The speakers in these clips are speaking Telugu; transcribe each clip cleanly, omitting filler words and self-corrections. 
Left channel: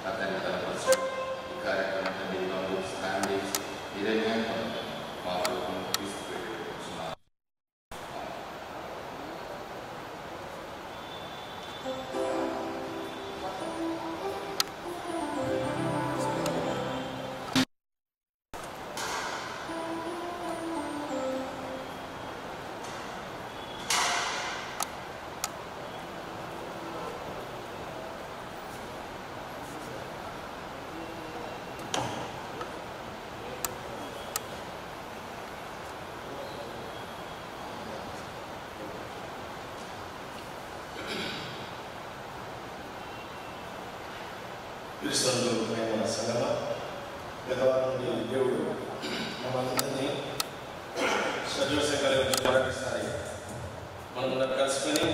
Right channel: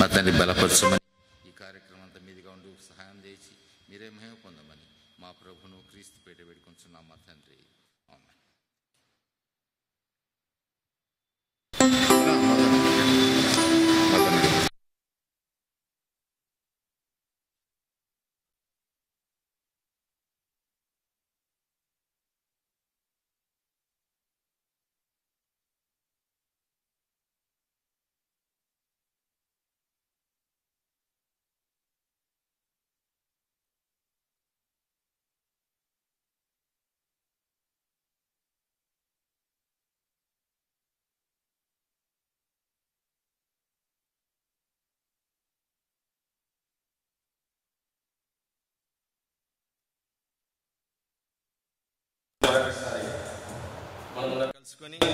మా తండ్రి బలపరచమని క్రీస్తునందు ప్రియమైన సంగమా, గత వారం నుండి దేవుడు మనందరినీ సజీవసేకరణ మరొకసారి మనందరం కలుసుకొని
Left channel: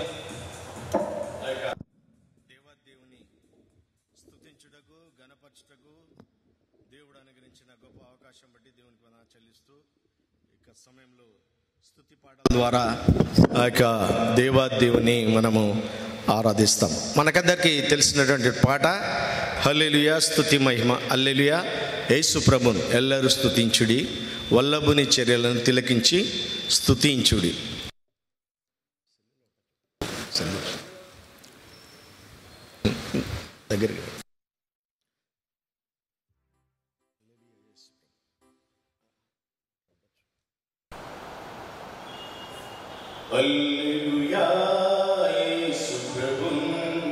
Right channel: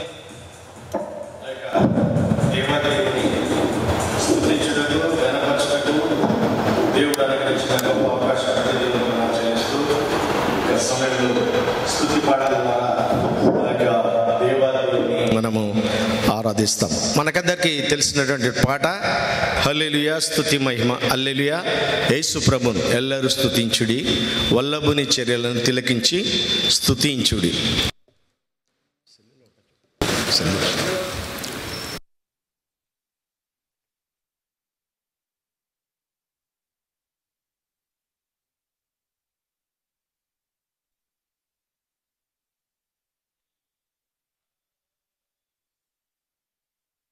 ఆ యొక్క దేవాదేవుని స్తుతించుటకు, ఘనపరచుటకు దేవుడు అనుగ్రహించిన గొప్ప అవకాశాన్ని దేవుడు ఆచరిస్తూ ఇక సమయంలో స్తుతి పాటల ద్వారా ఆ యొక్క దేవాదేవుని మనము ఆరాధిస్తాం. మనకందరికీ తెలిసినటువంటి పాట హల్లెలూయా, స్తుతి మహిమ హల్లెలూయా, యేసు ప్రభువును ఎల్లరూ స్తుతించుడి, వల్లభుని చర్యలను తిలకించి స్తుతించుడి. హల్లెలూయా, యేసు ప్రభువును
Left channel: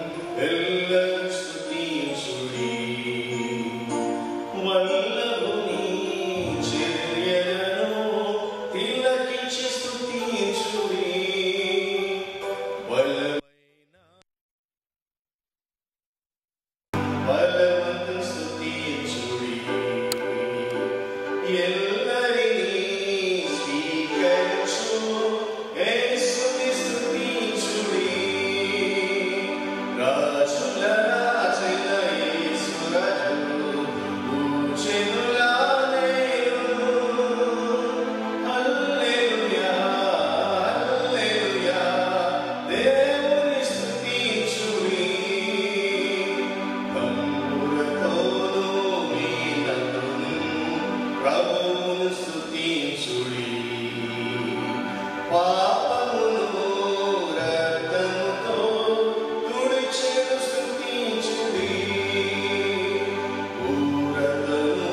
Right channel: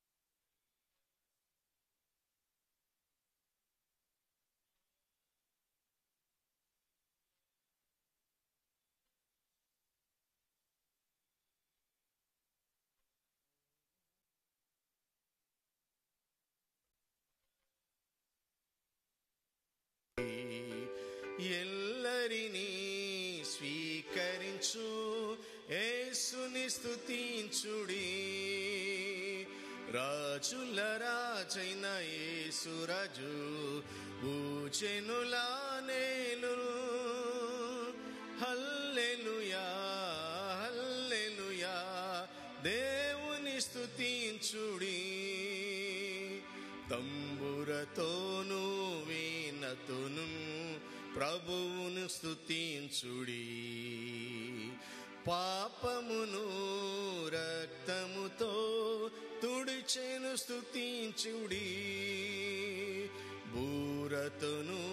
ఎల్లరూ స్తుతించుడి, వల్లభుని చర్యలను తిలకించి స్తుతించుడి. బలవంతుని స్తుతించుడి, ఎల్లరినీ స్వీకరించు యేసుని స్తుతించుడి. రాజుల రాజైన యేసు రాజు పూజనుల దేవుడు. హల్లెలూయా, హల్లెలూయా, దేవుని స్తుతించుడి. తంబురతోను వీణతోను ప్రభువును స్తుతించుడి. పాపమును రక్తముతో తుడిచెను స్తుతించుడి. పూరతను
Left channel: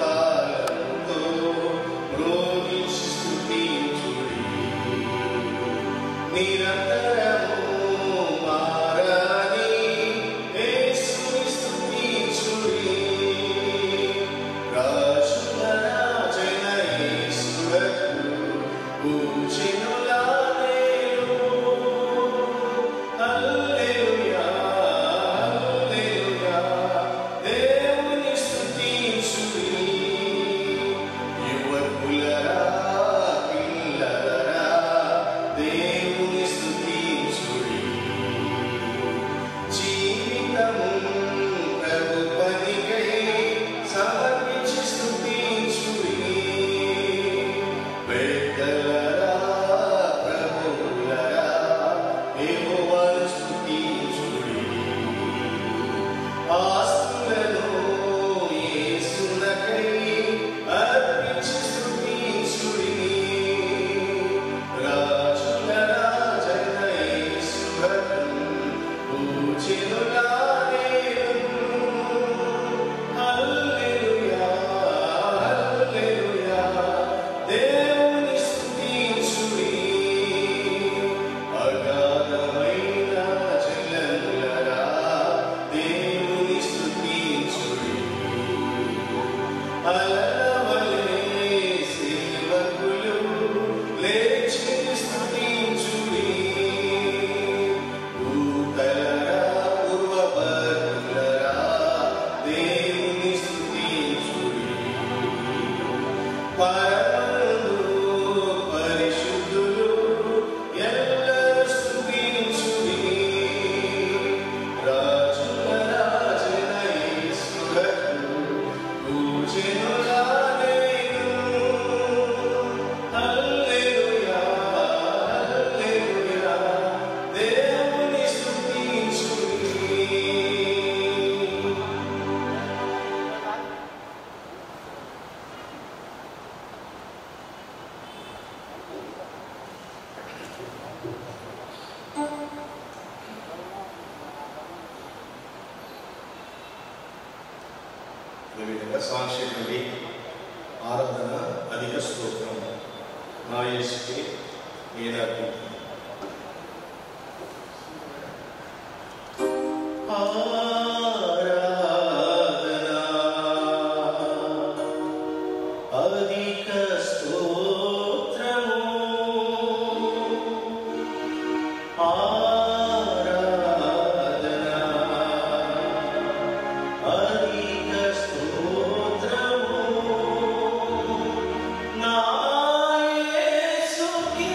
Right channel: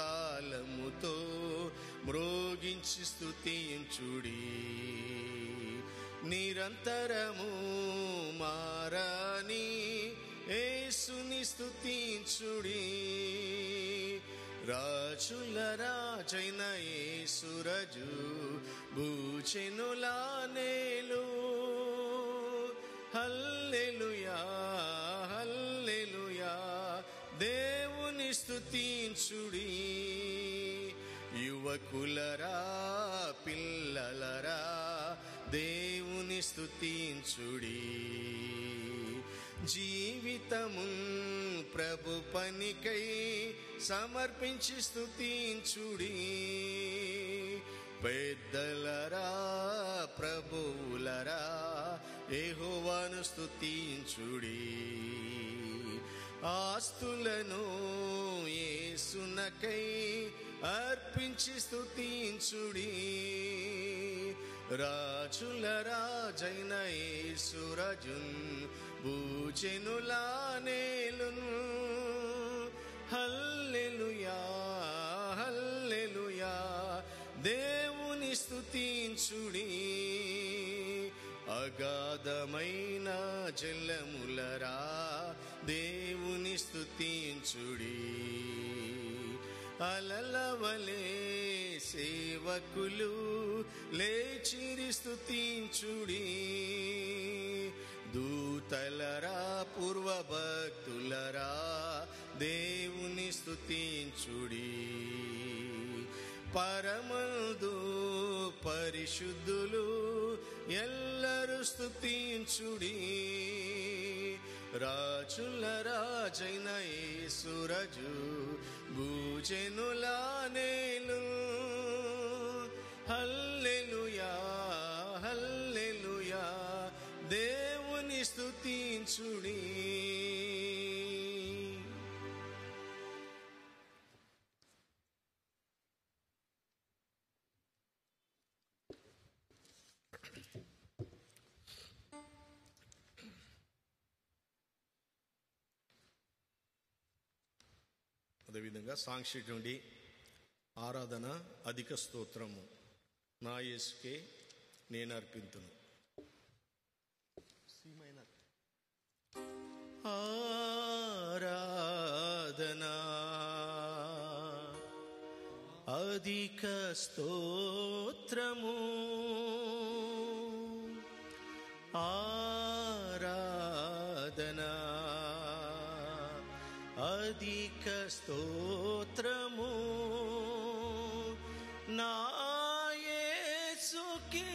తాళముతో మ్రోగించి స్తుతించుడి. నిరంతరము మారని యేసుని స్తుతించుడి. రాజుల రాజైన యేసునకు పూజనుల దేవుడు. హల్లెలూయా, హల్లెలూయా, దేవుని స్తుతించుడి. యువకులరా, పిల్లలరా, దేవుని స్తుతించుడి. జీవితము ప్రభు పనికై సమర్పించి స్తుతించుడి. పెద్దలరా, ప్రభువులరా, యెహోవాను స్తుతించుడి. ఆస్తులను యేసునకై అర్పించి స్తుతించుడి. రాజుల రాజైన యేసునకు పూజనుల దేవుడు. హల్లెలూయా, హల్లెలూయా, దేవుని స్తుతించుడి. అగాధమైన జలములరా, దేవుని స్తుతించుడి. అదేవిధంగా సాక్షి నుండి ఆరాధన అధిక స్తోత్రం నా యేసుకే వేదార్థం. నా యేసుకే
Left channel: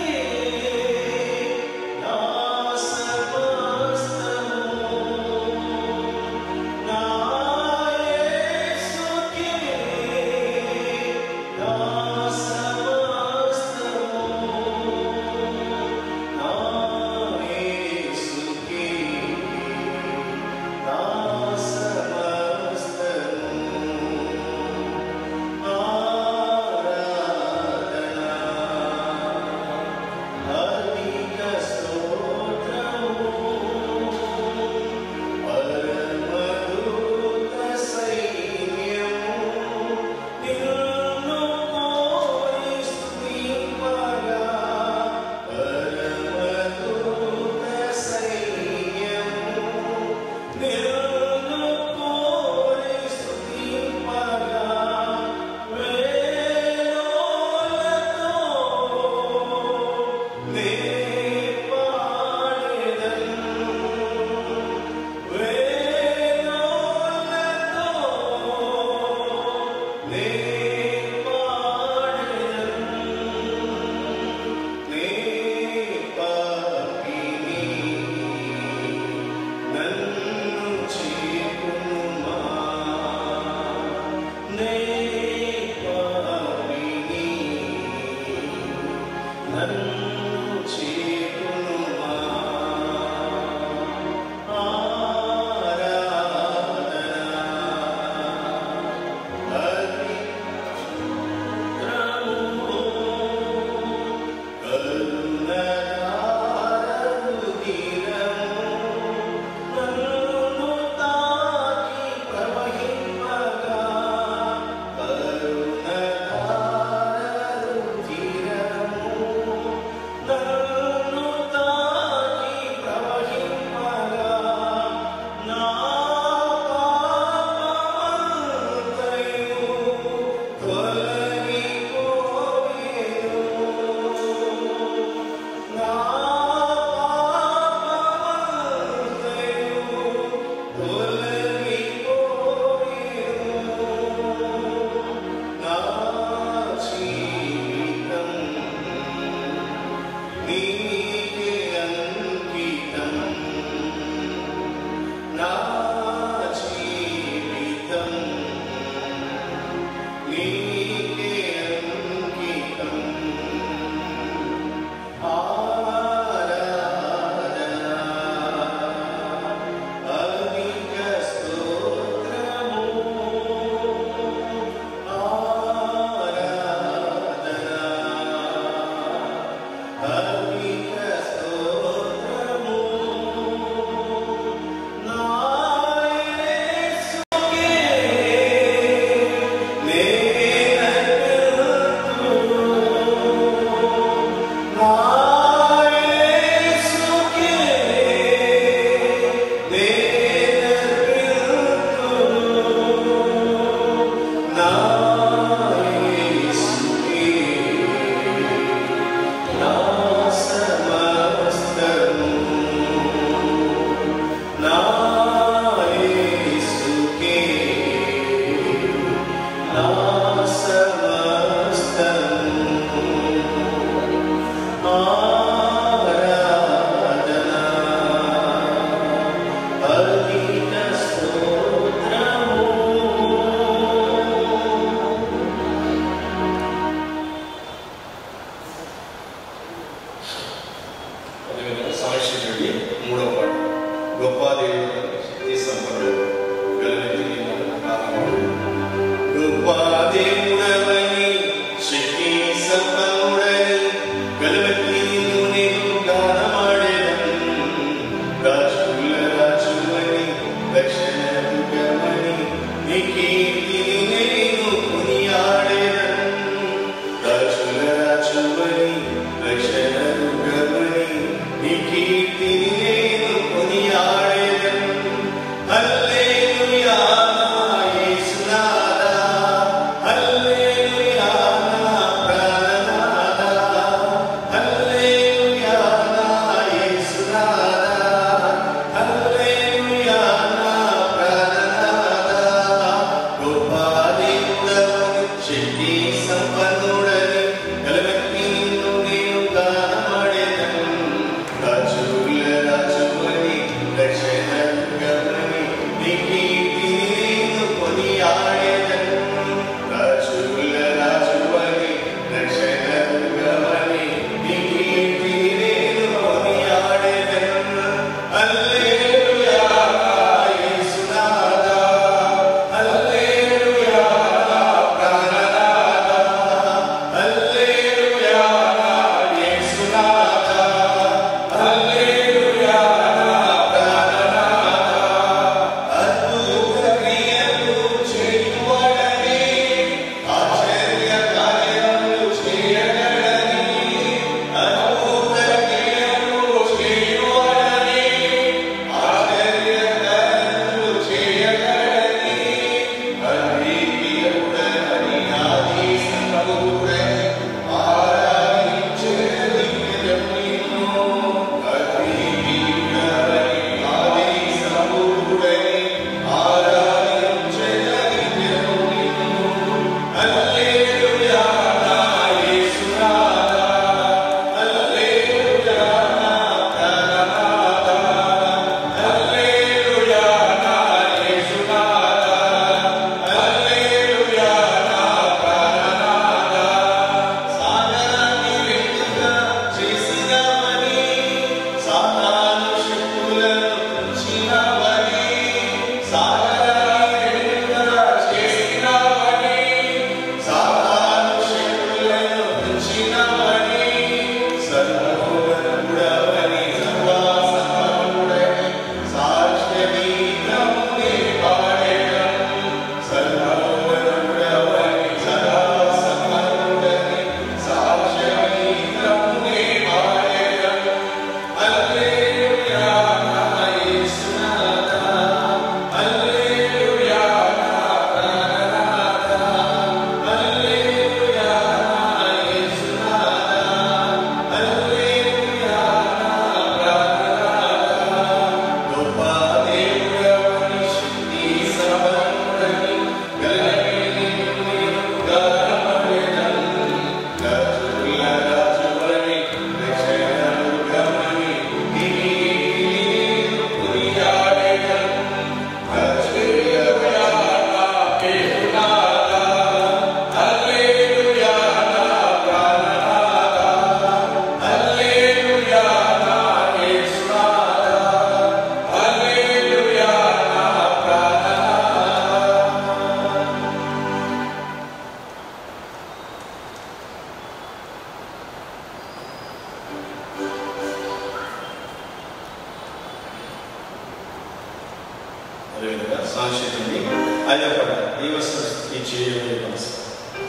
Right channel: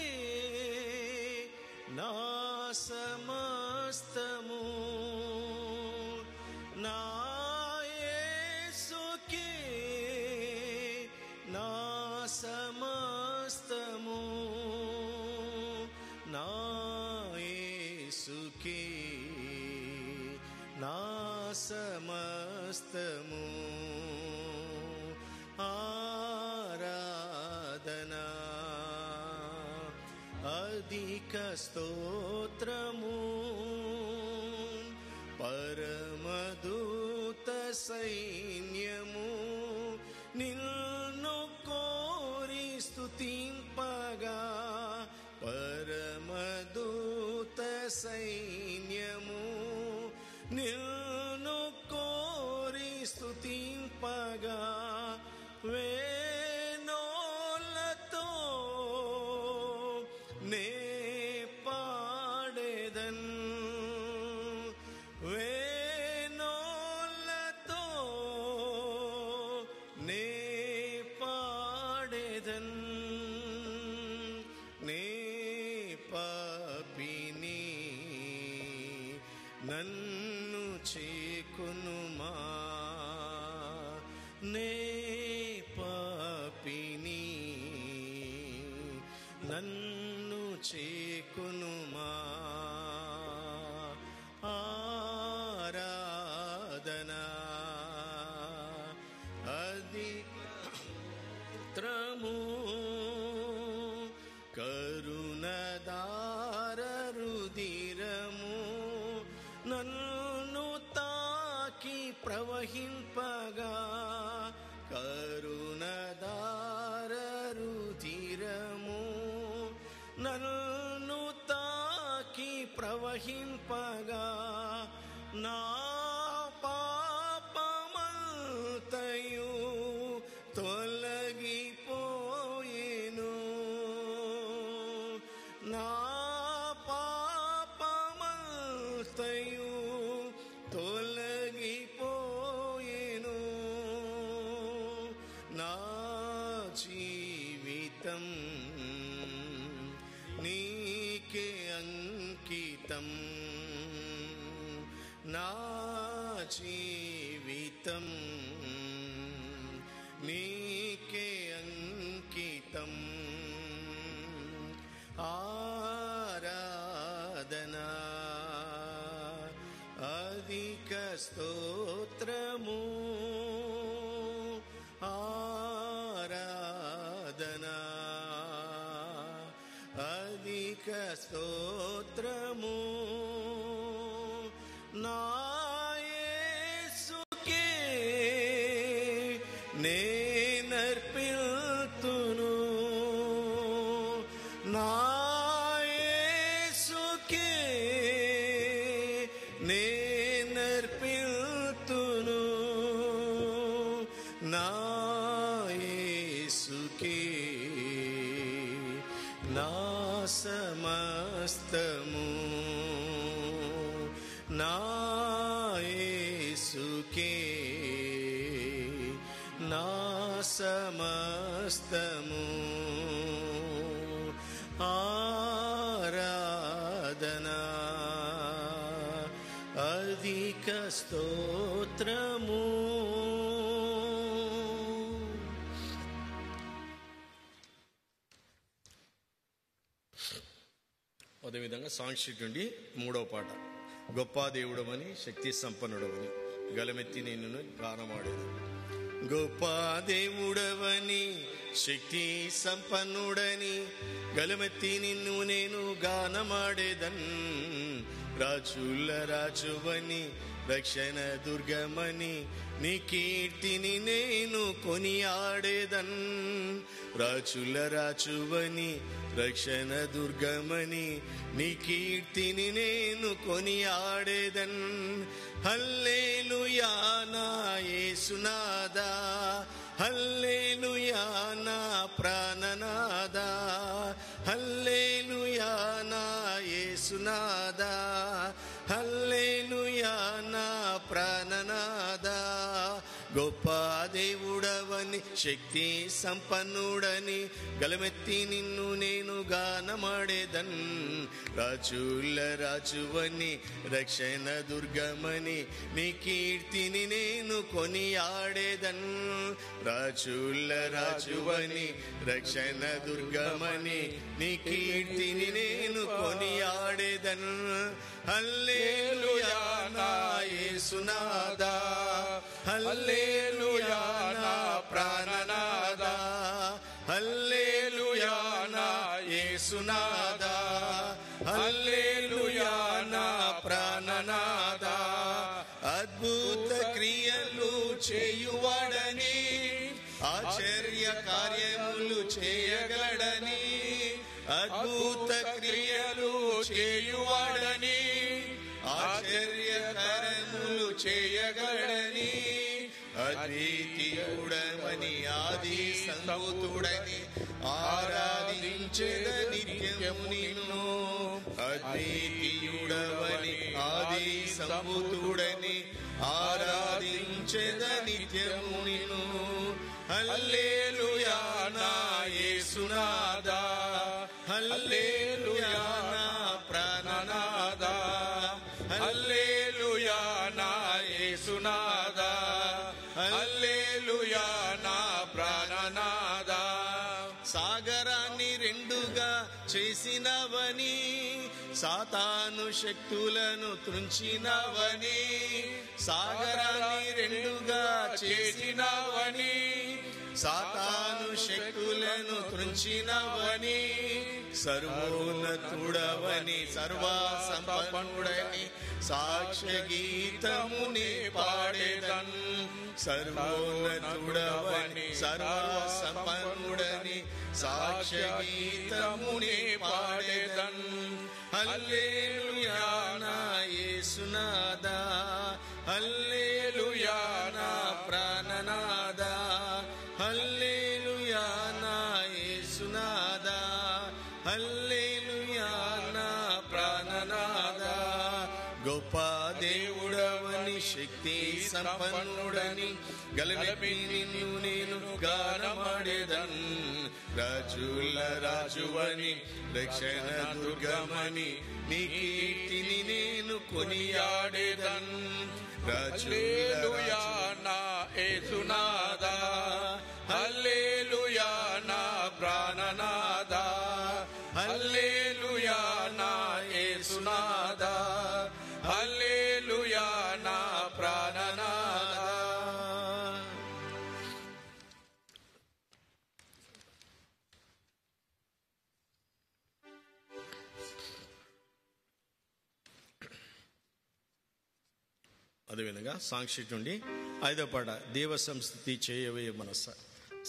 అదేవిధంగా సాంస్కృతిని ఆయపడ దైవ సంస్కృతి చేయవే భాష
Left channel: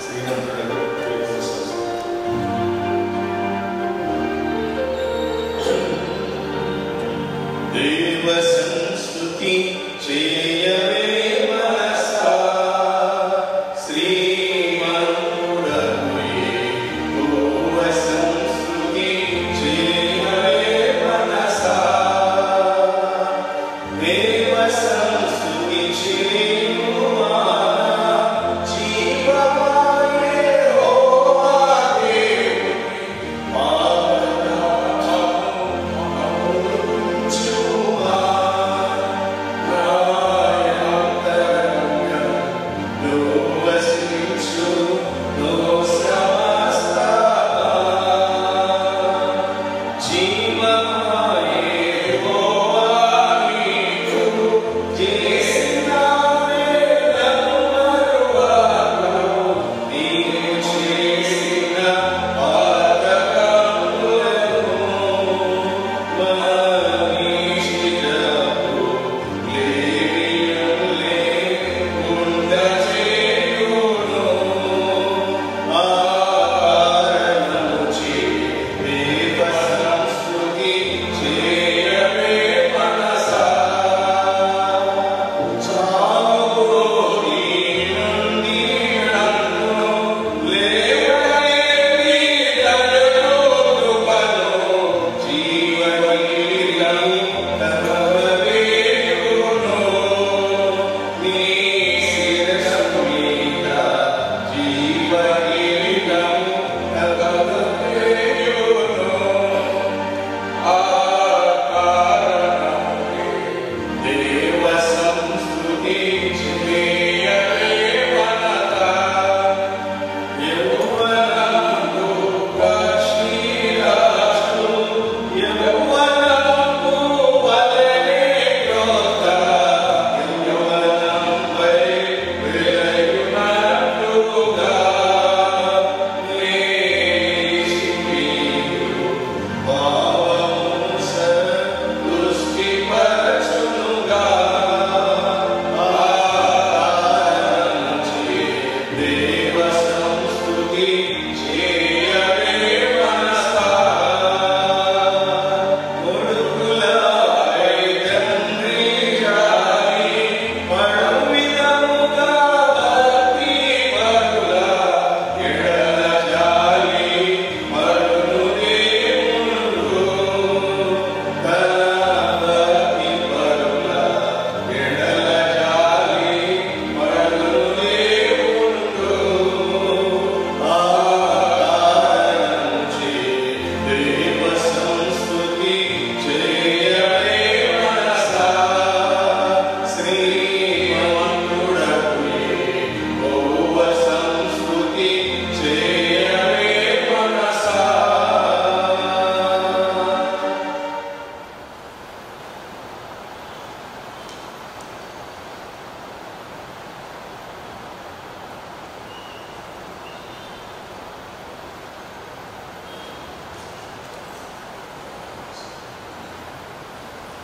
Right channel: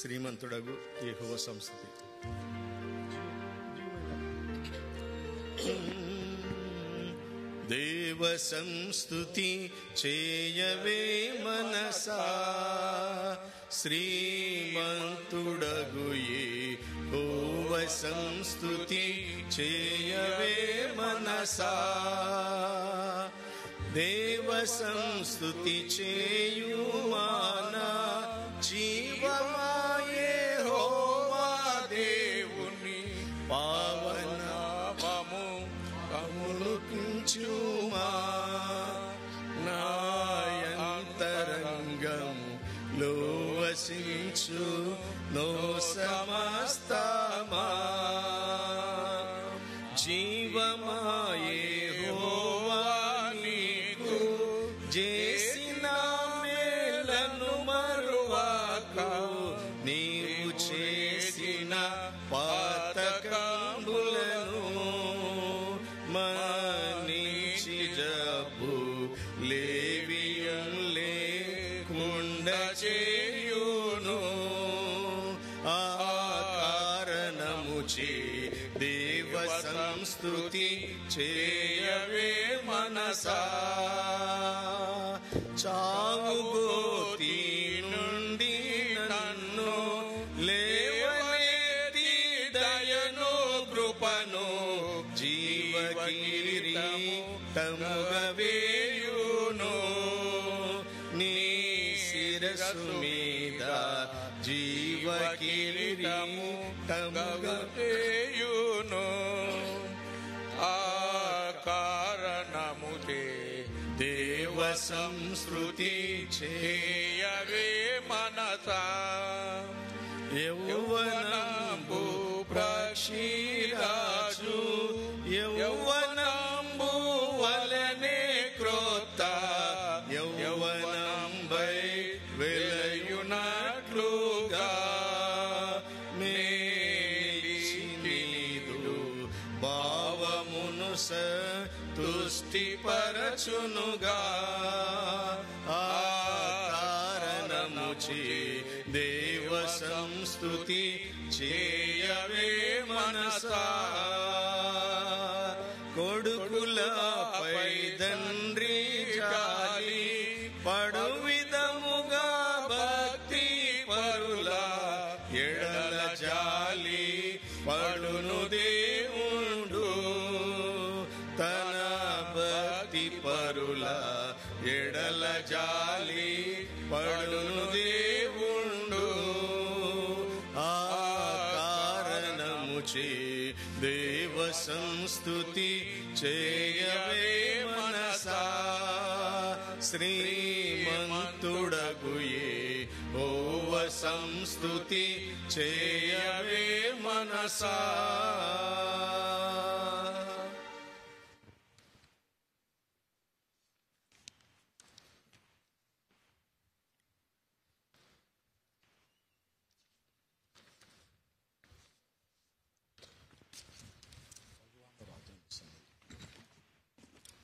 శ్రీమంతుడు దైవ సంస్కృతి చేయవే మనసా శ్రీమంతుడవే దైవ సంస్కృతి చేయవే మనసా దైవ సంస్కృతి చేయుమా జీవమాయే ఓవాదే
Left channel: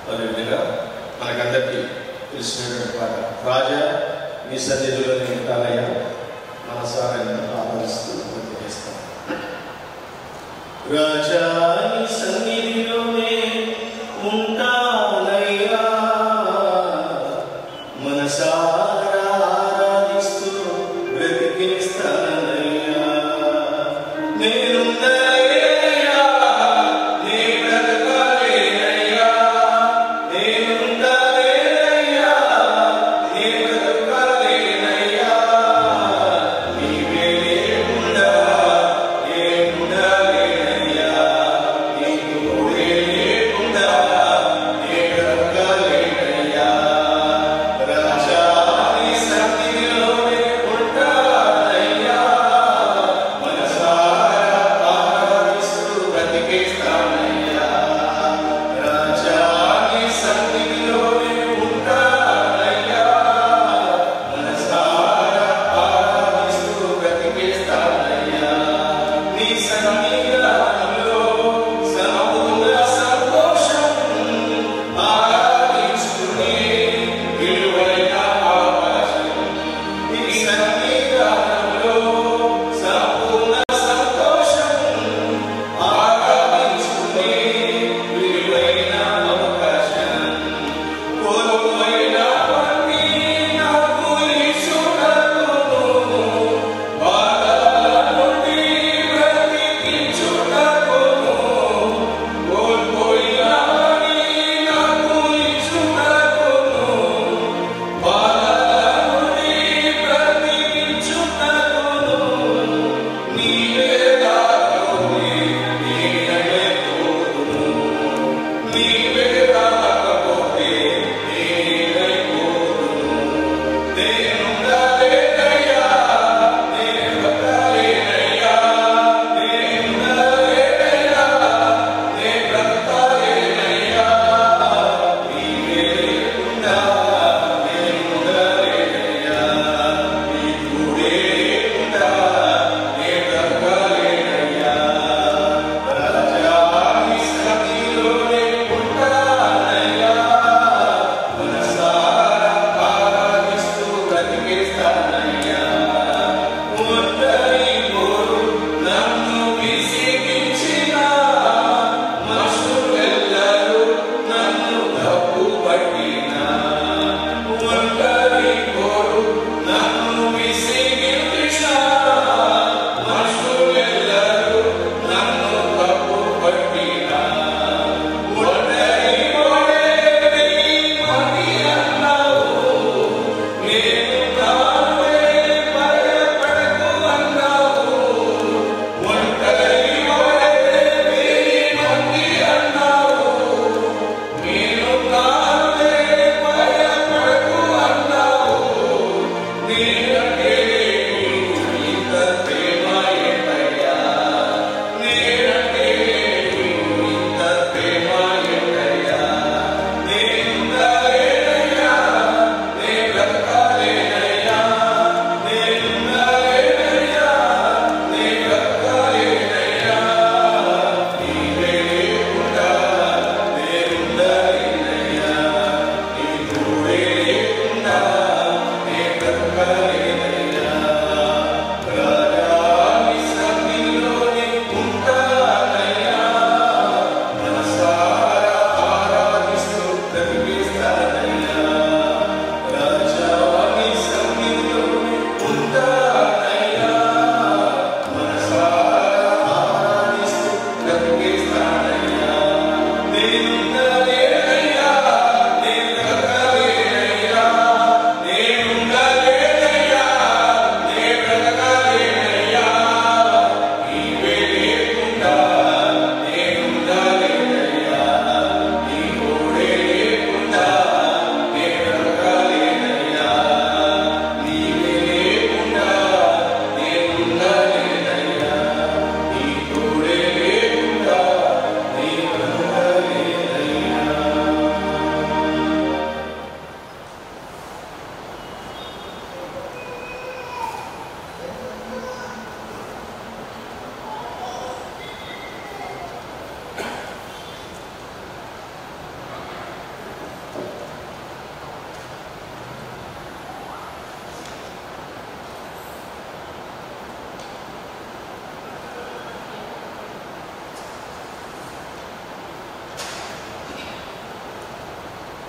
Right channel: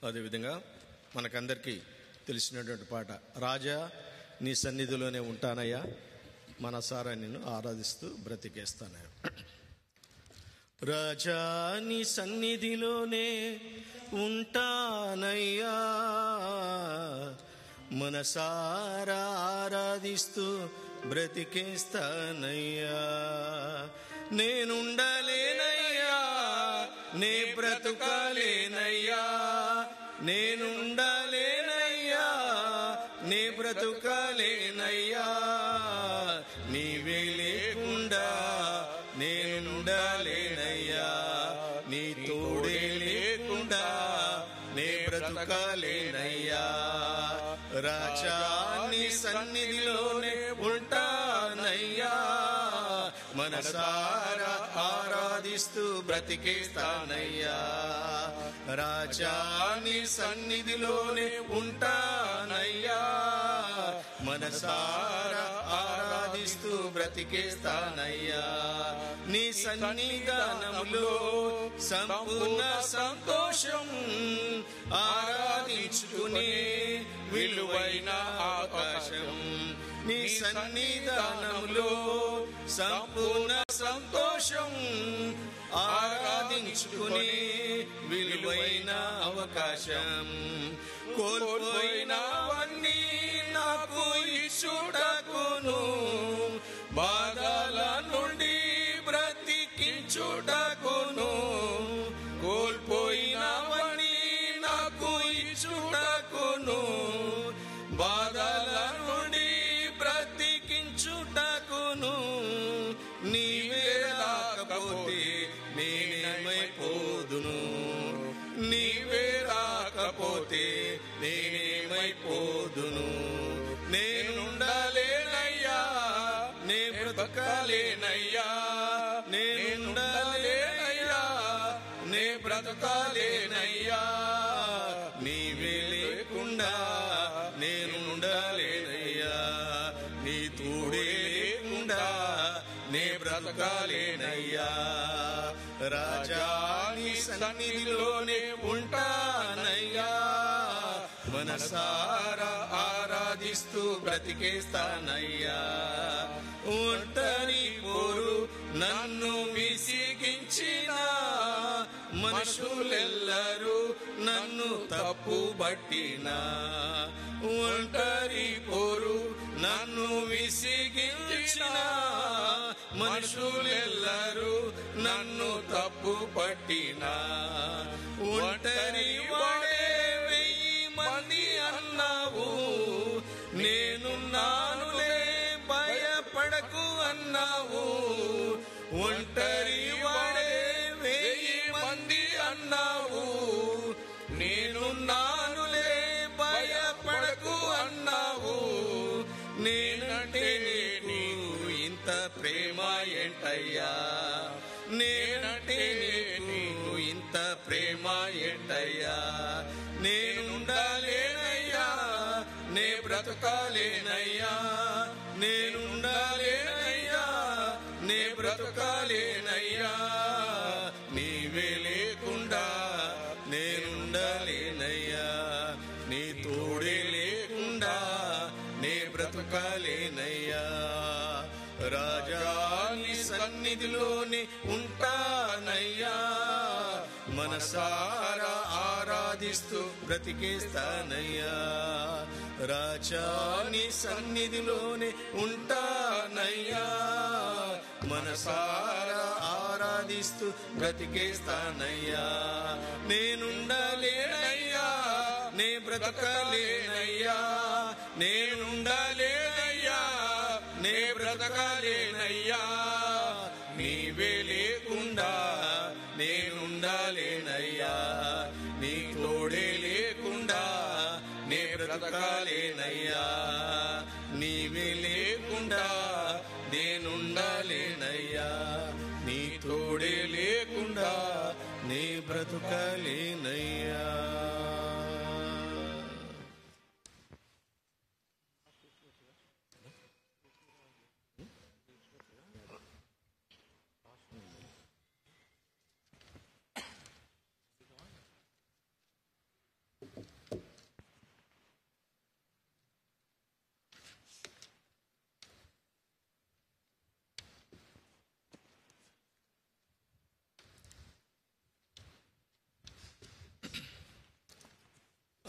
అదేవిధంగా మనకందరికీ తెలిసినటువంటి పాట రాజా నీ సన్నిధిలో ఉంటానయ్యా మనసారా ఆదరిస్తూ చేస్తాం. రాజా నీ సన్నిధిలోనే ఉంటానయ్యా మనసారా ఆరాధిస్తూ బ్రతికిస్తానయ్యా నేను నీవే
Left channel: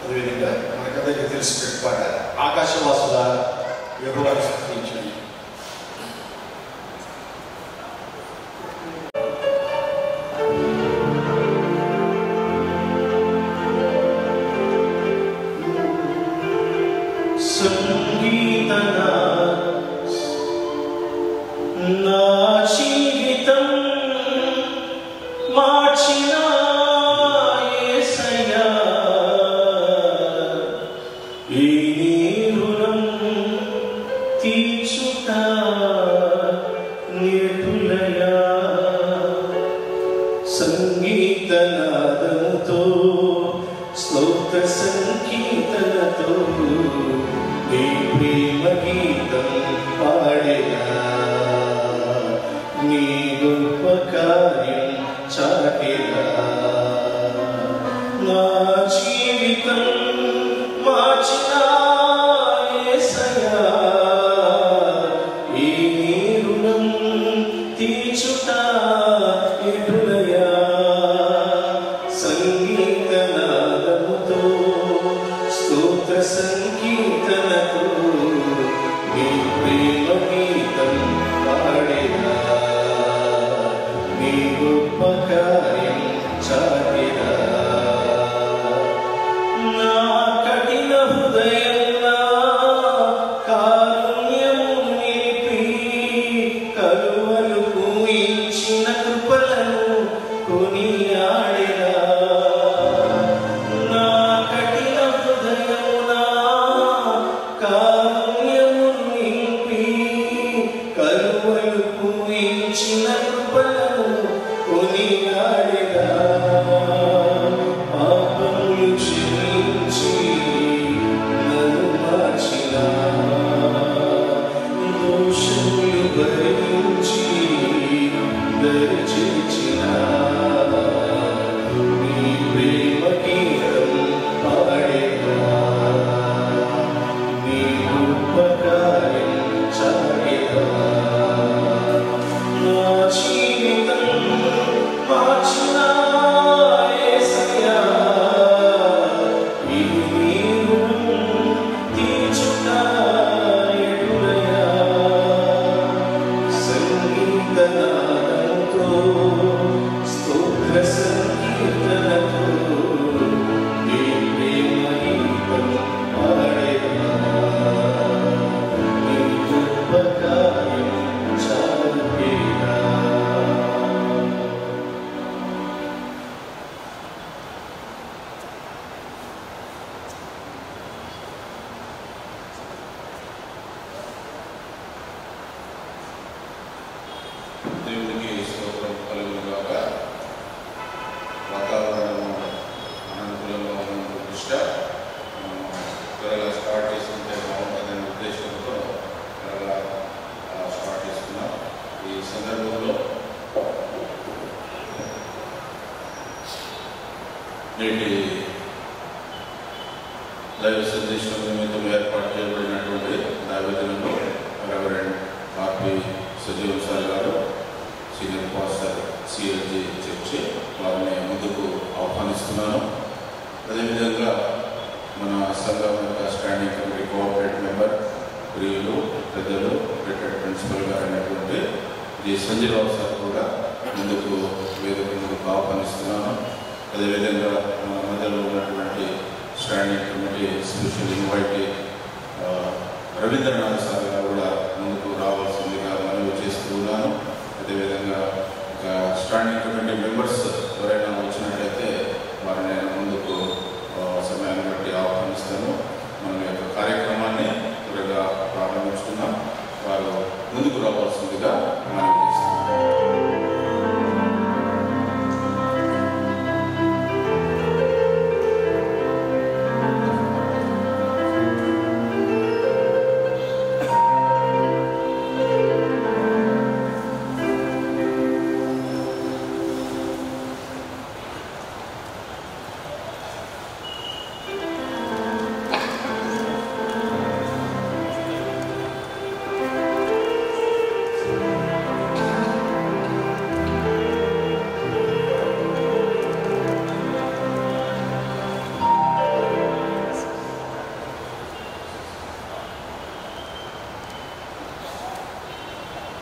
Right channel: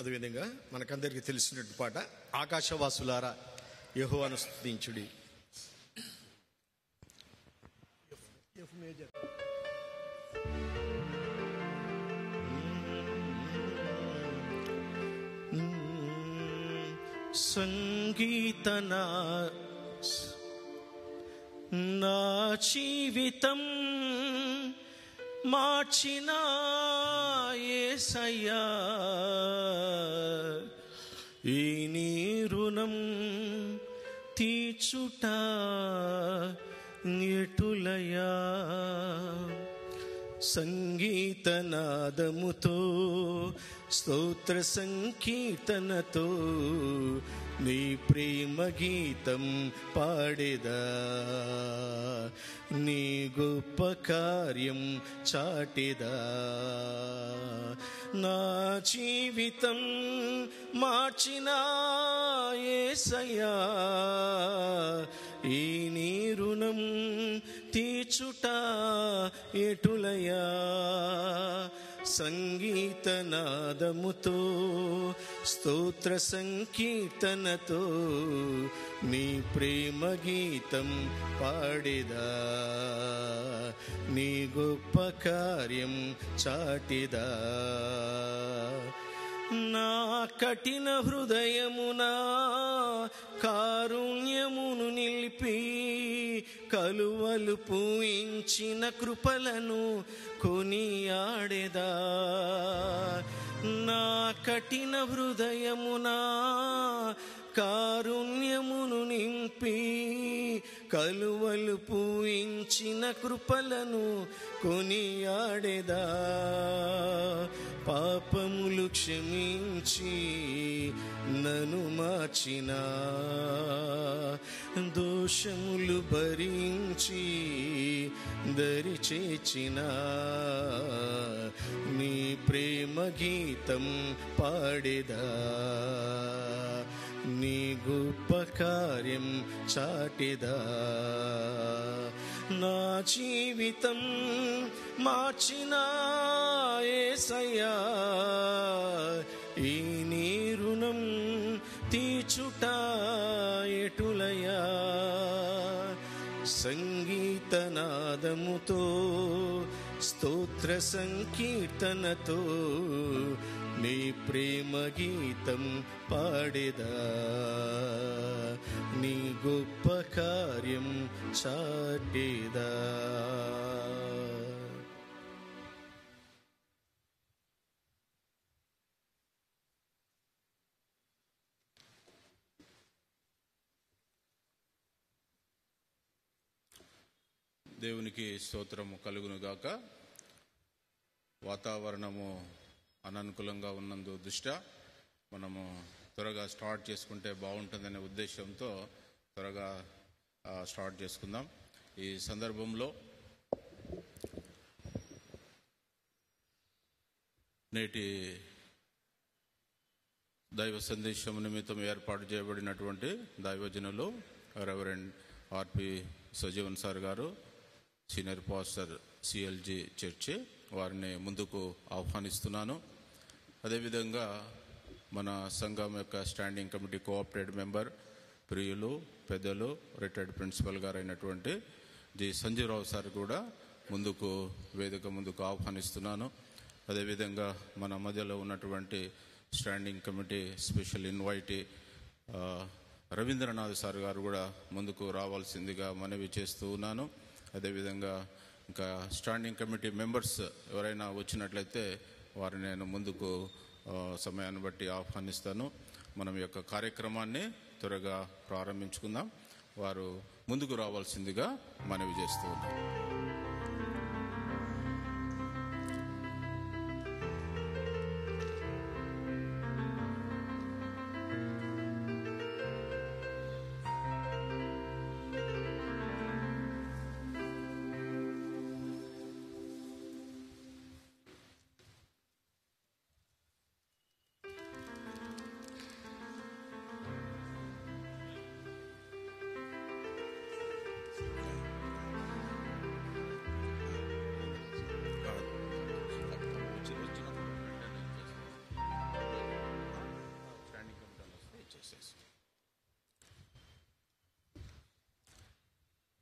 అదేవిధంగా మనకందరికీ తెలిసిన పాట ఆకాశవాసుల యెహోవా స్తుతించుడి.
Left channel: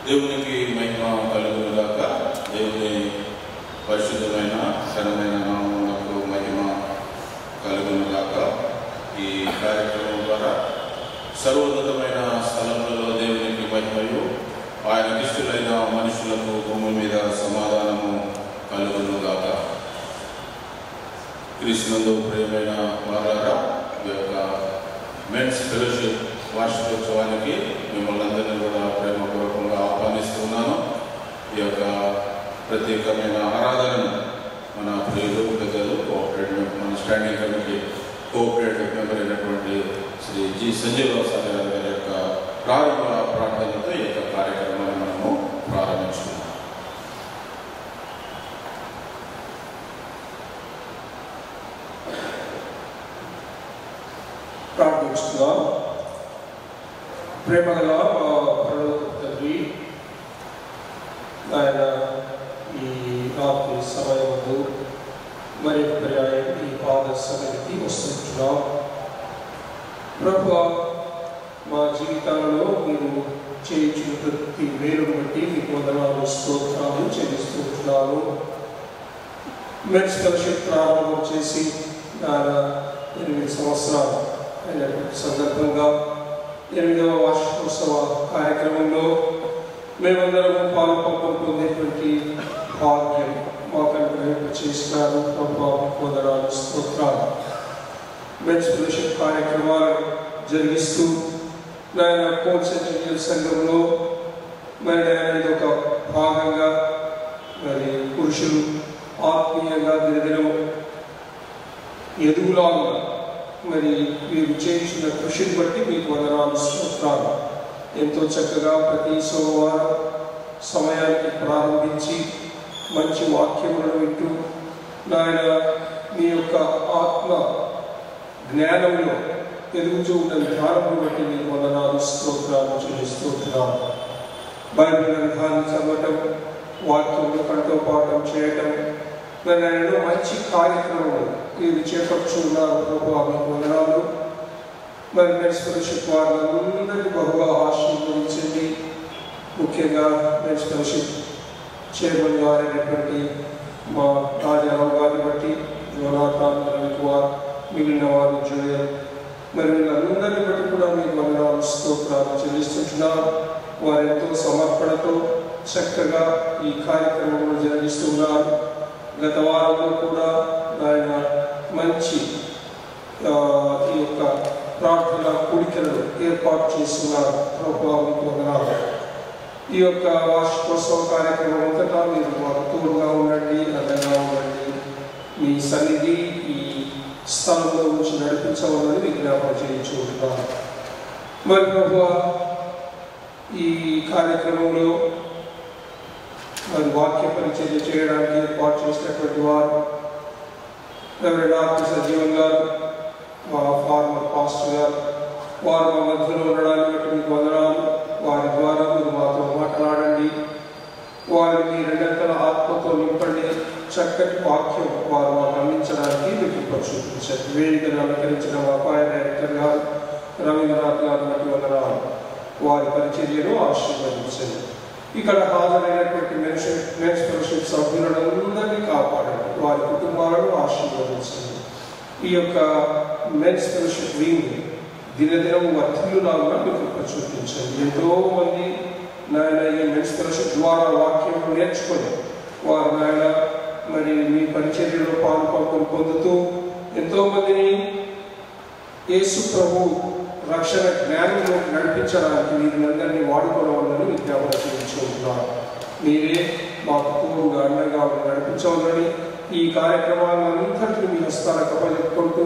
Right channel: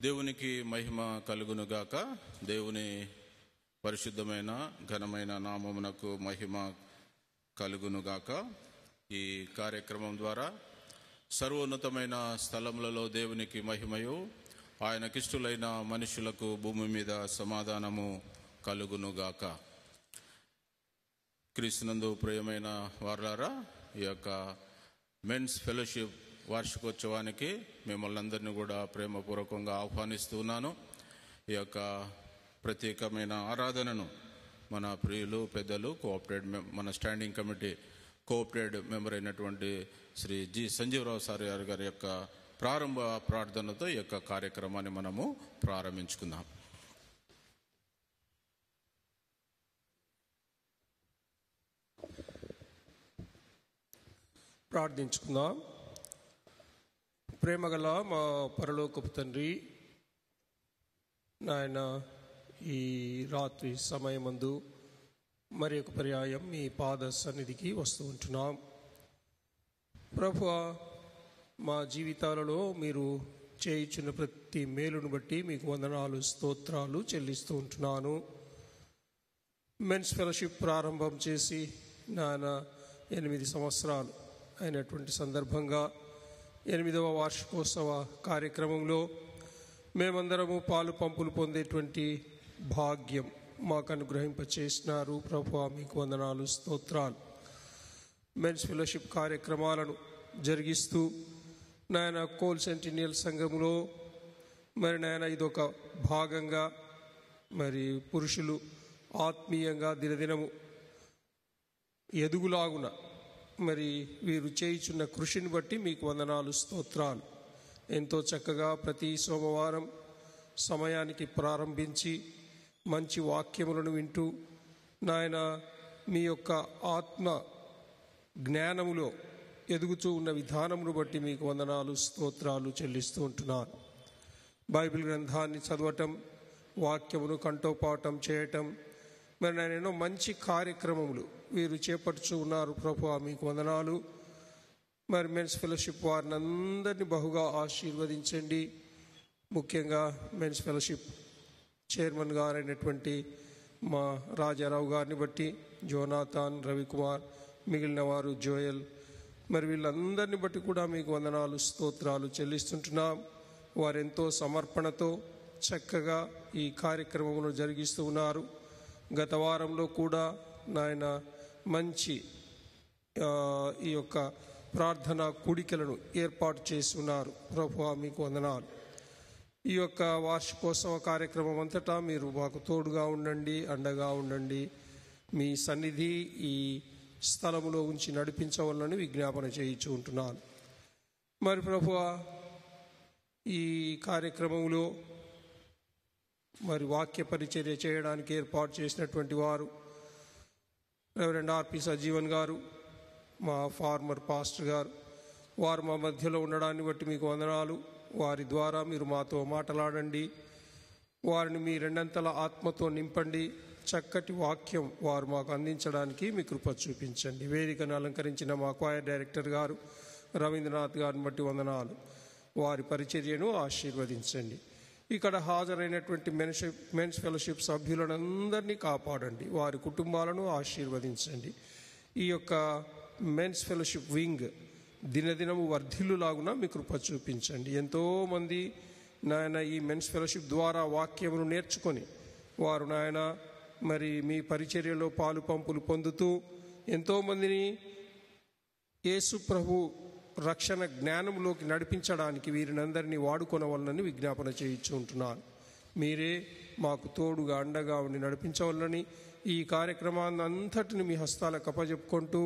దేవునికి మహిమ కలుగునుగాక. దేవుని పరిశుద్ధమైన ఘనమైన నామమునకు మహిమ కలుగునుగాక. ఈ కార్యక్రమం ద్వారా సర్వోన్నతమైన స్థలములలో దేవునికి మహిమయు, ఆయన ఇష్టలైన మనుషులకు భూమి మీద సమాధానము కలుగునుగాక. క్రీస్తునందు ప్రియమైన వారారా, ఈ యొక్క మెన్స్ ఫెలోషిప్ వార్షికోత్సవానికి మిమ్మల్ని అందరినీ కూడా ప్రేమపూర్వకంగా ఆహ్వానిస్తున్నాను. ఈ యొక్క ప్రత్యేకమైన ఆరాధనను మన ప్రియులు పెద్దలు cooperative standing committee cooperative member అయినటువంటి శ్రీ జి సంజీవరావు గారి యొక్క ప్రారంభ ప్రార్థనతో ఈ యొక్క కార్యక్రమాన్ని మనము ప్రారంభించుకున్నాం. ప్రార్థిస్తున్నాం. ప్రేమగల తండ్రి, ఆయన ఈ రాత్రి సమయంలో మరి పర్యాయం ఈ పాద సన్నిధికి వస్తున్నాం. ప్రభువా, మా జీవితాలలో మీరు చేయించిన ప్రతి మేలు బట్టి మీకు వందనాలు స్తోత్రాలు చెల్లిస్తున్నాను. మెన్స్ ఫెలోషిప్ ప్రారంభం చేసి 8 సంవత్సరాలు అయినటువంటి సందర్భంగా 8వ వార్షికోత్సవ కార్యక్రమంలో మేమందరం పాల్పొందేటువంటి భాగ్యం మాకు అనుగ్రహింప చేసినారు. వందనాలు స్తోత్రాలు. మెన్స్ ఫెలోషిప్ కార్యక్రమాలు జరిగిస్తూ కోన్సెంట్రేషన్ సంఘంలో మరి ఒక భాగంగా మరి పురుషులు ఆత్మీయంగా దినదినం ఎదుగులాగా మరి మీరు చేయించిన కృషిని బట్టి మీకు వందనాలు స్తోత్రాలు. ఎంతో చక్కగా ప్రతి సోమవారం సమయానికి ప్రారంభించి మంచి వాక్యములను వింటూ నాయన మీ యొక్క ఆత్మ జ్ఞానంలో ఎదుగుతూ ఉన్న విధానం బట్టి మీకు వందనాలు స్తోత్రాలు చెల్లిస్తున్నాను. బైబిల్ గ్రంథాన్ని చదవటం, వాక్యములు కంఠోపాఠం చేయటం, మరి ఆయన మంచి కార్యక్రమాలు మీరు చేపట్టుతున్నారు. వందనాలు. మరి మెన్స్ ఫెలోషిప్ వారందరినీ బహుగా ఆశీర్వదించండి. ముఖ్యంగా మెన్స్ ఫెలోషిప్ చైర్మన్ గారైనటువంటి మా రాజారావు గారిని బట్టి, జోనాథన్ కుమార్, మిగిలిన వారు జోయల్, మరి అందరినీ బట్టి కూడా మీకు వందనాలు స్తోత్రాలు చెల్లిస్తున్నాం. వారు ఎంతో సమర్పణతో చక్కగా ఈ కార్యక్రమంలో జరిగిస్తున్నారు. గత వారంలో కూడా ఆయన మంచి ఈ యొక్క ప్రార్థన కూడికలు ఏర్పాటు చేస్తున్నారు. ప్రభావం ఈ యొక్క వార్షికోత్సవ కార్యక్రమం అంతటా మీరు మాకు తోడుగా ఉండండి, అందంగా ఉండండి. మీ సన్నిధి ఈ స్థలంలో ఉంచి నడిపించవాలని విజ్ఞాపన చేయించుకుంటున్నాను. మరి ప్రభు, ఈ కార్యక్రమంలో మరి వాక్య పరిచర్య చేయడానికి ఏర్పాటు చేసినటువంటి వారు డాక్టర్ జీవన్ గారు, మా ఫార్మర్ పాస్టర్ గారు, వారు మా మధ్యలో ఉండడానికి మీకు వందనాలు. వారి ద్వారా మీరు మాతో మాట్లాడండి. వారిని రెండంతల ఆత్మతో నింపండి. చక్కటి వాక్యం వారు మాకు అందించడానికి మీకు ప్రశంసించండి. వేదికను అలంకరించిన మా అపాయ డైరెక్టర్ గారు రవీంద్రనాథ్ గారు బట్టి వందనాలు. వారి పరిచర్యను ఆశీర్వదించండి. ఇక్కడ హాజరైనటువంటి మెన్స్ ఫెలోషిప్ సభ్యులందరినీ కాపాడండి. వారి కుటుంబాలను ఆశీర్వదించండి. ఈ యొక్క మెన్స్ ఫెలోషిప్ వింగ్ దినదినం వర్ధిల్లులాగా మీకు ప్రచోదించండి. ఎంతో మంది నాయన ఈ మెన్స్ ఫెలోషిప్ ద్వారా వాక్యం నేర్చుకొని వారు నాయన మరి మీ పరిచర్యలో పాల్పొందులు పొందుతూ ఎంతోమందిని యేసు ప్రభు రక్షణ జ్ఞానంలో నడిపించడానికి వీళ్ళందరినీ వాడుకోవాలని విజ్ఞాపన చేయించుకుంటున్నారు. మీరే మాకు తోడుగా అండగా నడిపించవాలని ఈ కార్యక్రమాలంతటినీ మీ హస్తాలకు అప్పచెప్పుకుంటూ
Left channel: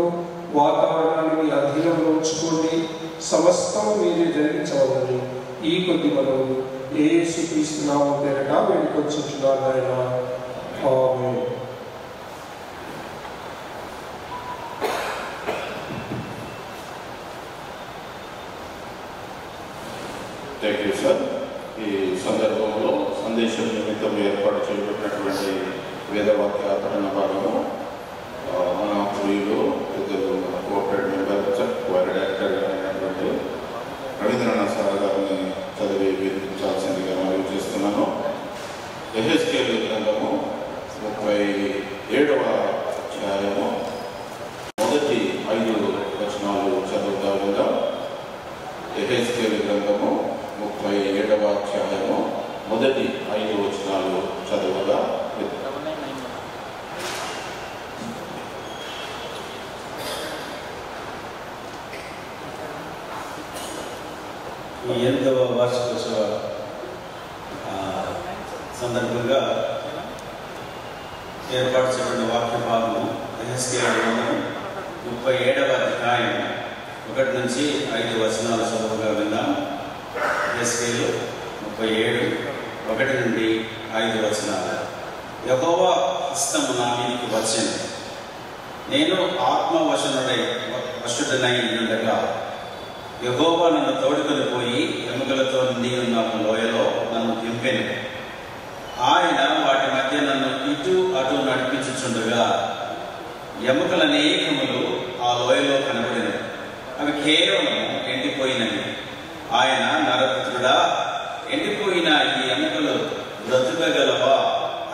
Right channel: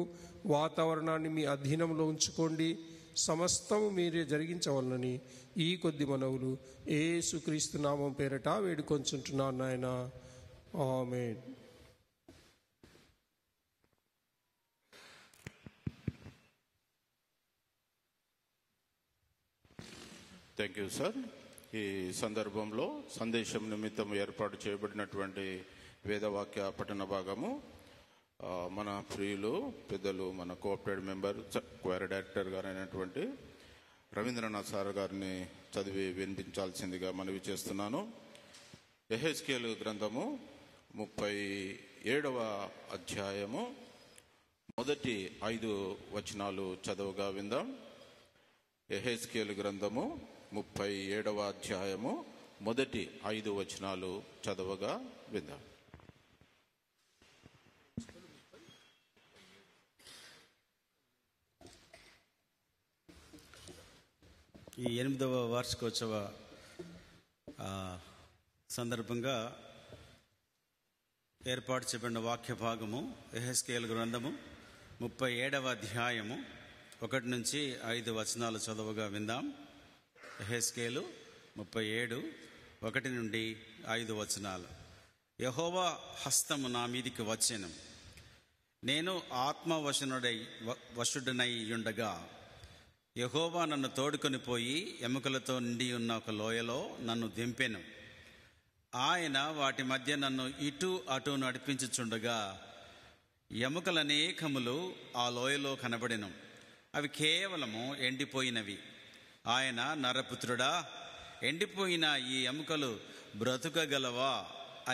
వాతావరణాన్ని మీ అధీనంలో ఉంచుకొని సమస్తం మీరే జరిగించవాలని ఈ కొద్ది మనం యేసు క్రీస్తు నామమున పేరిట వేడుకొంచుచున్నాను ఆయన. ఆమేన్. Thank you sir. ఈ సందర్భంలో సందేశం నిమిత్తం ఏర్పాటు చేయబడినటువంటి వేదవాక్య ఆచరణ భాగము మన ప్రియులు పెద్దలు కోఆపరేటివ్ మెంబర్ వారి డైరెక్టర్ అయినటువంటి రవీంద్రనాథ్ సార్ గారిని చదివి వినిపించాల్సిందిగా మరియు ఈ 8వ వార్షికోత్సవ సందర్భంగా ఏర్పాటు చేయబడిన వాక్య భాగము యెహెజ్కేలు గ్రంథం 37వ అధ్యాయం 1 నుంచి 5 వచనాల చదువుగా విందాం. యెహెజ్కేలు 37 1 నుండి 5 వచనాలు. యెహోవా హస్తము నా మీదకి వచ్చెను, నేను వశుడనై ఉండగా యెహోవా నన్ను తోడుకొని పోయి ఎముకలతో నిండి ఉన్న ఒక లోయలో నన్ను దింపెను. ఆయన వాటి మధ్య నన్ను ఇటు అటు నడిపించుచుండగా ఎముకలనేకములు ఆ లోయలో కనబడినవి. అవి కేవలం ఎండిపోయినవి. ఆయన నరపుత్రుడా, ఎండిపోయిన ఈ ఎముకలు బ్రతుకగలవా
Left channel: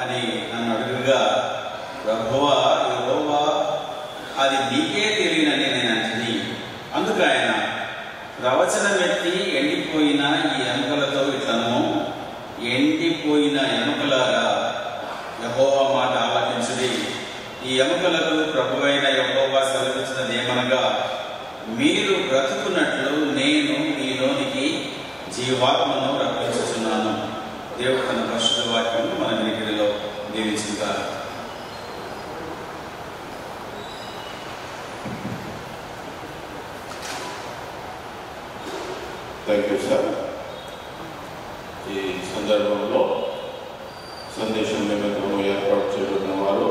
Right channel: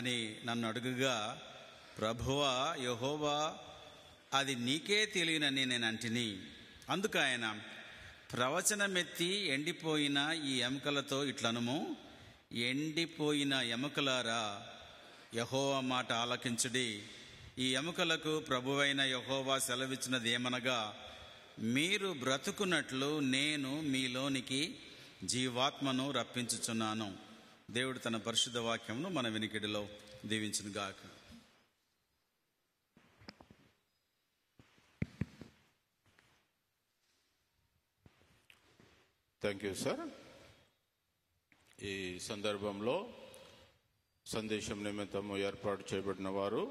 అని నన్ను అడుగుగా, ప్రభువా యెహోవా, అది నీకే తెలియనని నేను అంటుంది. అందుకు ఆయన ప్రవచనం ఎత్తి, ఎండిపోయిన ఈ ఎముకలతో ఇతను, ఎండిపోయిన ఎముకలారా, యెహోవా మాట ఆలకించుడి. ఈ ఎముకలకు ప్రభువైన యెహోవా సెలవిచ్చినది ఏమనగా, మీరు బ్రతుకున్నట్లు నేను మీలోనికి జీవాత్మను రప్పించుచున్నాను. దేవుడు తన పరిశుద్ధ వాక్యం మన వీటిలో దీవించుగాక. Thank you sir. ఈ సందర్భంలో సందేశం నిమిత్తము ఏర్పాటు చేయబడిన వారు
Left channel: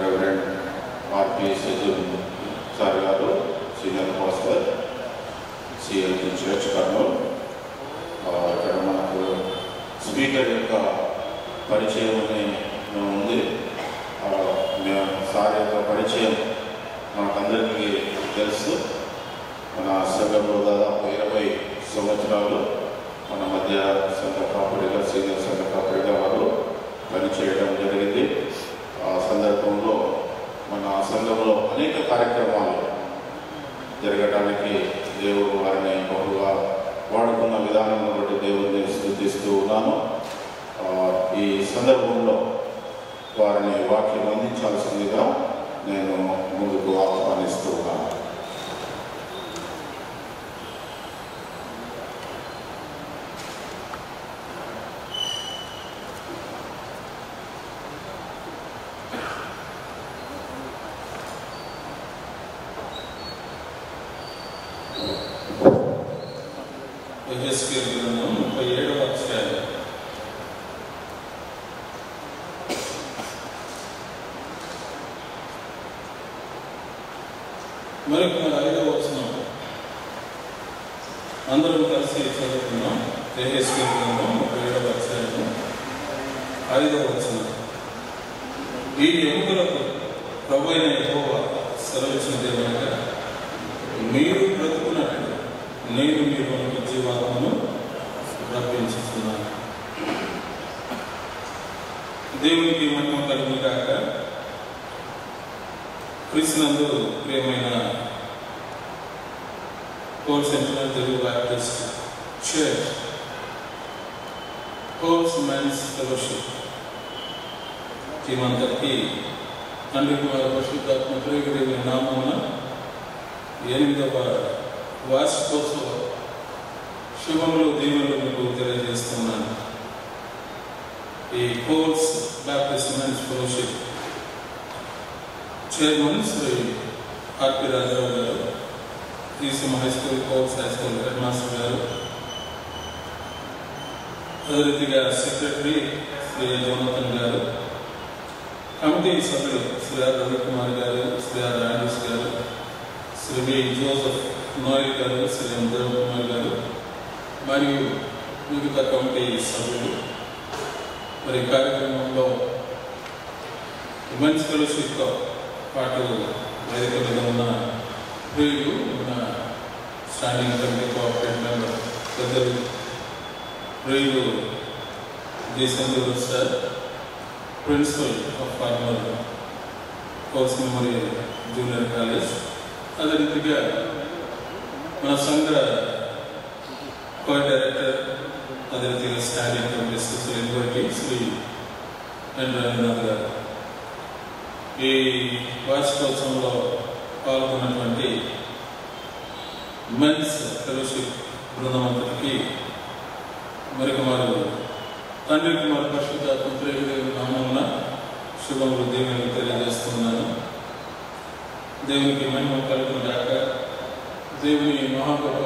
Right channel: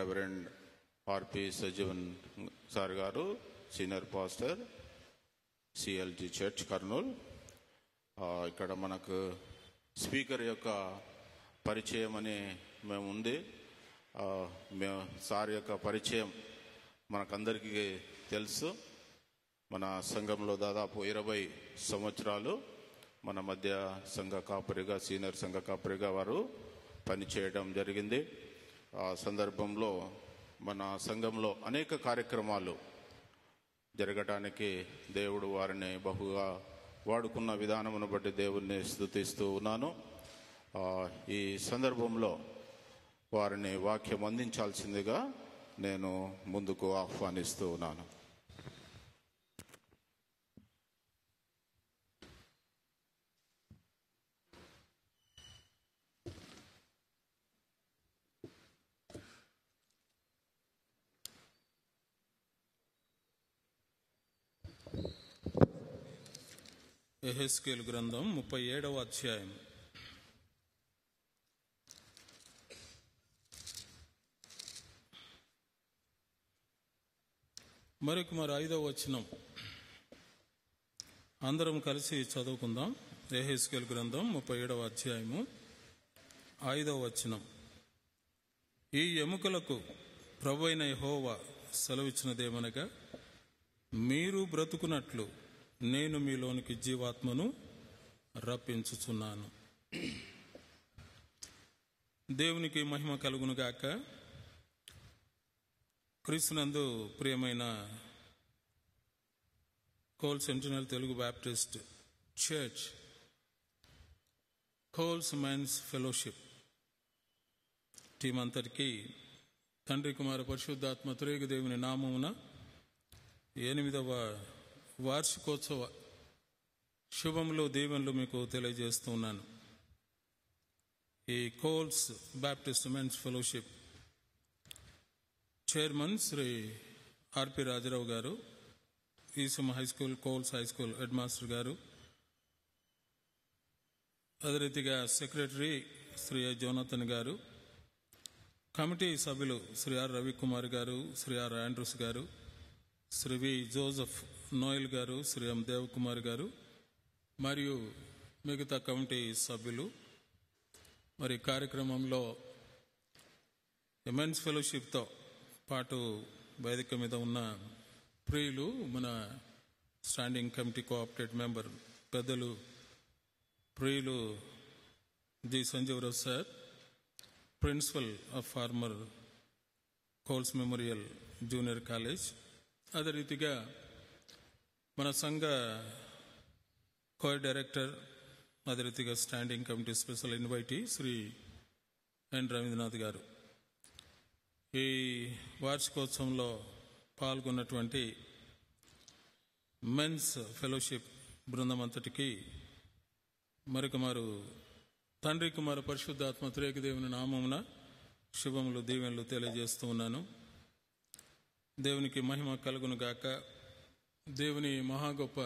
రెవరెండ్ ఆర్పి సజీవ్ సార్ గారు, సీనియర్ పాస్టర్, సిఎల్జీ చర్చ్ కర్నూలు. ఇక్కడ మనకు స్పీకర్ యొక్క పరిచయం అని ఉంది. సార్ యొక్క పరిచయం మనకందరికీ తెలుసు. మన సంఘంలో దాదాపు 20 సంవత్సరాలు మన మధ్య సంఘ కాపుడిగా, సీనియర్ సంఘ కాపుడిగా వారు పనిచేయడం జరిగింది. ఆ సందర్భంలో మన సంఘంలో అనేక కార్యక్రమాలు జరగడానికి దేవుడు వారిని బహుగా వాడుకున్న విధానం బట్టి దేవుడిని స్తుతిస్తూ ఉన్నాను. ఈ సందర్భంలో వారిని వాక్యం అందించాల్సిందిగా నేను ముందుకు ఆహ్వానిస్తూ ఉన్నాను. యెహెజ్కేలు గ్రంథం 37వ అధ్యాయం మరి 5వ వచనం అందరం కలిసి చదువుకున్నాం. యెహెజ్కేలు గ్రంథం 37వ అధ్యాయం 5వ వచనం. ఈ ఎముకలకు ప్రభువైన యెహోవా సెలవిచ్చినది ఏమనగా, మీరు బ్రతుకున్నట్లు నేను మీలోనికి జీవాత్మను రప్పించుతున్నాను. దేవునికి మహిమ కలుగును గాక. క్రీస్తునందు ప్రియమైన కోర్స్ సెంట్రల్ తెలుగు బ్యాప్టిస్ట్ చర్చ్ కోర్స్ మెన్స్ ఫెలోషిప్ టీం అందరికీ తండ్రి కుమార పరిశుద్ధాత్మ ప్రేమ నామమున 8వ వార్షికోత్సవ శుభములు, దీవెనలు మీకు తెలియజేస్తున్నాను. ఈ Coles Baptist men's fellowship chairman Shri RP Rajarao గారు, ECM high school Coles high school head master గారు, అదే రీతిగా సెక్రటరీ శ్రీ జోనతన్ గారు, కమిటీ సభ్యులు శ్రీ ఆర్ రవికుమార్ గారు, శ్రీ ఆర్ రాండీస్ గారు, శ్రీ వి జోసెఫ్ నోయల్ గారు, శ్రీ ఎం దేవకుమార్ గారు మరియు వివిధ కమిటీ సభ్యులు, మరి కార్యక్రమంలో ఉమెన్స్ ఫెలోషిప్తో పాటు వేదిక మీద ఉన్న ప్రియులు, మన స్టాండింగ్ కమిటీ కోఆపరేటివ్ మెంబర్ పెద్దలు ప్రియులు G Sandur sir, principal of Kurnool Coles memorial junior college, అదే రీతిగా మన సంఘ కో డైరెక్టర్, అదే రీతిగా standing committee Shri Shri N Ravindranath గారు, ఈ వార్షికోత్సవంలో పాల్గొన్నటువంటి మెన్స్ ఫెలోషిప్ బృందం అంతటికి మరొక మారు తండ్రి కుమార్ పరిశుద్ధాత్మ నామమున శుభములు దేవుని తెలియజేస్తున్నాను. దేవునికి మహిమ కలుగుగాక. దేవుని మహాగొప్ప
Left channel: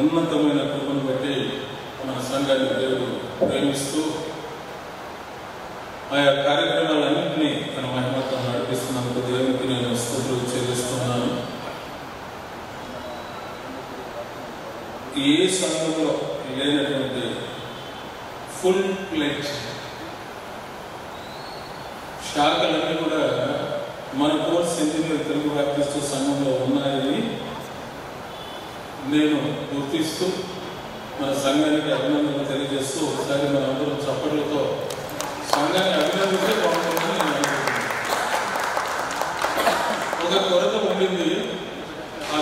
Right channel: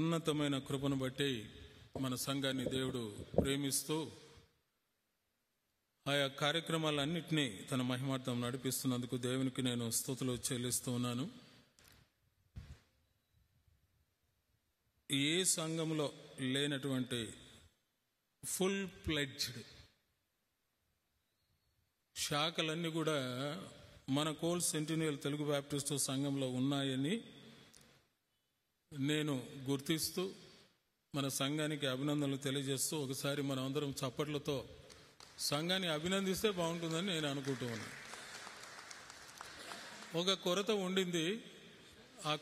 ఉన్నతమైన కృపను బట్టి మన సంఘాన్ని దేవుడు ప్రేమిస్తూ ఆయా కార్యక్రమాలన్నింటినీ తన మహిమతో నడిపిస్తున్నందుకు దేవునికి నేను స్తుతులు చెల్లిస్తున్నాను. ఏ సంఘంలో లేనటువంటి ఫుల్ ప్లేట్ శాఖలన్నీ కూడా మన కోర్స్ ఇంజనీర్ తెలుగు బ్యాప్టిస్ట్ సంఘంలో ఉన్నాయని నేను గుర్తిస్తూ మన సంఘానికి అభినందనలు తెలియజేస్తూ ఒకసారి మనందరూ చప్పట్లతో సంఘాన్ని అభినందిస్తే బాగుంటుందని నేను అనుకుంటున్నాను. ఒక కొరత ఉండింది. ఆ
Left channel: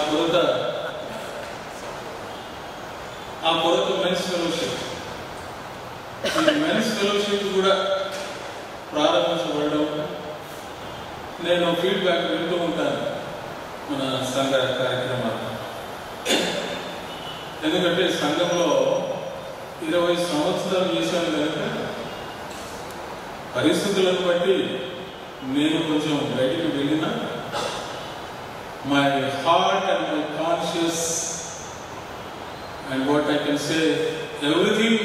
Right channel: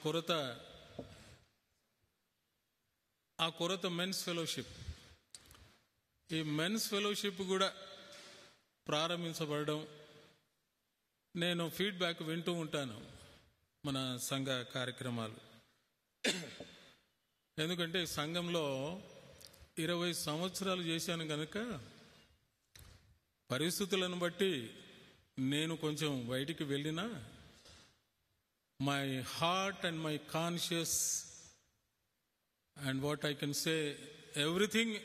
కొరత మెన్స్ ఫెలోషిప్. ఈ మెన్స్ ఫెలోషిప్ కూడా ప్రారంభించబడడం నేను ఫీడ్బ్యాక్ వింటూ ఉంటాను మన సంఘ కార్యక్రమాలు. ఎందుకంటే సంఘంలో 20 సంవత్సరాలు చేశాను కనుక పరిస్థితులను బట్టి నేను కొంచెం బయటికి వెళ్ళిన my heart and my conscious and what I can say, everything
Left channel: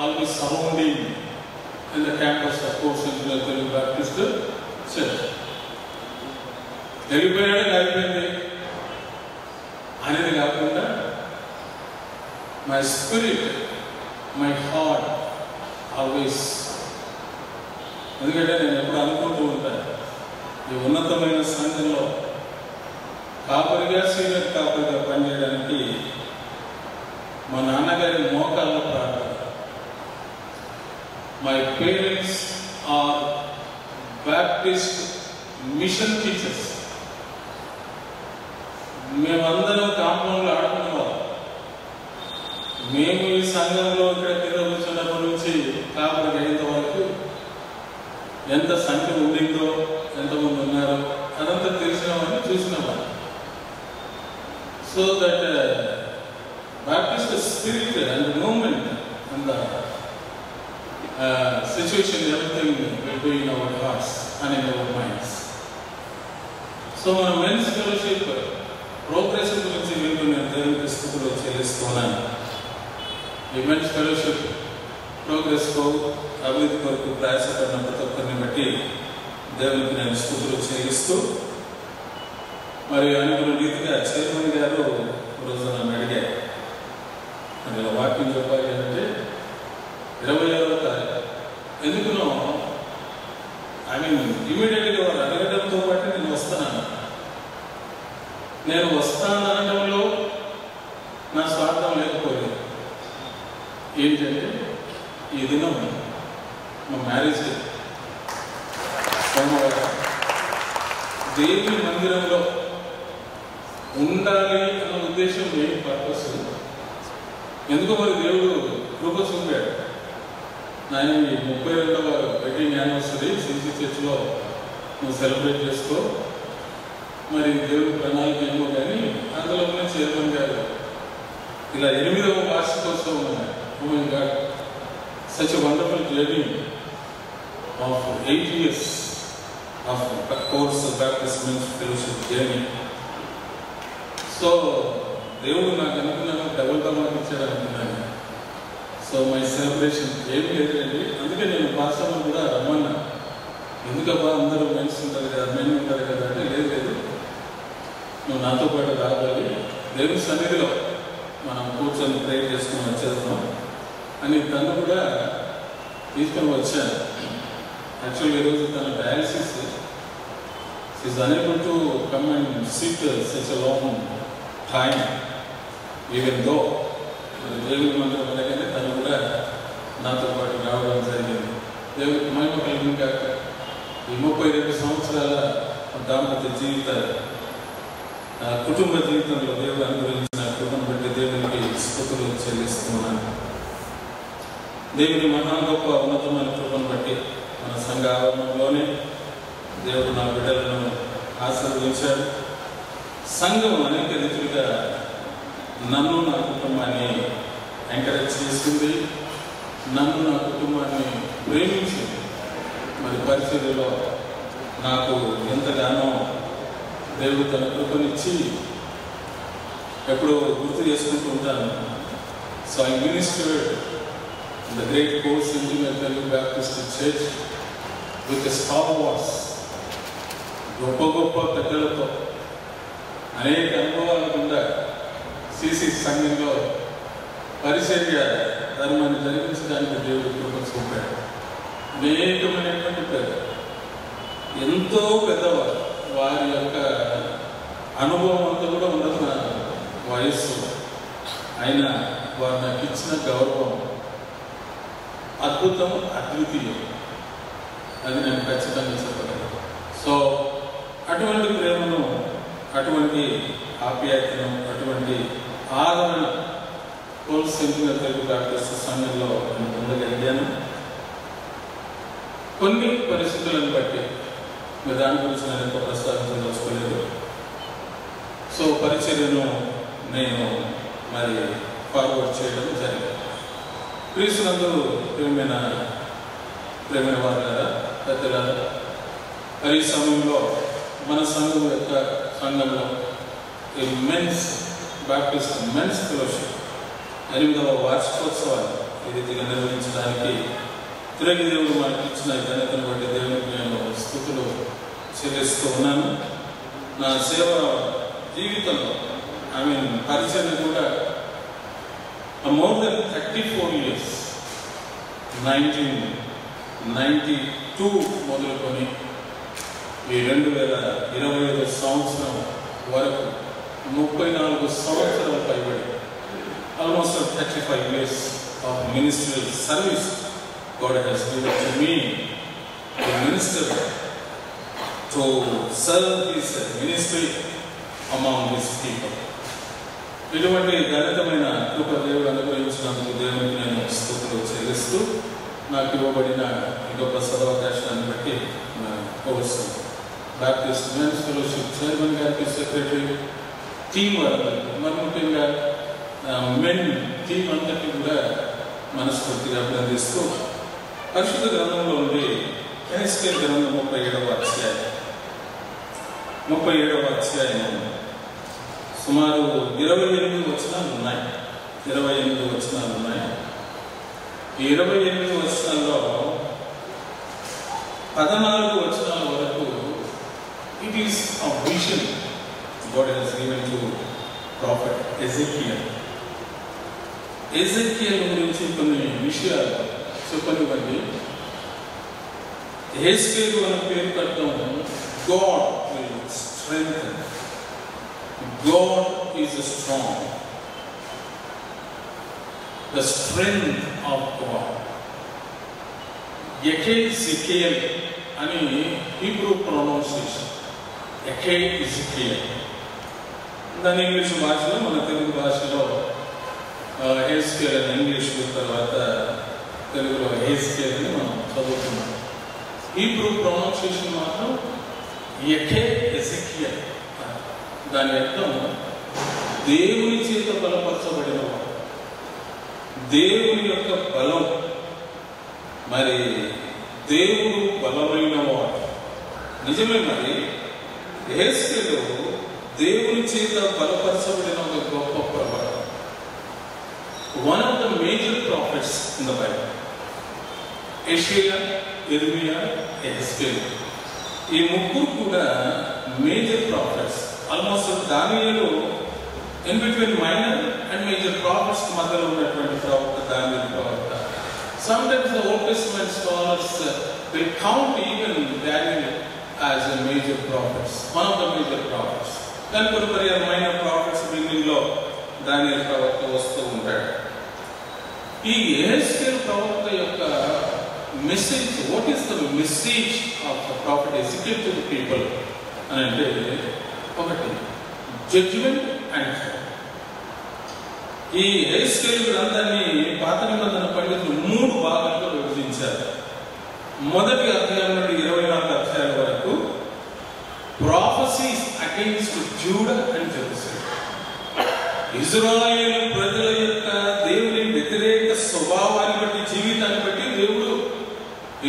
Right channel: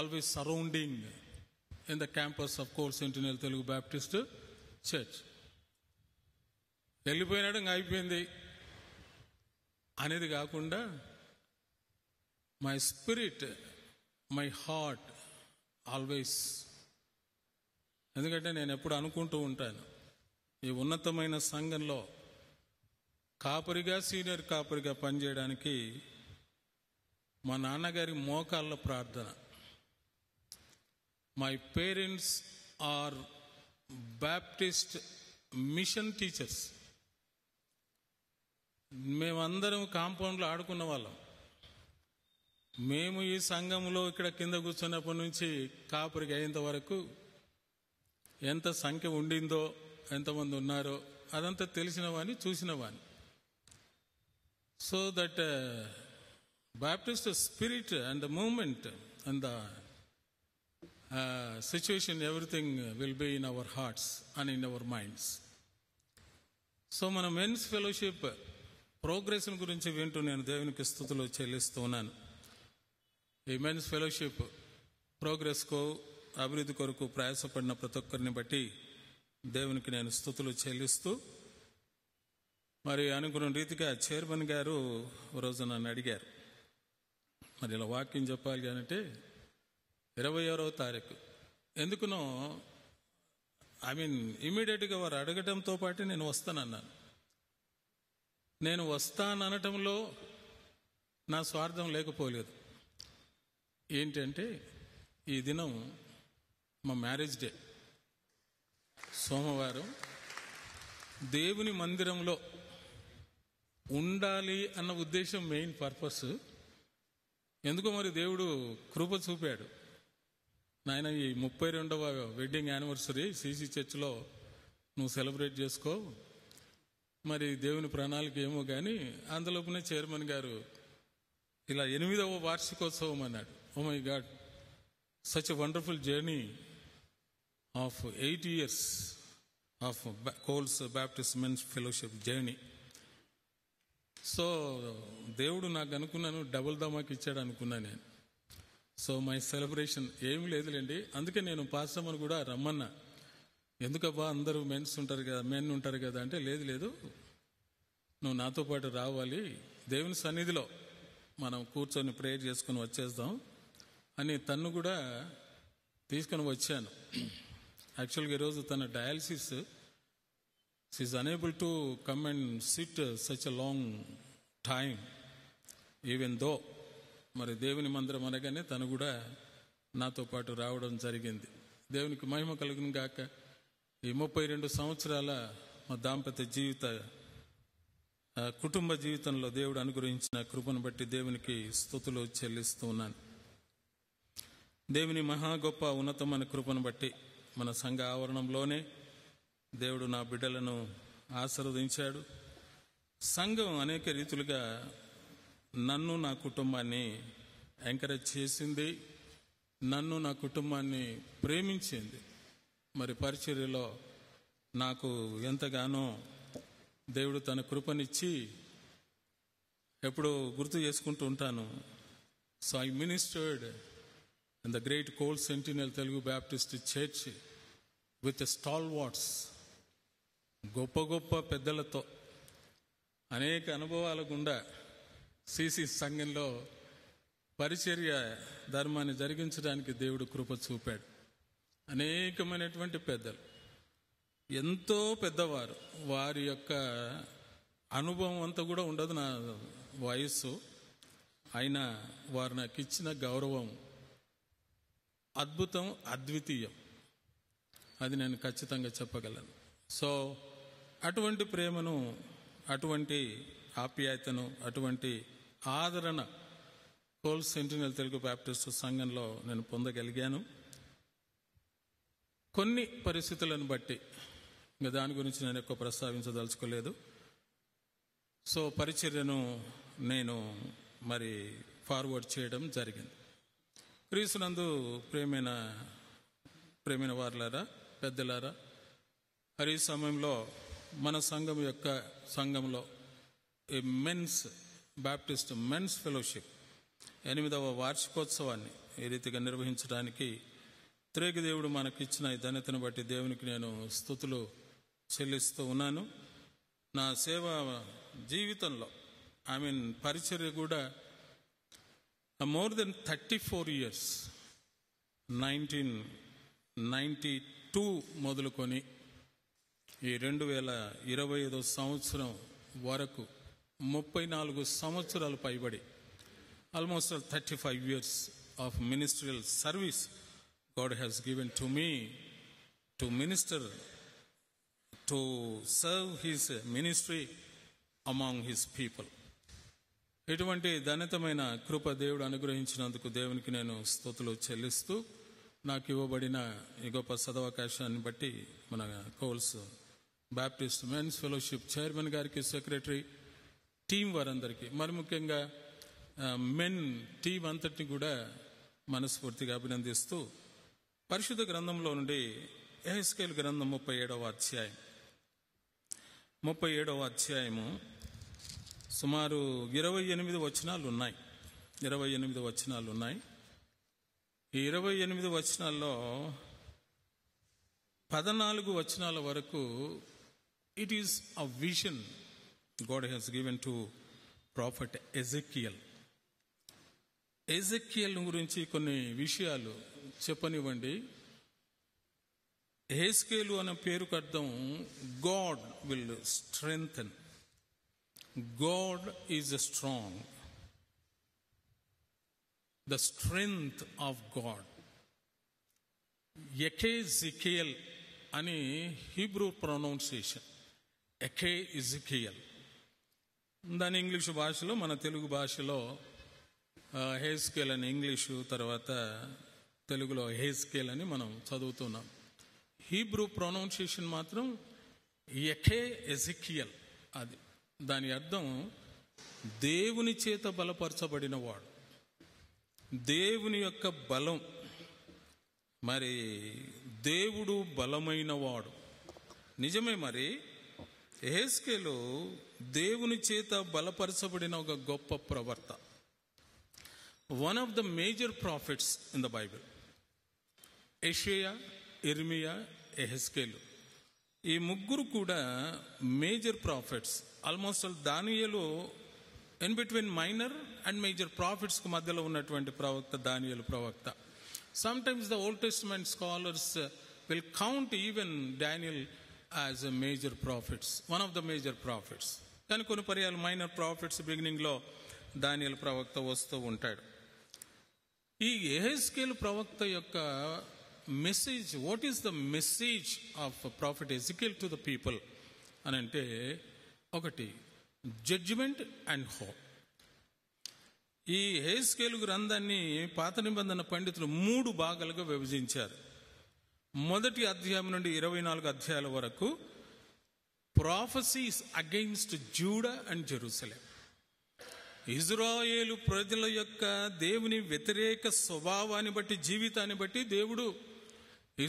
always surrounding in the campus of Course Engineer Telugu Baptist Church. అయిపోయింది అనేది కాకుండా my spirit, my heart always. ఎందుకంటే నేను ఎప్పుడు అనుకుంటూ ఉంటాను, ఈ ఉన్నతమైన సంఘంలో కాపరిగా సీనియర్ కాపరిగా పనిచేయడానికి మా నాన్నగారి మోకాళ్ళ ప్రార్థన. My parents are Baptist mission teachers. మేమందరం కాంపౌండ్లో ఆడుకునేవాళ్ళం. మేము ఈ సంఘంలో ఇక్కడ కూర్చున్నప్పటి నుంచి కాపరి అయిన వరకు ఎంత సంఖ్య ఉండిందో, ఎంతమంది ఉన్నారో అదంతా తెలిసినామని చూసినామని. So that Baptist spirit and the movement and the situation, everything will be in our hearts and in our minds. So, మన మెన్స్ ఫెలోషిప్ ప్రోగ్రెస్ గురించి వింటూ నేను దేవునికి స్తుతులు చెల్లిస్తున్నాను. ఈ మెన్స్ ఫెలోషిప్ ప్రోగ్రెస్కు అభివృద్ధి కొరకు ప్రయాసపడిన ప్రతి ఒక్కరిని బట్టి దేవునికి నేను స్తుతులు చెల్లిస్తూ, మరి అనుకున్న రీతిగా చైర్మన్ గారు రోజు నన్ను అడిగారు, మరి వాక్యం చెప్పాలి అంటే 26వ తారీఖు ఎందుకునో ఇమీడియట్గా వారు అడగడంతో పాటు నేను వస్తాను. నేను వస్తానడంలో నా స్వార్థం లేకపోయింది. ఏంటంటే ఈ దినం మా మ్యారేజ్ డే సోమవారం దేవుని మందిరంలో ఉండాలి అన్న ఉద్దేశం ఏమి పర్పస్ ఎందుకో మరి దేవుడు కృప చూపాడు. ఆయన 32వ వెడ్డింగ్ యానివర్సరీ సిసి చర్చ్లో నువ్వు సెలబ్రేట్ చేసుకో, మరి దేవుడు ప్రణాళిక ఏమో కానీ అందులోనే చైర్మన్ గారు ఇలా 8వ వార్షికోత్సవం ఉన్నాయి. Oh my God, such a wonderful journey of 8 years of కోర్స్ Baptist men's fellowship journey. So దేవుడు నాకు అనుకున్నాను డబుల్ కమాండ్ ఇచ్చాడు అనుకున్నాను. సో మై సెలబ్రేషన్ ఏం లేదండి. అందుకే నేను పాస్టర్ని కూడా రమ్మన్నా. ఎందుకబ్బా అందరూ మెన్స్ ఉంటారు కదా, మెన్ ఉంటారు కదా అంటే లేదు, నువ్వు నాతో పాటు రావాలి, దేవుని సన్నిధిలో మనం కూర్చొని ప్రేర్ చేసుకుని వచ్చేద్దాం అని తను కూడా తీసుకొని వచ్చాను. యాక్చువల్లీ ఈరోజు తన dialysis is unable to come and SIT such a long time even though దేవుని మందిరం అలాగే తను కూడా నాతో పాటు రావడం జరిగింది. దేవుడికి మహిమ కలిగిన కాక ఈ 32 సంవత్సరాల దాంపత్య జీవిత కుటుంబ జీవితంలో దేవుడు అనుగ్రహించిన కృపను బట్టి దేవునికి స్తుతులు చెల్లిస్తున్నాను. దేవుని మహా గొప్ప ఉన్నతమైన కృపను బట్టి మన సంఘ ఆవరణంలోనే దేవుడు నా బిడ్డలను ఆశీర్వదించాడు. సంఘం అనేక రీతులుగా నన్ను నా కుటుంబాన్ని ఎంకరేజ్ చేసింది, నన్ను నా కుటుంబాన్ని ప్రేమించింది. మరి పరిస్థితుల్లో నాకు ఎంతగానో దేవుడు తన కృపనిచ్చి ఎప్పుడో గుర్తు చేసుకుంటూ ఉంటాను. So I ministered the great course in the Baptist Church with the stalwarts, గొప్ప గొప్ప పెద్దలతో అనేక అనుభవాలు కూడా సిసి సంఘంలో పరిచర్య ధర్మాన్ని జరిగించడానికి దేవుడు కృపచుకుంటాడు. అనేకమైనటువంటి పెద్దలు, ఎంతో పెద్దవారు, వారి యొక్క అనుభవం అంతా కూడా ఉన్నత వయస్సు అయినా వారు నాకు ఇచ్చిన గౌరవం అద్భుతం, అద్వితీయం. అది నేను ఖచ్చితంగా చెప్పగలను. సో అటువంటి ప్రేమను, అటువంటి ఆప్యాయతను, అటువంటి ఆదరణ కోల్సింపుగా తెలుగు బ్యాప్టిస్ట్ సంఘంలో నేను పొందగలిగాను. కొన్ని పరిస్థితులను బట్టి దాని గురించి నేను ఎంత ప్రస్తావించదలుచుకోలేదు. సో పరిచర్యను నేను మరి ఫార్వర్డ్ చేయడం జరిగింది. క్రీస్తునందు ప్రేమైన వారు కదా పెద్దలారా, ఈ సమయంలో మన సంఘం యొక్క సంఘంలో ఈ మెన్స్ బ్యాప్టిస్ట్ మెన్స్ ఫెలోషిప్ 8వ వార్షికోత్సవాన్ని ఈ రీతిగా నిర్వహించడానికి తిరిగి దేవుడు మనకి ఇచ్చిన ఘనతను బట్టి దేవునికి నేను స్తుతులు చెల్లిస్తూ ఉన్నాను. నా సేవ జీవితంలో పరిచయం కూడా more than 34 years, 1992 మొదలుకొని ఈ 2025 సంవత్సరం వరకు 34 సంవత్సరాలు పైబడి almost 35 years of ministerial service God has given to me to minister, to serve His ministry among His people. ఇటువంటి ఘనతమైన కృప దేవుడు అనుగ్రహించినందుకు దేవునికి నేను స్తుతులు చెల్లిస్తూ నాకు ఇవ్వబడిన ఈ గొప్ప సదవకాశాన్ని బట్టి కోరుస్తున్నాను. బ్యాప్టిస్ట్ మెన్స్ ఫెలోషిప్ చైర్మన్ గారికి, సెక్రటరీ, టీం వారందరికీ, మరి ముఖ్యంగా మెన్ టీం అందరికీ కూడా మనస్ఫూర్తిగా అభినందిస్తూ పరిశుద్ధ గ్రంథంలో ఉండి హెస్కేల్ గ్రంథం 37వ అధ్యాయం సుమారు 28 వచనాలు ఉన్నాయి. ఈ 28 వచనాల్లో 14 వచనాల వరకు it is a vision God has given to prophet Ezekiel. Ezekiel గురించి కొన్ని విషయాలు చెప్పనివ్వండి. హెస్కేల్ అనే పేరు కట్టడం God will strengthen. God is strong. The strength of God. Ezekiel అని హీబ్రూ ప్రొనౌన్సియేషన్. Ezekiel. దాని ఇంగ్లీష్ భాషలో, మన తెలుగు భాషలో హెస్కేల్ అని ఇంగ్లీష్ తర్వాత తెలుగులో హెస్కేల్ అని మనం చదువుతున్నాం. హీబ్రూ ప్రొనౌన్సియేషన్ మాత్రం ఎజెకియల్. దాని అర్థం దేవుని చేత బలపరచబడిన వాడు, దేవుని యొక్క బలం. మరి దేవుడు బలమైన వాడు నిజమే. మరి హెస్కేలు దేవుని చేత బలపరచబడిన ఒక గొప్ప ప్రవక్త. One of the major prophets in the Bible, Isaiah, Jeremiah, Ezekiel. ఈ ముగ్గురు కూడా మేజర్ ప్రాఫిట్స్. ఆల్మోస్ట్ దానియేలు in between minor and major prophets మధ్యలో ఉన్నటువంటి ప్రవక్త దానియేలు ప్రవక్త. Sometimes the Old Testament scholars will count even Daniel as a major prophets, one of the major prophets. Then కొందరు మైనర్ ప్రాఫిట్స్ బిగినింగ్ లో దానియేలు ప్రవక్త వస్తూ ఉంటాడు. ఈ ఎహెజ్కేల్ ప్రవక్త యొక్క message, what is the message of the profit Ezekiel to the people అని అంటే, ఒకటి జడ్జ్మెంట్ అండ్ హోప్. ఈ ఎహెజ్కేల్ గ్రంథాన్ని పాత నిబంధన పండితులు 3 భాగాల్లో విభజించారు. మొదటి అధ్యాయం నుండి 24 అధ్యాయాల వరకు prophecies against Judah and Jerusalem. Israel ప్రజల యొక్క దేవుని వ్యతిరేక స్వభావాన్ని బట్టి, జీవితాన్ని బట్టి దేవుడు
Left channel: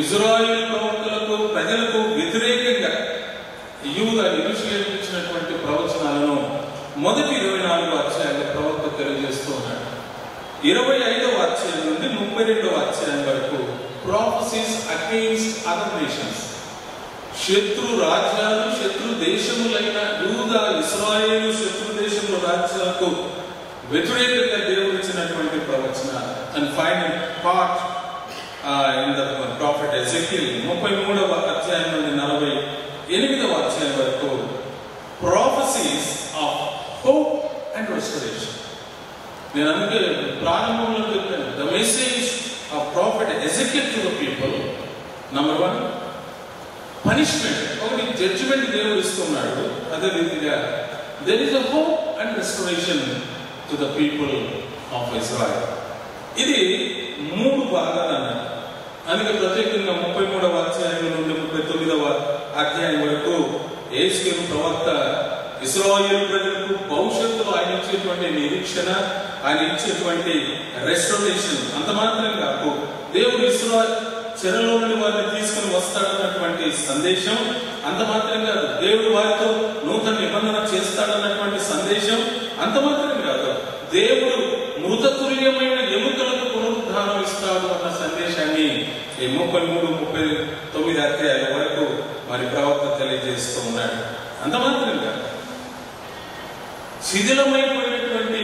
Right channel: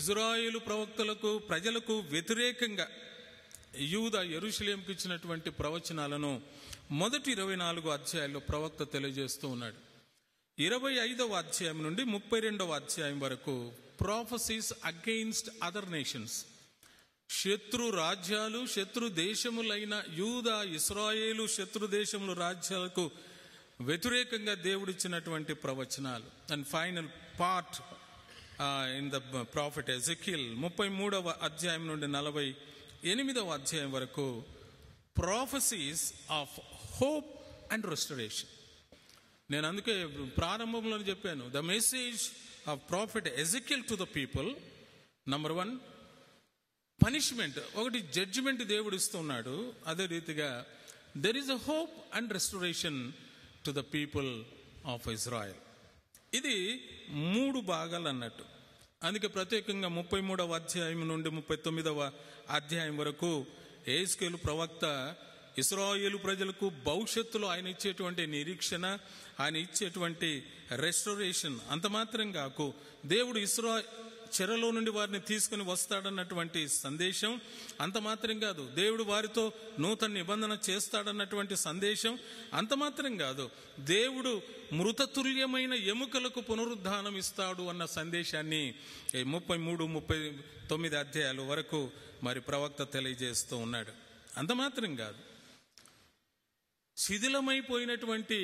ఇజ్రాయేలు ప్రవక్తలకు, ప్రజలకు వ్యతిరేకంగా యూదా యెరూషలేముకు ఇచ్చినటువంటి ప్రవచనాలను మొదటి 24వ అధ్యాయంలో ప్రవక్త తెలియజేస్తూ ఉన్నాడు. 25వ అధ్యాయం నుండి 32వ అధ్యాయం వరకు prophecies against other nations, శత్రు రాజ్యాలు, శత్రు దేశములైన యూదా, ఇశ్రాయేలు శత్రు దేశముల రాజ్యాలకు వ్యతిరేకంగా దేవుడు ఇచ్చినటువంటి ప్రవచన. And final part in the prophet Ezekiel 33వ అధ్యాయం నుండి 48వ అధ్యాయం వరకు prophecies of hope and restoration. నేను అందుకే ప్రారంభంలో చెప్పాను, the message of prophet Ezekiel to the people, number 1 punishment, ఒకటి జడ్జిమెంట్ దేవుడు ఇస్తున్నాడు. అదే రీతిగా there is a hope and restoration to the people of Israel. ఇది 3 భాగాలు అన్నమాట. అందుకే ప్రత్యేకంగా 33వ అధ్యాయం నుండి 39వ అధ్యాయం వరకు యేషూయా ప్రవక్త ఇశ్రాయేలు ప్రజలకు భవిష్యత్తులో ఆయన ఇచ్చేటువంటి నిరీక్షణ, ఆయన ఇచ్చేటువంటి రెస్టోరేషన్, అంత మాత్రం కాదు దేవుడు ఇశ్రాయేలు చెరలో నుండి వారిని తీసుకుని వస్తాడన్నటువంటి సందేశం, అంత మాత్రం కాదు దేవుడు వారితో నూతన నిబంధన చేస్తాడన్నటువంటి సందేశం, అంత మాత్రం కాదు దేవుడు మృతతుల్యమైన ఎముకలకు పునరుద్ధానం ఇస్తాడు అన్న సందేశాన్ని ఈ 33-39 అధ్యాయాల వరకు మరి ప్రవక్త తెలియజేస్తూ ఉన్నాడు. అంత మాత్రం కాదు శిథిలమైపోయినటువంటి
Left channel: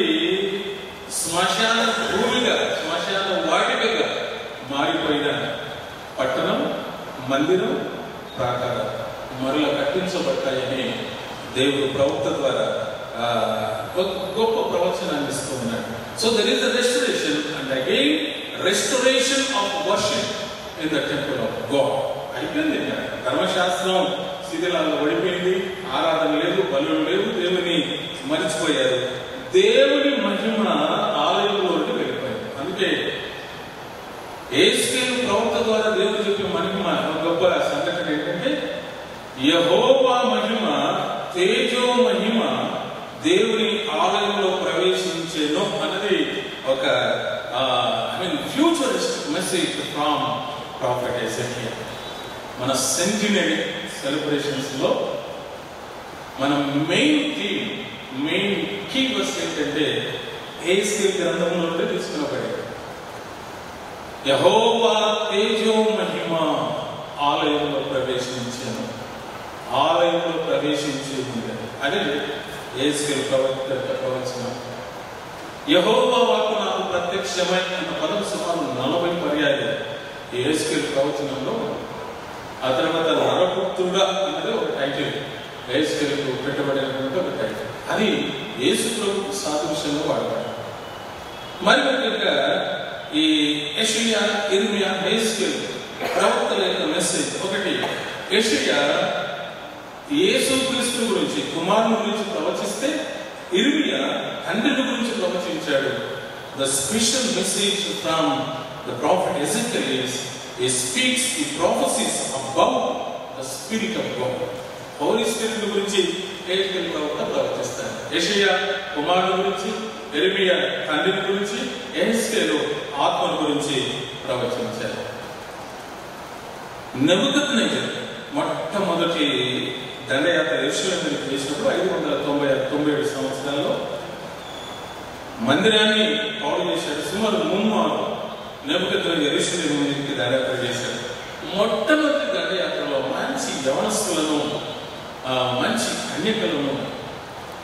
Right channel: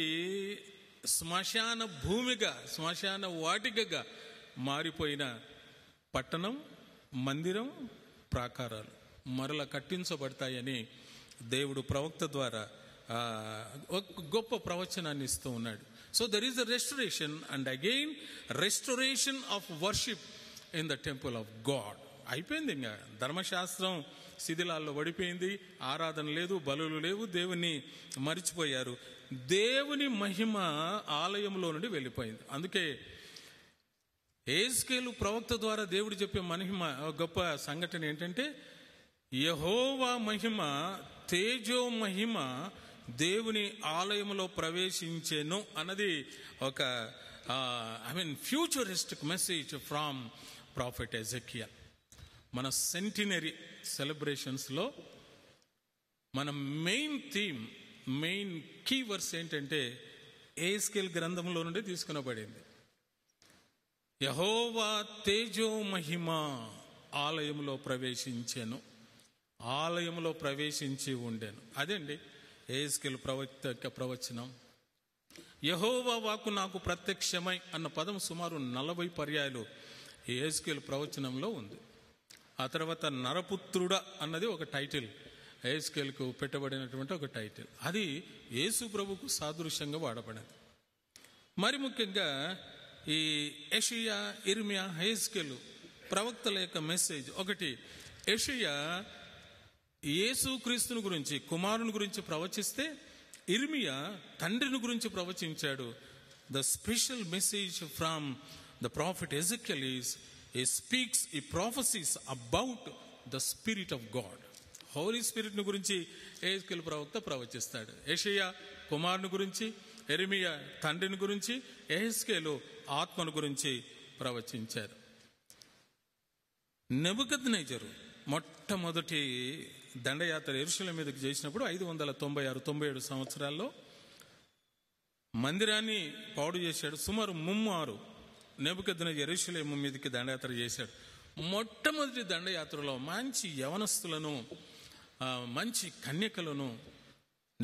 శ్మశాన భూమిగా, శ్మశాన వాటికగా మారిపోయిన పట్టణం, మందిరం, ప్రాకారం మరలా కట్టించబడ్డాయని దేవుడు ప్రవక్త ద్వారా గొప్ప ప్రవచనాన్ని ఇస్తూ ఉన్నాడు. So there is the restoration and again restoration of worship in the temple of God. అయిపోయింది, ధర్మశాస్త్రం శిథిలాల్లో పడిపోయింది, ఆరాధన లేదు, బలులు లేవు, దేవుని మర్చిపోయారు. దేవుని మహిమ ఆలయంలోకి వెళ్ళిపోయారు. అంటే యేషూయా ప్రవక్త ద్వారా దేవుడు చెప్పిన మహిమ గొప్ప సంఘటన ఏంటంటే యెహోవా మహిమ, తేజో మహిమ దేవుని ఆలయంలో ప్రవేశించేను అన్నది ఒక futuristic message from prophet Ezekiel. మన సెంటినరీ సెలబ్రేషన్స్ లో మన main theme, main key verse ఏంటంటే యేషూయా గ్రంథంలో నుండి తీసుకున్నబడి యెహోవా తేజో మహిమ ఆలయంలో ప్రవేశించాను, ఆలయంలో ప్రవేశించింది. అదే యేషూయా ప్రవక్త ప్రవచనం. యెహోవా వాక్కు నాకు ప్రత్యక్షమై అన్న పదం సుమారు 40 పర్యాయాలు యేషూయా ప్రవచనంలో. ఆ తర్వాత నరపుత్రుడా అనేది ఒక టైటిల్, యేషూయాకు పెట్టబడినటువంటి ఒక టైటిల్. అది యేసు ప్రభువుకు సాదృశ్యంగా వాడతారు. మరి ముఖ్యంగా ఈ యెషయా, ఇర్మియా, హెజ్కేల్ ప్రవక్తల యొక్క మెసేజ్ ఒకటి. యెషయా యేసుక్రీస్తు గురించి, కుమారుని గురించి ప్రవచిస్తే, ఇర్మియా తండ్రిని గురించి ప్రవచించాడు. The special message from the prophet Ezekiel is he speaks the prophecies about the spirit of God. Holy Spirit గురించి ఎజెకియల్ ప్రవక్త ప్రవచిస్తాడు. యెషయా కుమారుని గురించి, ఇర్మియా తండ్రి గురించి, హెజ్కేల్ ఆత్మ గురించి ప్రవచించారు. నెబుకద్నెజర్ మొట్టమొదటి దండయాత్ర యెరూషలేముకు చేసినప్పుడు 597 సంవత్సరాల్లో మందిరాన్ని బాగు చేశాడు. సుమారు 3 మార్లు నెబుకద్నెజర్ యెరూషలేముకి దండయాత్ర చేశాడు. మొట్టమొదటి దండయాత్రలో మంచి యవనస్తులను, మంచి కన్యకలను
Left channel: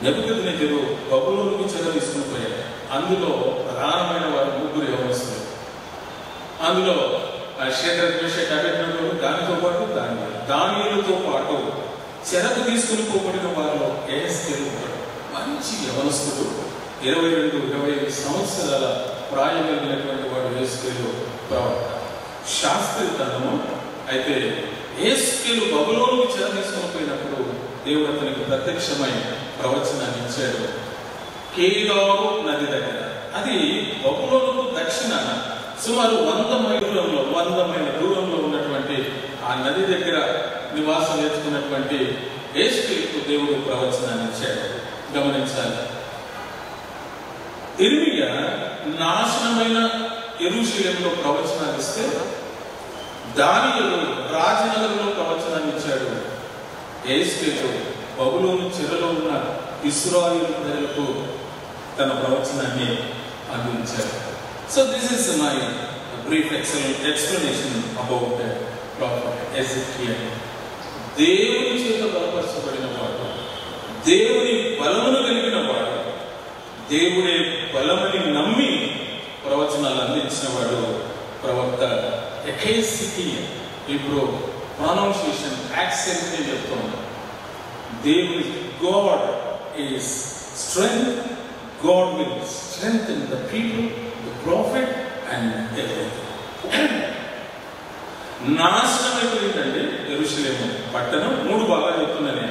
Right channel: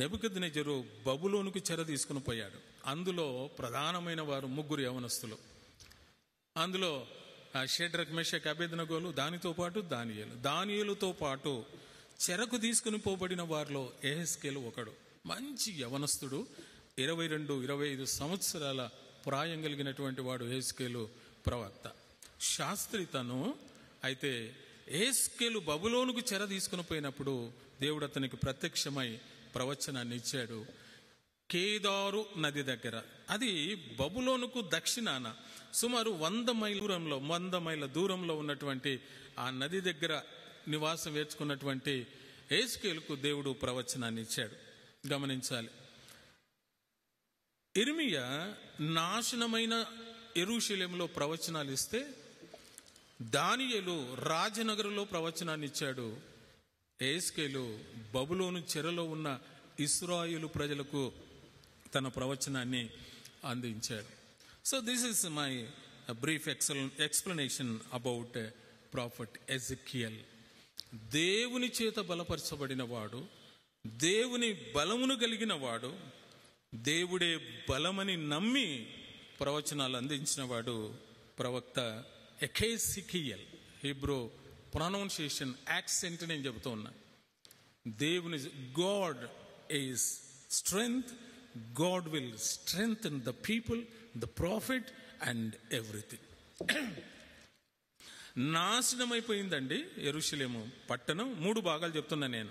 నెబుకద్నెజరు బబులోనుకు చెరదీసుకుని పోయాడు. అందులో ప్రధానమైన వారు 3 యవనస్తులు. అందులో షేద్రక్, మేషక్, అబేద్నెగో, దానితో పాటు దానియేలుతో పాటు చెరకు తీసుకుని పోబడిన వారిలో యెహెజ్కేలు మంచి యవనస్తుడు, 22-25 సంవత్సరాల ప్రాయం కలిగినటువంటి వాడు యెహెజ్కేలు ప్రవక్త. శాస్త్రీయ గ్రంథము. అయితే యెహెజ్కేలు బబులోనుకు చెర తీసుకుని పోయినప్పుడు దేవుడు అతనికి ప్రత్యక్షమై ప్రవచనాన్ని ఇచ్చాడు. కేదారు నది దగ్గర, అది బబులోనుకు దక్షిణాన సుమారు 100 మైళ్ళ దూరంలో ఉన్నటువంటి ఆ నది దగ్గర నివాసం నేర్చుకున్నటువంటి యేషూయాకు దేవుడు ప్రవచనాన్ని ఇచ్చాడు. గమనించాలి, ఇర్మియా నాశనమైన యెరూషలేములో ప్రవచనాలు ఇస్తే దానియేలు రాజనగరంలో ప్రవచనాన్ని ఇచ్చాడు. యెహెజ్కేలు బబులోను చెరలో ఉన్న ఇశ్రాయేలు ప్రజలకు తన ప్రవచనాన్ని అందించాడు. So this is my brief explanation about prophet Hezekiah. దేవుని చేత బలపరచబడిన వాడు, దేవుని బలమును కలిగిన వాడు, దేవుడే బలమని నమ్మి ప్రవచనాలు అందించిన వాడు ప్రవక్త హెజెకియా. ఇప్పుడు ప్రొనౌన్సియేషన్ యాక్సెంట్ అని చెప్తున్నాడు. దేవుని God is strength, God will strengthen the people, the prophet and everything. నాశనం అయిపోయిందండి యెరూషలేము పట్టణం. 3 భాగాలు చెప్తున్నాను.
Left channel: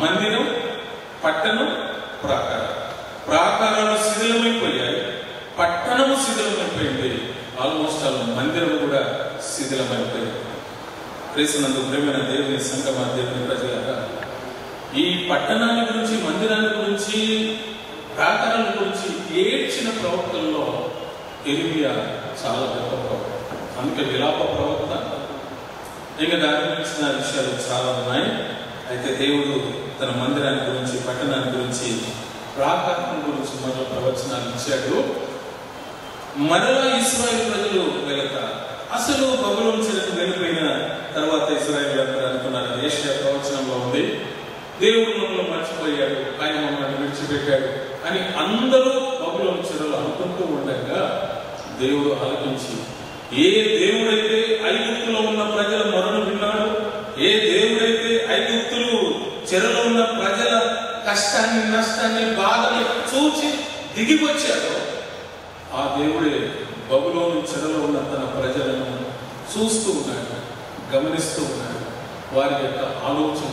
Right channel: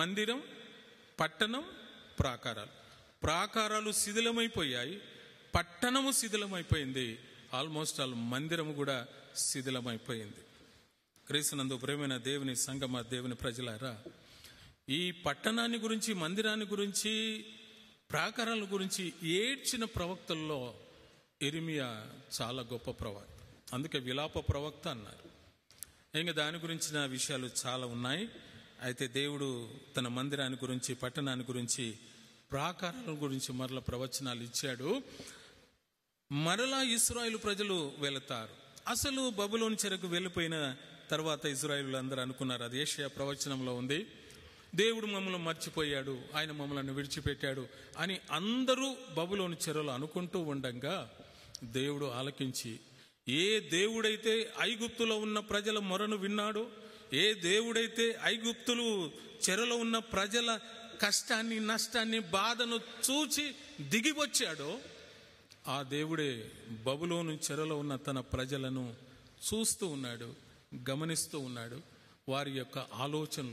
మందిరం, పట్టణం, ప్రాకారం. ప్రాకారాలు శిథిలమైపోయాయి, పట్టణం శిథిలమైపోయింది, ఆల్మోస్ట్ మందిరం కూడా శిథిలమైపోయింది. ప్రేసినందుకు ప్రేమైన దేవుని సంగమ, దేవుని ప్రజలారా, ఈ పట్టణాల గురించి, మందిరాల గురించి, ప్రాకారాల గురించి ఏడ్చిన ప్రవక్తలలో ఇర్మియా చాలా గొప్ప ప్రవక్త. అందుకే విలాప ప్రవక్త. ఇంకా దాని గురించిన విషయాలు చాలా ఉన్నాయి. అయితే దేవుడు తన మందిరాన్ని గురించి, పట్టణాన్ని గురించి, ప్రాకారం గురించి మరో ప్రవచనాలు ఇచ్చాడు. మరలా ఇశ్రాయేలు ప్రజలు వెళక అసలు బబులోను చెరకు వెళ్ళిపోయిన తర్వాత ఇశ్రాయేలు అందరూ అనుకున్నారు, యెషయా ప్రవచనంలో ఉంది, దేవుడు మమ్మల్ని మర్చిపోయాడు, ఆయన మమ్మల్ని విడిచిపెట్టాడు అని అందరూ బబులోను చెరలో అనుకుంటూ ఉండగా దేవుడు ఆలోచించి, ఏ దేవుడైతే ఐగుప్తులో ఉన్న ప్రజల మొరను విన్నాడు, ఏ దేవుడైతే ఐగుప్తులు చెరలో ఉన్న ప్రజల కష్టాన్ని, నష్టాన్ని, బాధని చూచి దిగి వచ్చాడో ఆ దేవుడే బబులోను చెరలో ఉన్న తన ప్రజలను చూస్తూ ఉన్నాడు, గమనిస్తూ ఉన్నాడు. వారి యొక్క ఆలోచన,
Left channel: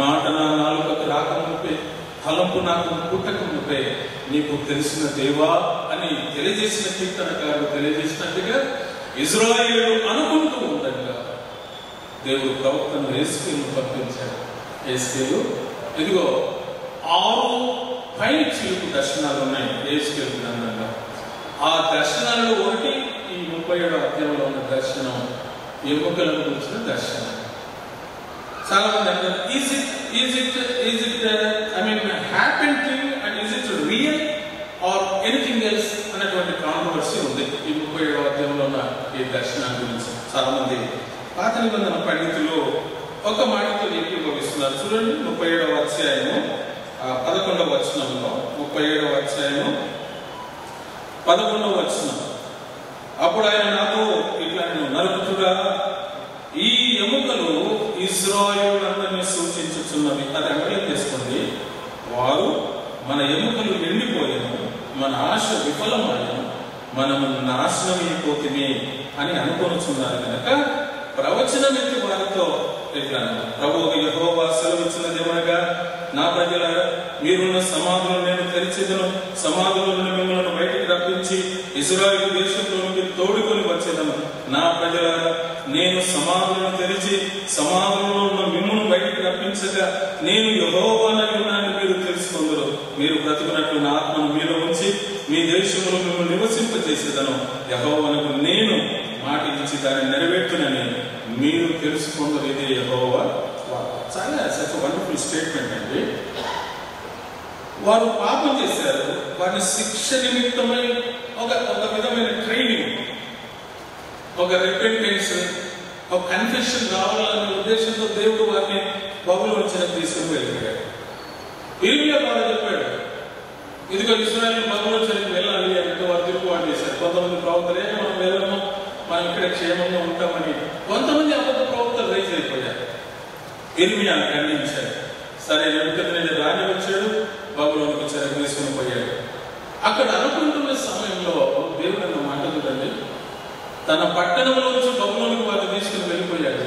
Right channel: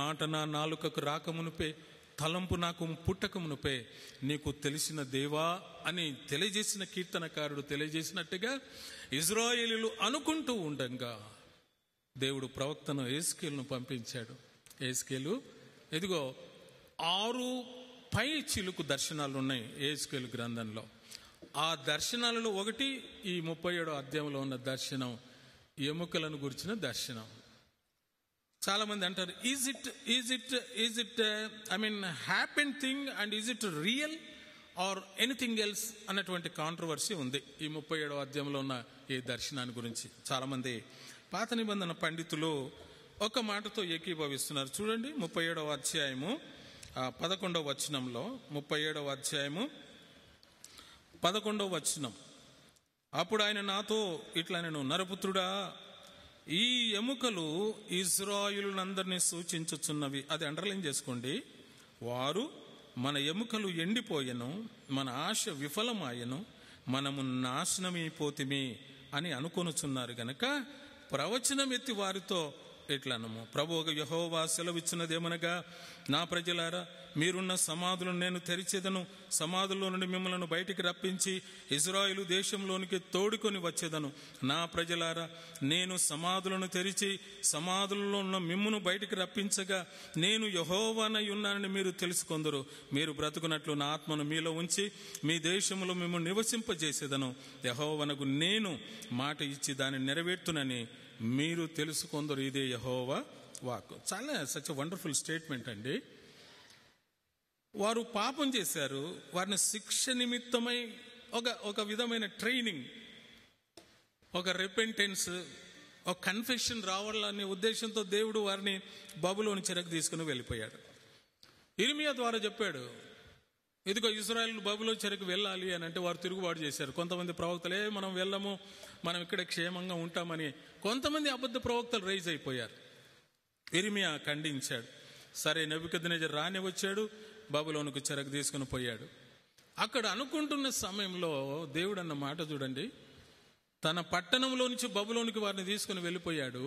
మాట నా నాలుకకు రాకముందే, తలంపు నాకు పుట్టకముందే నీకు తెలిసిన దేవా అని తెలియజేసిన కీర్తనకారుడు తెలియజేసినట్టుగా ఇశ్రాయేలు అనుకుంటూ ఉండగా దేవుడు ప్రవక్తను యెహెజ్కేలును పంపించాడు. యెహెజ్కేలు ఇదిగో 6 పైన చిలుకు దర్శనాలు ఉన్నాయి యెహెజ్కేలు గ్రంథంలో. ఆ దర్శనాల్లో ఒకటి ఈ 37వ అధ్యాయంలో ఉన్న దర్శనం, ఎముకలను కూర్చున్న దర్శనం. చాలా మంది అంటారు, is it I mean happened to you and is it real or anything else అనేటువంటి కాంట్రవర్సీ ఉంది ఈ 37వ అధ్యాయంలో ఉన్న ఈ దర్శనం గురించి. చాలా మంది పాత నిబంధన పండితులు ఒక మాటతో ఏకీభవిస్తున్నారు. చూడండి 37వ అధ్యాయము 11వ వచనంలో, 37వ అధ్యాయము 11వ వచనం. అప్పుడు ఆయన నాతో ఇట్లా నరుకుతుగా, ఈ ఎముకలు ఇశ్రాయేలునందరినీ సూచించుచున్నవి. అది అమలు చేసుకోండి. వారు మన ఎముకలు ఎండిపోయాను, మన ఆశ విఫలమయ్యాను, మనము నాశనం అయిపోతుంది అని అనుకొనుచున్నారు కనుక ప్రవచనమితి వారితో ఎట్లాను, ప్రభువు యెహోవా సెలవిచ్చినదేమనగా, నా ప్రజలారా, మీరున్న సమాధులను నేను తెరిచెదను, సమాధులను మిమ్మల్ని బయటికి రప్పించి ఇశ్రాయేలు దేశంలోనికి తోడుకొని వచ్చేదను. నా ప్రజలారా, నేను సమాధులను తెరిచి సమాధులలో ఉన్న మిమ్మును బయటికి రప్పించగా నేను యెహోవానై ఉన్నానని మీరు తెలుసుకుందరు. మీరు బ్రతుకున్నట్లు నా ఆత్మను మీలో ఉంచి మీ దేశంలో మిమ్మల్ని నివసింపజేసేదను. యెహోవానకు నేను మాట ఇచ్చి దాన్ని నెరవేర్చునని మీరు తెలుసుకుందరు. ఇది యెహోవా. చాలా వండర్ఫుల్ స్టేట్మెంట్ అండి. వారు పాపం చేశారు, వారి శిక్ష నిమిత్తమై ఒక విధమైన ట్రైనింగ్, ఒక రిపెంటెన్స్, ఒక కన్ఫెషన్ రావాలనే ఉద్దేశంతో దేవుడు వారిని బబులోను చెరకు తీసుకుని వెళ్ళిపోయాడు. ఇర్మియా బాగా చెప్పాడు, ఇదిగో ఇశ్రాయేలు బబులోను చెరకు వెళ్ళాలి అంటే వారు తిరుగుబాటు చేశారు. కొంతమంది ప్రవక్తలే మనం వెళ్ళము, మనం ఇక్కడ క్షేమంగా ఉంటామని, కొంతమంది అబద్ధ ప్రవక్తలు రైజ్ అయిపోయారు. ఇర్మియా ఖండించాడు. సరే, నెబుకద్నెజర్ రాజు వచ్చాడు, బబులోనుకు చెరకు తీసుకుని పోయాడు. అక్కడ అనుకుంటున్న సమయంలో దేవుడు అన్న మాటలు, తన పట్టణంలో నుంచి బబులోనుకు వారు తీసుకుని వెళ్ళిపోయాడు.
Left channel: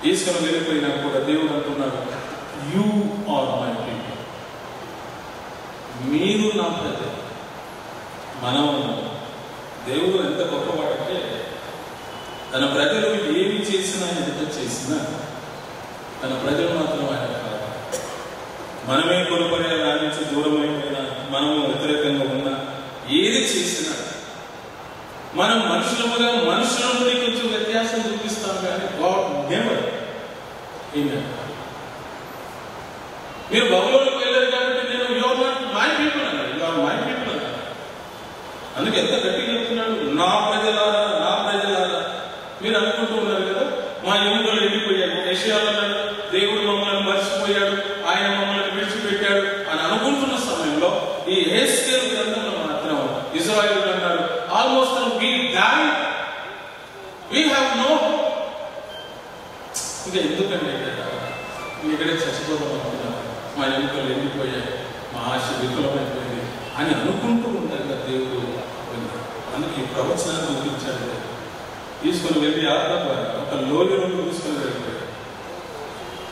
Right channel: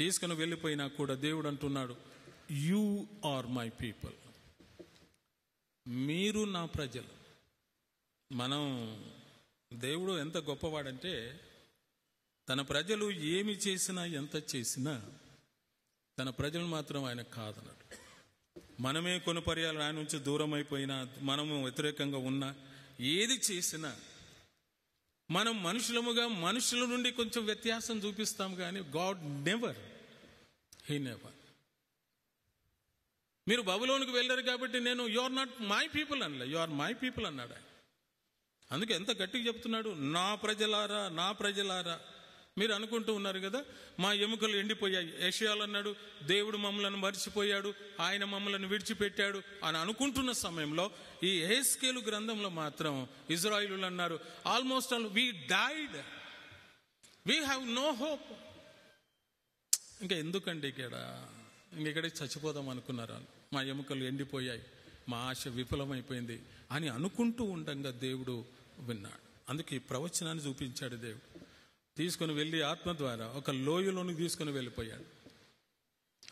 తీసుకుని వెళ్ళిపోయినా కూడా దేవుడు అంటున్నాడు, యు ఆర్ మై పీపుల్, మీరు నా ప్రజలు. మనం దేవుడు ఎంత గొప్పవాడంటే, తన ప్రజలు ఏమి చేసినా, ఎంత చేసినా తన ప్రజలు మాత్రం ఆయన కాదు. మనమే కోల్పోయినా, దాని నుంచి దూరం అయిపోయినా, మనము వ్యతిరేకంగా ఉన్నా, ఏది చేసినా మనం మనుషుల నుండి కొంచెం వ్యత్యాసం చూపిస్తాం కానీ గాడ్ నెవర్. మీరు బబులోనికి వెళ్ళారు కాబట్టి నేను you are not my people అన్నాడు, యు ఆర్ మై పీపుల్ అన్నాడు. అందుకే ఎంత గట్టిగా చెప్తున్నాడు, నా ప్రజలారా, నా ప్రజలారా. మీరు అనుకుంటూ ఉన్నారు కదా, మా ఎముకలు ఎండిపోయాడు, యెషయాలు అన్నాడు దేవుడు మమ్మల్ని మర్చిపోయాడు, ఆయన మమ్మల్ని విడిచిపెట్టాడు అని అనుకుంటున్న సమయంలో ఈ యెహెజ్కేలు గ్రంథంలో మాత్రం ఇశ్రాయేలు అన్నారు almost we died, we have no hope. ఇంకా ఎందుకంటే మీ ఇక్కడే చచ్చిపోతాం అనుకున్నారు, మా ఎముకలు ఎండిపోయాయి, మా ఆశ విఫలమైపోయింది అని అనుకుంటూ ఉంటారు దేవుడు. అందుకే ఈ ప్రవచనాన్ని ముగించాడు. తీసుకుని వెళ్ళి ఒక లోయలో తీసుకుని వెళ్ళిపోయాడు.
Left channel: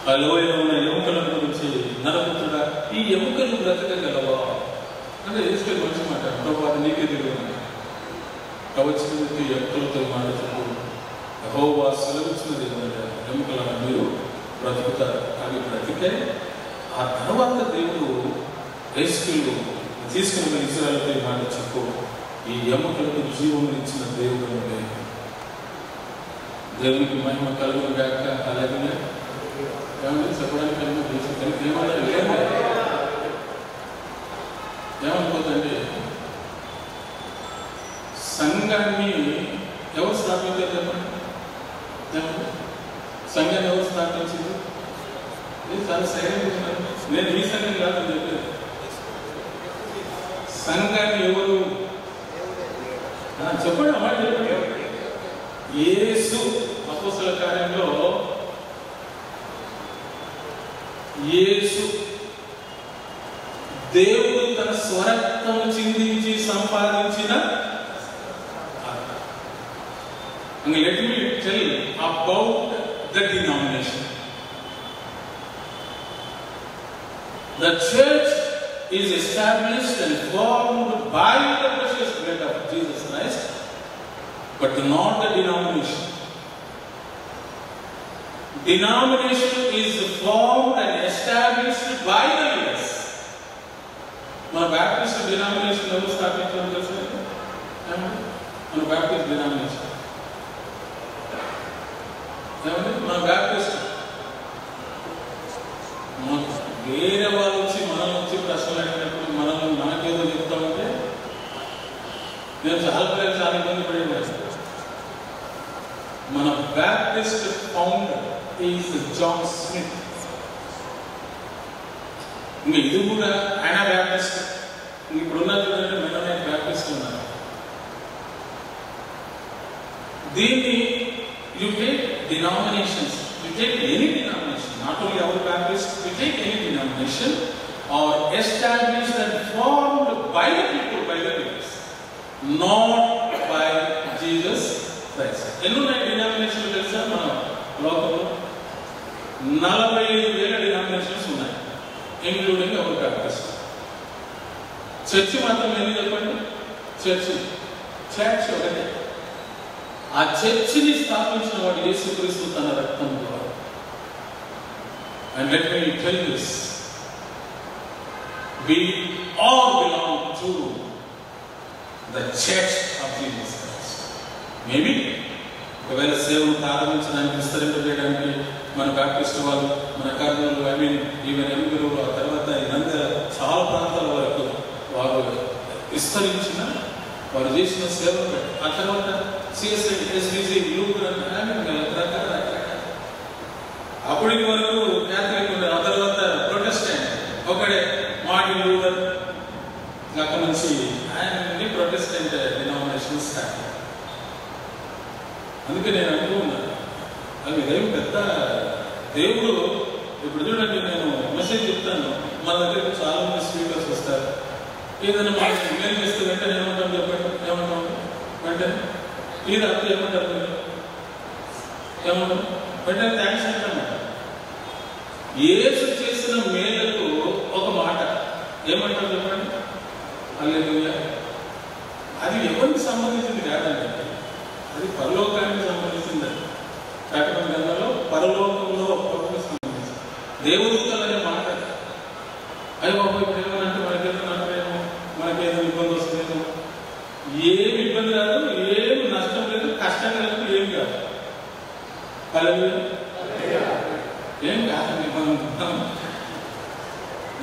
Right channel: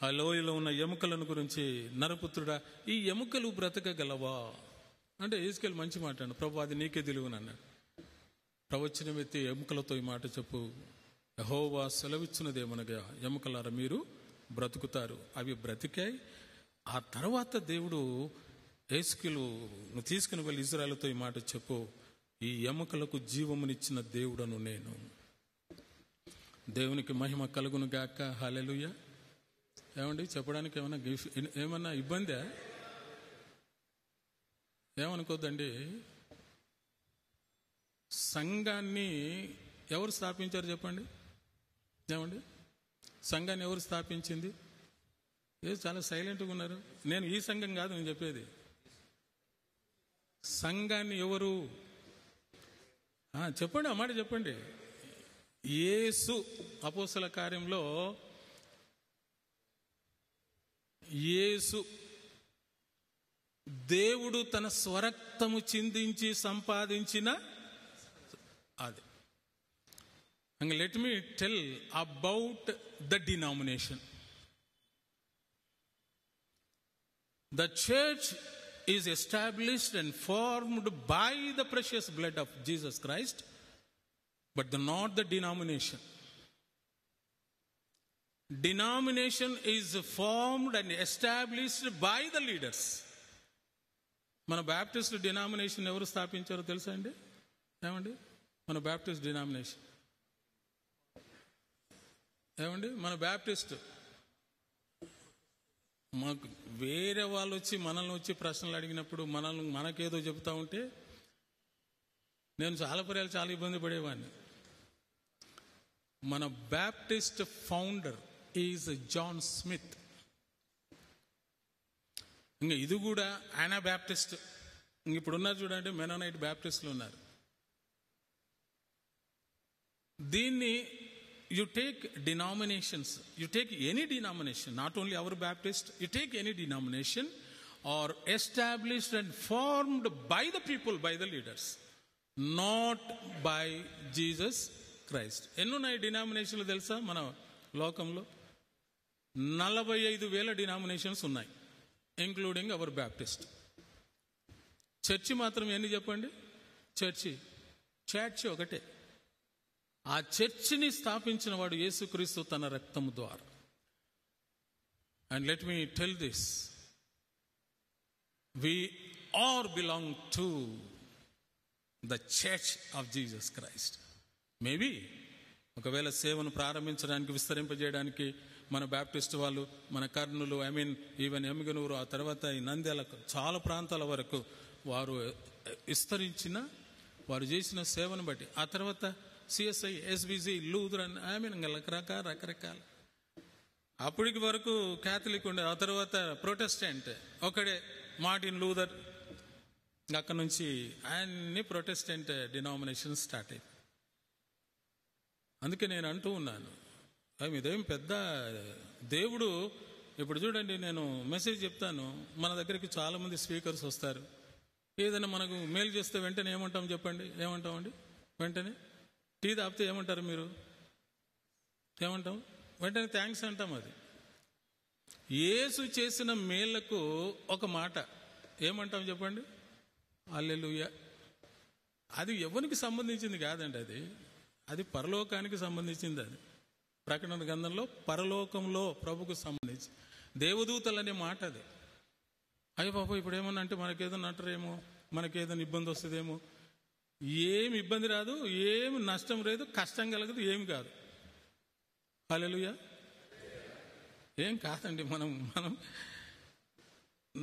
ఆ లోయలో ఉన్న ఎముకల గురించి నలుగుతున్నా, ఈ ఎముకలు బ్రతకగలవా అంటే ఎదుగుతుంది మంచి మాట. ప్రభావ నీకే తెలియదు ప్రవచనానికి ఎముకలతో మాట్లాడుతూ యెహోవా సెలవిస్తున్నది ఎముకల మీరు బ్రతుకుతారు. అవి బ్రతికే ఆ తర్వాత దేవుడు యెహెజ్కేలు తీసుకుని ఇశ్రాయేలుపై మాట చెప్పు, ఈ ఎముకలకు జీవం ఇచ్చిన దేవుడు అంటే దేవునికి మహిమ కలుగును గాక. అలాగే చెప్పడానికి ఏమనుకోదండి, సంఘాన్ని ఎవరు స్థాపించారు చెప్పండి? సంఘాన్ని ఎవరు స్థాపించింది? చాలా సైలెంట్. నేను ఈ సంఘం కాదని చెప్పలేదు. సంఘాన్ని ఎవరు చెప్పండి, అమ్మాయి చెప్పండి. యేసు అపోస్తల కార్యంలో యేసు దేవుడు తన స్వరత్వం చిందించి సంపాదించిన. Let me tell about the denomination. The church is established and formed by the precious blood of Jesus Christ, but not a denomination. Denomination is formed and established by the leaders. మన బ్యాప్టిస్ట్ డినామినేషన్ ఎవరు స్థాపించడం తెలుసు? మన బ్యాప్టిస్ట్ డినామినేషన్ మన బ్యాప్టిస్ట్ వేరే వాళ్ళు వచ్చి మనల్ని వచ్చి ప్రశ్నలు అడిగినప్పుడు మనకేదో చెప్తామంటే నేను చాలా ఇబ్బంది పడేది. మన Baptist founder is John Smith. ఇది కూడా ఆయన బ్యాప్టిస్ట్. ఇప్పుడున్న చూడండి, మెనోనైట్ బ్యాప్టిస్ట్ ఉన్నారు. దీన్ని you take denominations, you take any denomination, not only our Baptist, you take any denomination or established and formed by the people, by the leaders, not by Jesus Christ. ఎన్నో డినామినేషన్లు తెలుసా? మన లోకంలో 45,000 డినామినేషన్స్ ఉన్నాయి, ఇంక్లూడింగ్ అవర్ బ్యాప్టిస్ట్. చర్చి మాత్రం ఎందుకు చెప్పండి? చర్చ్ ఒకటే. ఆ చర్చిని స్థాపించిన వాడు యేసుక్రీస్తు తన రక్తం ద్వారా. And let me tell this, we all belong to the church of Jesus Christ. Maybe ఒకవేళ సేవను ప్రారంభించడానికి, విస్తరింపజేయడానికి మన బ్యాప్టిస్ట్ వాళ్ళు, మన కర్నూలు, ఈవెన్ ఎలుగురు, ఆ తర్వాత ఇదంతా చాలా ప్రాంతాల వరకు వారు విస్తరించిన, వారు చేసిన సేవ. ఆ తర్వాత CSI, SBC, అప్పటి వరకు క్యాథలిక్ ఉన్నారు, ఆ తర్వాత ప్రొటెస్టెంట్ ఒకడే మార్టిన్ లూథర్ అక్కడి నుంచి ఆయన ప్రొటెస్టెంట్ డినామినేషన్ స్టార్ట్. అందుకే నేను అంటూ ఉన్నాను, అది ఏమి పెద్ద దేవుడు. ఇప్పుడు చూడండి, నేను మెసేజ్ చెప్తాను, మా దగ్గరకు చాలా మంది స్పీకర్స్ వస్తారు. ఏదైనా మనకి మేలు చేస్తే వెంటనే ఏమంటాం చెప్పండి? ఏమంటాం వెంటనే? ఈ రాత్రి ఏమంటారు మీరు? ఏమంటాం వెంటనే? థ్యాంక్స్ అంటాం. యేసు చేసిన మేలకు ఒక మాట ఏమంటారు చెప్పండి? హల్లెలూయా. అది ఎవరికి సంబంధించింది కాదండి, అది పరలోకానికి సంబంధించింది. ప్రకటన గ్రంథంలో పరలోకంలో సంబంధించింది. దేవదూతలు అనే మాట అయ్యో బాబు పిల్లలంటే మనకెళ్తున్నట్లేమో, మనకేదో ఇబ్బంది వస్తుందేమో. ఏమి ఇబ్బంది కాదు, ఏం నష్టం లేదు, కష్టం లేదు, ఏం కాదు. అలా ఏం కాదండి.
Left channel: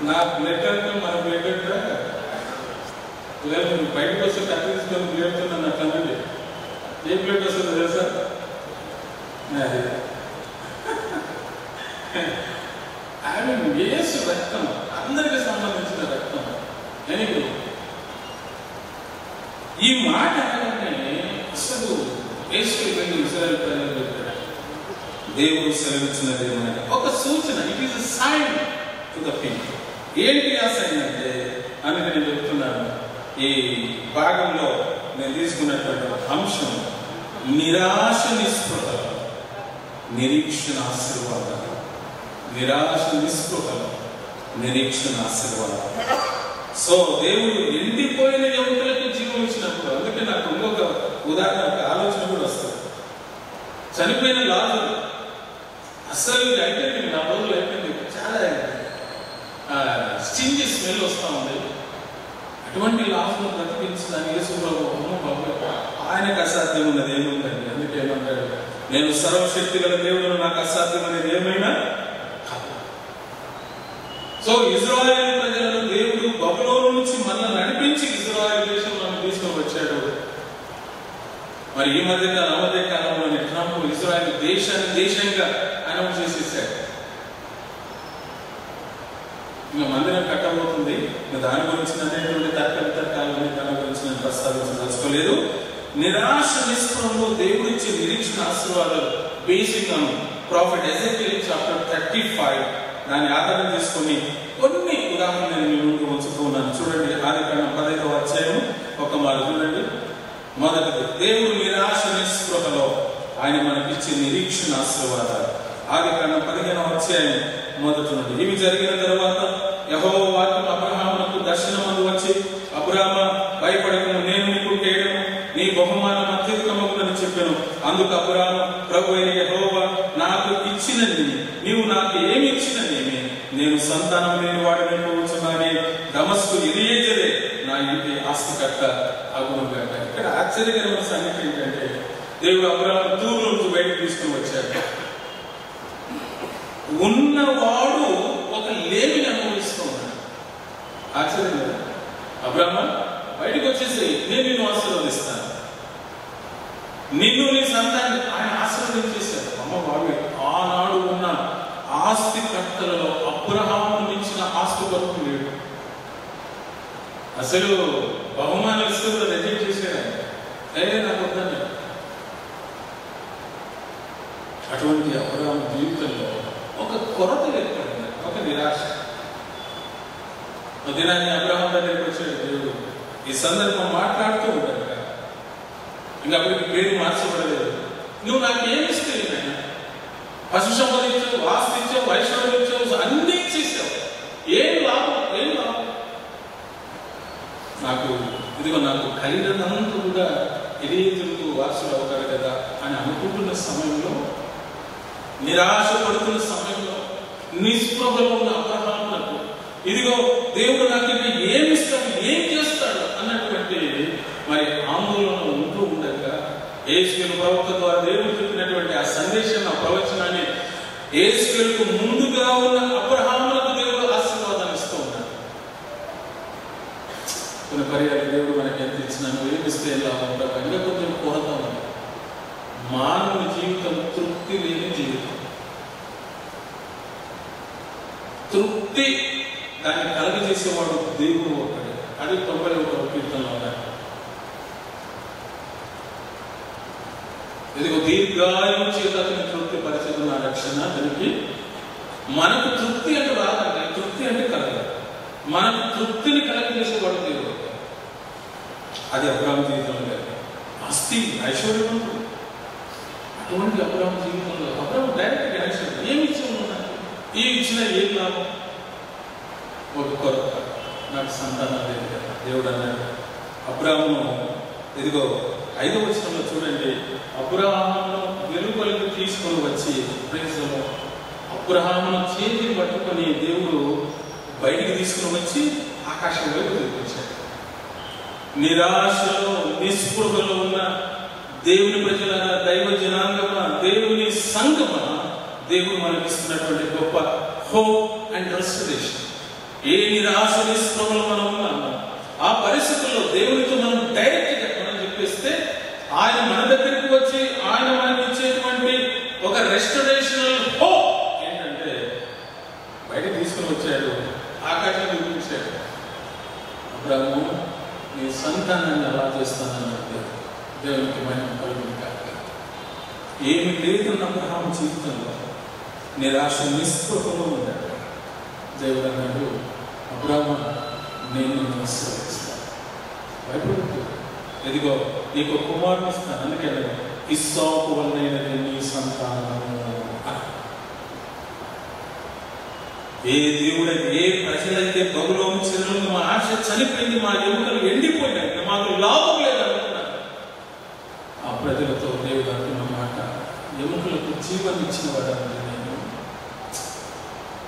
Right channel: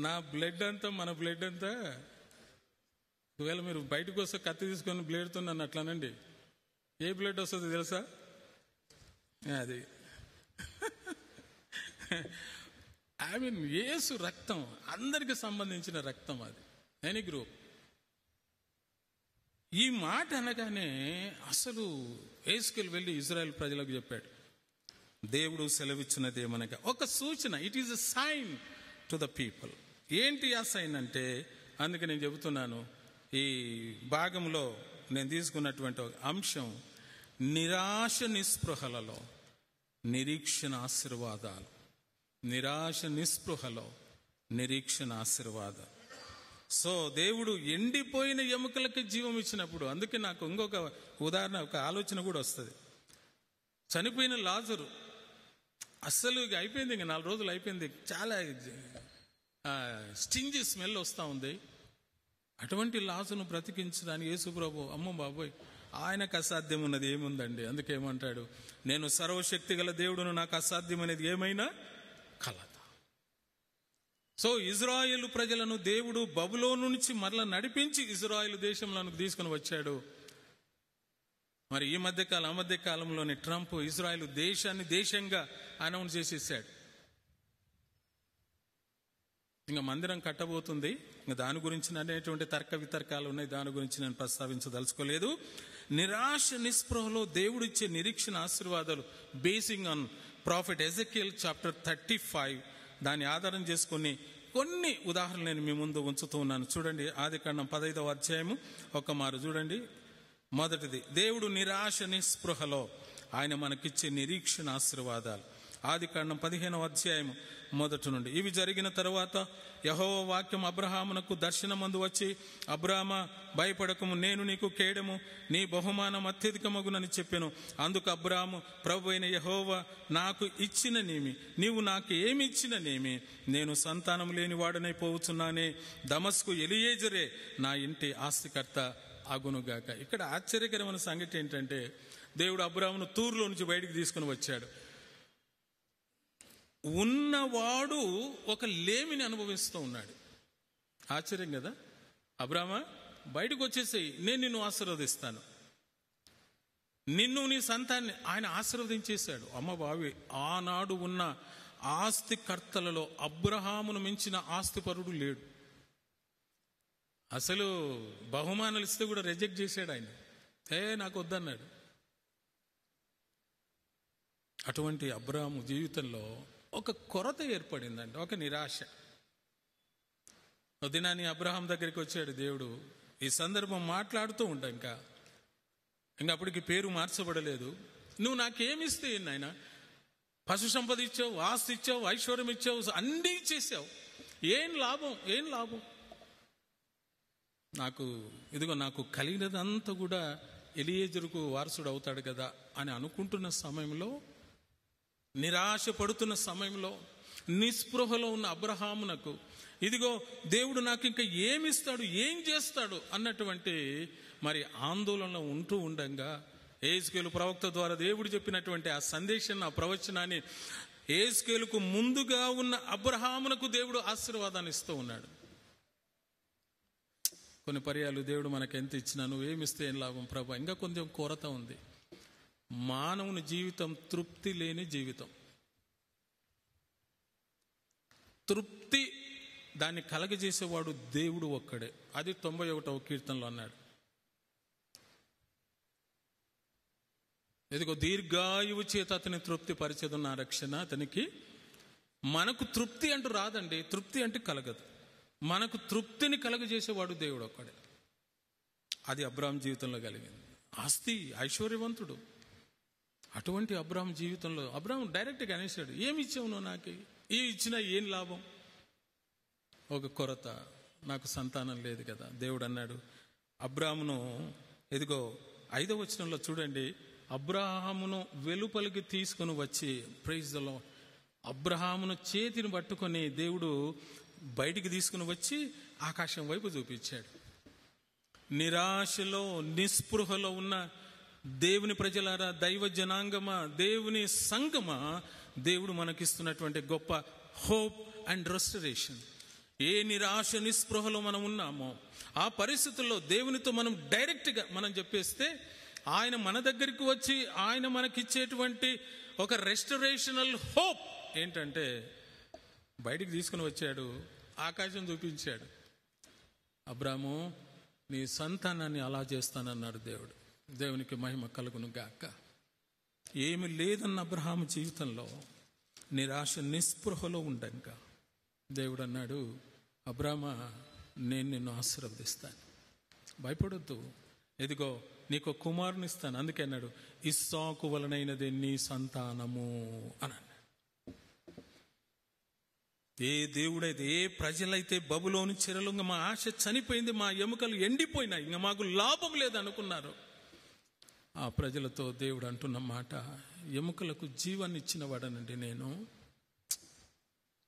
నా బ్లడ్ అంటే మన బ్లడ్ అంటే లేదు, బయటకు వస్తే కత్తిస్తుంది బ్లేడుతున్నాను అట్లనండి. ఏ బ్లడ్ వస్తుంది తెలుసా? ఆమె యేసు రక్తం, అందరికి సంబంధించిన రక్తం. ఈ మాట అనగానే అసలు యేసు ఇజ్రాయెల్ ప్రజలు చెప్పారు, దేవుడు సెలవిచ్చినది ఒక సూచన. It is a sign to the people. ఏంటి ఆ సైన్ అంటే అని నేను చెప్తున్నాను. ఈ భాగంలో నేను తీసుకున్నటువంటి అంశం నిరాశ నిస్పృహ, నిరీక్షణ ఆశీర్వాదం. నిరాశ నిస్పృహ, నిరీక్షణ ఆశీర్వాదం. సో దేవుడు ఎండిపోయిన ఎముకలకు జీవం ఇచ్చినప్పుడు, అందుకే నాకు ఇంకొక ఉదాహరణ ఆలోచన కూడా వస్తుంది. చనిపోయిన లాజరు అస్సలు అయితే నా రోజులు అయిపోయింది, చాలా స్టింజీ స్మెల్ వస్తూ ఉంది. అటువంటి లాభం బతికించడానికి యేసుప్రభు ఆయనకు అసాధ్యం ఉన్నది ఏముందండి. అందుకే ఏమంటాడు, నేను సర్వశక్తి గల దేవుడు, నాకు అసాధ్యం అనేది ఏమైనా. సో ఇజ్రాయేల్ ప్రజలను దేవుడు బబులోను నుంచి మళ్ళీ నడిపించి ఇజ్రాయేల్ దేశంలో తీసుకొని వచ్చాడు. మరి ఈ మధ్య కాలంలో ట్రంప్ ఇజ్రాయేల్ దేశాన్ని దేశంగా అనౌన్స్ చేసేసాడు. ఇంకా మందిరం కట్టబోతుంది. ఇంకా దాని గురించి అనేటువంటి తర్కాలని దాని గురించి నేను ప్రస్తావించదలుచుకోలేదు. నిరాశ నిస్పృహలో దేవుడి ఇచ్చే నిరీక్షణ ఆశీర్వాదాలు బేసిక్ ప్రాఫిట్ ఎజెకియల్ చాప్టర్ 35 దాన్ని ఆధారం చేసుకుని కొన్ని ఉదాహరణలు మీ ముందు ఉంచుతున్నాను. చూడండి, ఆదికాండం 15వ అధ్యాయం ఒక మాట చూడండి. మొదటిది, దేవుడు నిరాశ నిస్పృహలో ఆయన మనకిచ్చే నిరీక్షణ ఆశీర్వాదాలు. ఆదికాండం 15వ అధ్యాయం మొదటి నుండి. ఇవి జరిగిన తర్వాత యెహోవా అబ్రహామునకు దర్శనమందు వచ్చి, అబ్రామా భయపడకు, నేను నీకు కేడము, నీ బహుమానం అత్యధికమగునని చెప్పాను. అందుకు అబ్రాము, ప్రభు అయిన యెహోవా నాకు ఇచ్చినది నీవు నాకు ఏమి ఇచ్చినదేమి, నేను సంతానం లేని వాడిని కూర్చున్నానే, దమస్కు ఎలియేజరే నా ఇంటి ఆస్తికర్త ఆగునుగాక. ఇక్కడ ఆశ్చర్యకరమైన సంగతి ఏంటంటే, దేవుడు అబ్రాము తూరు నుంచి బయటకు తీసుకుని వచ్చాడు. ఉన్నవాడు ఒక లేమిని అనుభవిస్తూ ఉన్నాడు. ఆశ్చర్యం కదా. అబ్రాహ్మ బయటకు వచ్చేసి నేను నిన్ను ఆశీర్వదిస్తాను, నిన్ను నీ సంతాన్ని ఆయన ఆశీర్వదించేశాడు. అమ్మ బాబు, ఆనాడు ఉన్న ఆస్తికర్తలలో అబ్రహాము మించిన ఆస్తి వరకు లేడు. అసలు బహుమానం ఇస్తూ రిజెక్ట్ చేశాడు. నాకు వద్దండి. అటువంటి అబ్రహాము జీవితంలో ఒక కొరత ఏర్పడింది, ఒక నిరాశ. దినాన్ని అబ్రహాం దగ్గరికి వచ్చాడు దేవుడు. ఈ సందర్భం మాట్లాడుతూ ఉంటాడు. ఇంకా అప్పటికి పేరు మార్చబడలేదు. నువ్వు నాకు ఏమి ఇస్తావు? ఆయన పశు సంబంధించావు, వాసు ఇచ్చావు, వైష్ణవం ఇచ్చావు, అన్నీ చేసావు. ఏం లాభం? ఏం లాభం? నాకు కలిగినంత కూడా ఎలియేజరుకు వారసుడు అవుతాడు కదా అని అనుకుంటున్న సమయంలో, నిరాశ పడుతున్న సమయంలో, నిస్పృహలో ఉన్న అబ్రహామునకు ఇదిగో దేవుడు నాకు ఇంకా ఏమి ఇస్తాడు, ఏం చేస్తాడు అన్నటువంటి మరి ఆందోళన ఉంటూ ఉండగా, యేసుక్రీస్తు ప్రవక్త ద్వారా దేవుడు చెప్పినటువంటి ఆ సందేశం, ఆ ప్రవచనాన్ని యేసుక్రీస్తుకు ముందుగా ఉన్న అబ్రహామునకు దేవుడు ఆశీర్వాదాన్ని ఇస్తూ ఉన్నాడు. కొన్ని పర్యాలు దేవుడు మనకి ఎంత ఇచ్చినాను, ఏమిస్తే ఎలా ఉంటాం, ఇంకా కొంచెం కోరుతా ఉన్నాం. మానవ జీవితం తృప్తి లేని జీవితం. తృప్తి దాన్ని కలగజేసేవాడు దేవుడు ఒకటి. అది 91వ కీర్తనలో ఉన్నాడు. ఇది దీర్ఘాయువు చేత అతని తృప్తి పరిస్థితి నా రక్షణ. దానికి మనకు తృప్తి అంటే రాదండి, తృప్తి అంటే కాదు, మనకు తృప్తిని కలగజేసేవాడు దేవుడు. అది అబ్రహాము జీవితంలో లేదు. ఆస్తి ఐశ్వర్యం ఉంటుంది. అటువంటి అబ్రహాము జీవితంలో అబ్రహాము డైరెక్ట్ కనెక్షన్. ఏమి ఇచ్చిన ఈ ఇచ్చిన ఏం లాభం? ఒక కొరత, నాకు సంతానం లేదు కదా. దేవుడు అన్నాడు. అబ్రహాము ఇదిగో 5వ వచనంలో చూడండి, అబ్రహామును వెలుపలికి తీసుకొని వచ్చి అబ్రహామును చేతిని పట్టుకొని దేవుడు బయటికి తీసుకుని వచ్చి ఆకాశంలో చూపించాడు. నిరాశలో నిస్పృహలో ఉన్న దేవుని ప్రజల, దైవ జనాంగమ, దేవుని సంగమ, దేవుడు మనకి ఇస్తున్నటువంటి గొప్ప హోప్ అండ్ రెస్టరేషన్. ఏ నిరాశ నిస్పృహలో మనం ఉన్నాము, ఆ పరిస్థితుల్లో దేవునితో మనం డైరెక్ట్గా మనం చెప్పేస్తే ఆయన మన దగ్గరికి వచ్చి ఆయన మనకి ఇచ్చేటువంటి ఒక రెస్టరేషనల్ హోప్ ఏంటంటే బయట తీసుకుని వచ్చాడు, ఆకాశం చూపించాడు. అబ్రాహాము నీ సంతానాన్ని అలా చేస్తానన్నట్టు దేవునికి మనం కలుగును కాక. ఏమి లేకున్న అబ్రాహాము జీవితంలో నిరాశ నిస్పృహలో ఉన్నాడు. దేవుడు అన్నాడు, అబ్రాహాము నేను ఆశీర్వదిస్తాను, భయపడుతూ ఎదిగో నీకు కుమారుని ఇస్తాను. అందుకే ఇస్సాకు వలనైనది నీ సంతానము. ఏ దేవుడైతే, ఏ ప్రజలైతే గౌరవం చెల్లు మా ఆశ చనిపోయింది, మా ఎముకలు ఎండిపోయాయి, మాకు లాభం లేదనుకున్నారు, ఆ ప్రజలతో దేవుడు అంటున్న మాట, ఎముకలకు జీవం ఇచ్చిన వాడు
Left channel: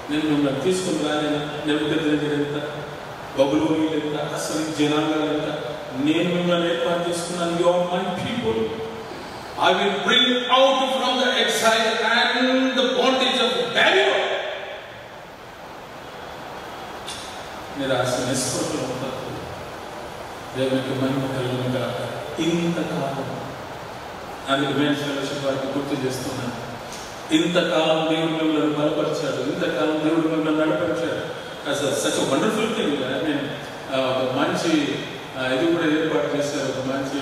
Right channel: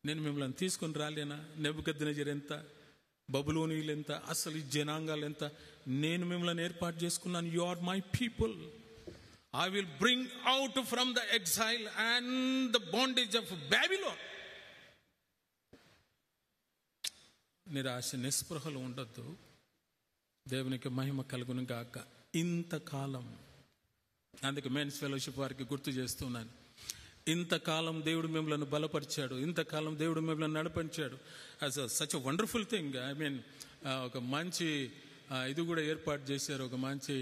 నేను మిమ్మల్ని తీసుకుని రాలేను. ఎంత బబులోని ఎంత అసలు జనాంగాలు ఎంత నేను మిమ్మల్ని ఏర్పాటు చేసుకున్నాను. You are my people. I will bring out from the exile and the bondage of Babylon. నిరాశ నిస్పృహలో ఉంటారు. దేవునికి మహిమ కలుగును గాక. ఇంతకాలం నాకు వారికి గుర్తు చేస్తున్నాను, ఇంతకాలం దేవుడు మిమ్మల్ని బలపరిచాడు, ఇంతకాలం దేవుడు మిమ్మల్ని నడిపించాడు. Such wonderful thing. నేను ఒక మంచి ఇది కూడా ఏర్పాటు చేశారు, ఒక మంచి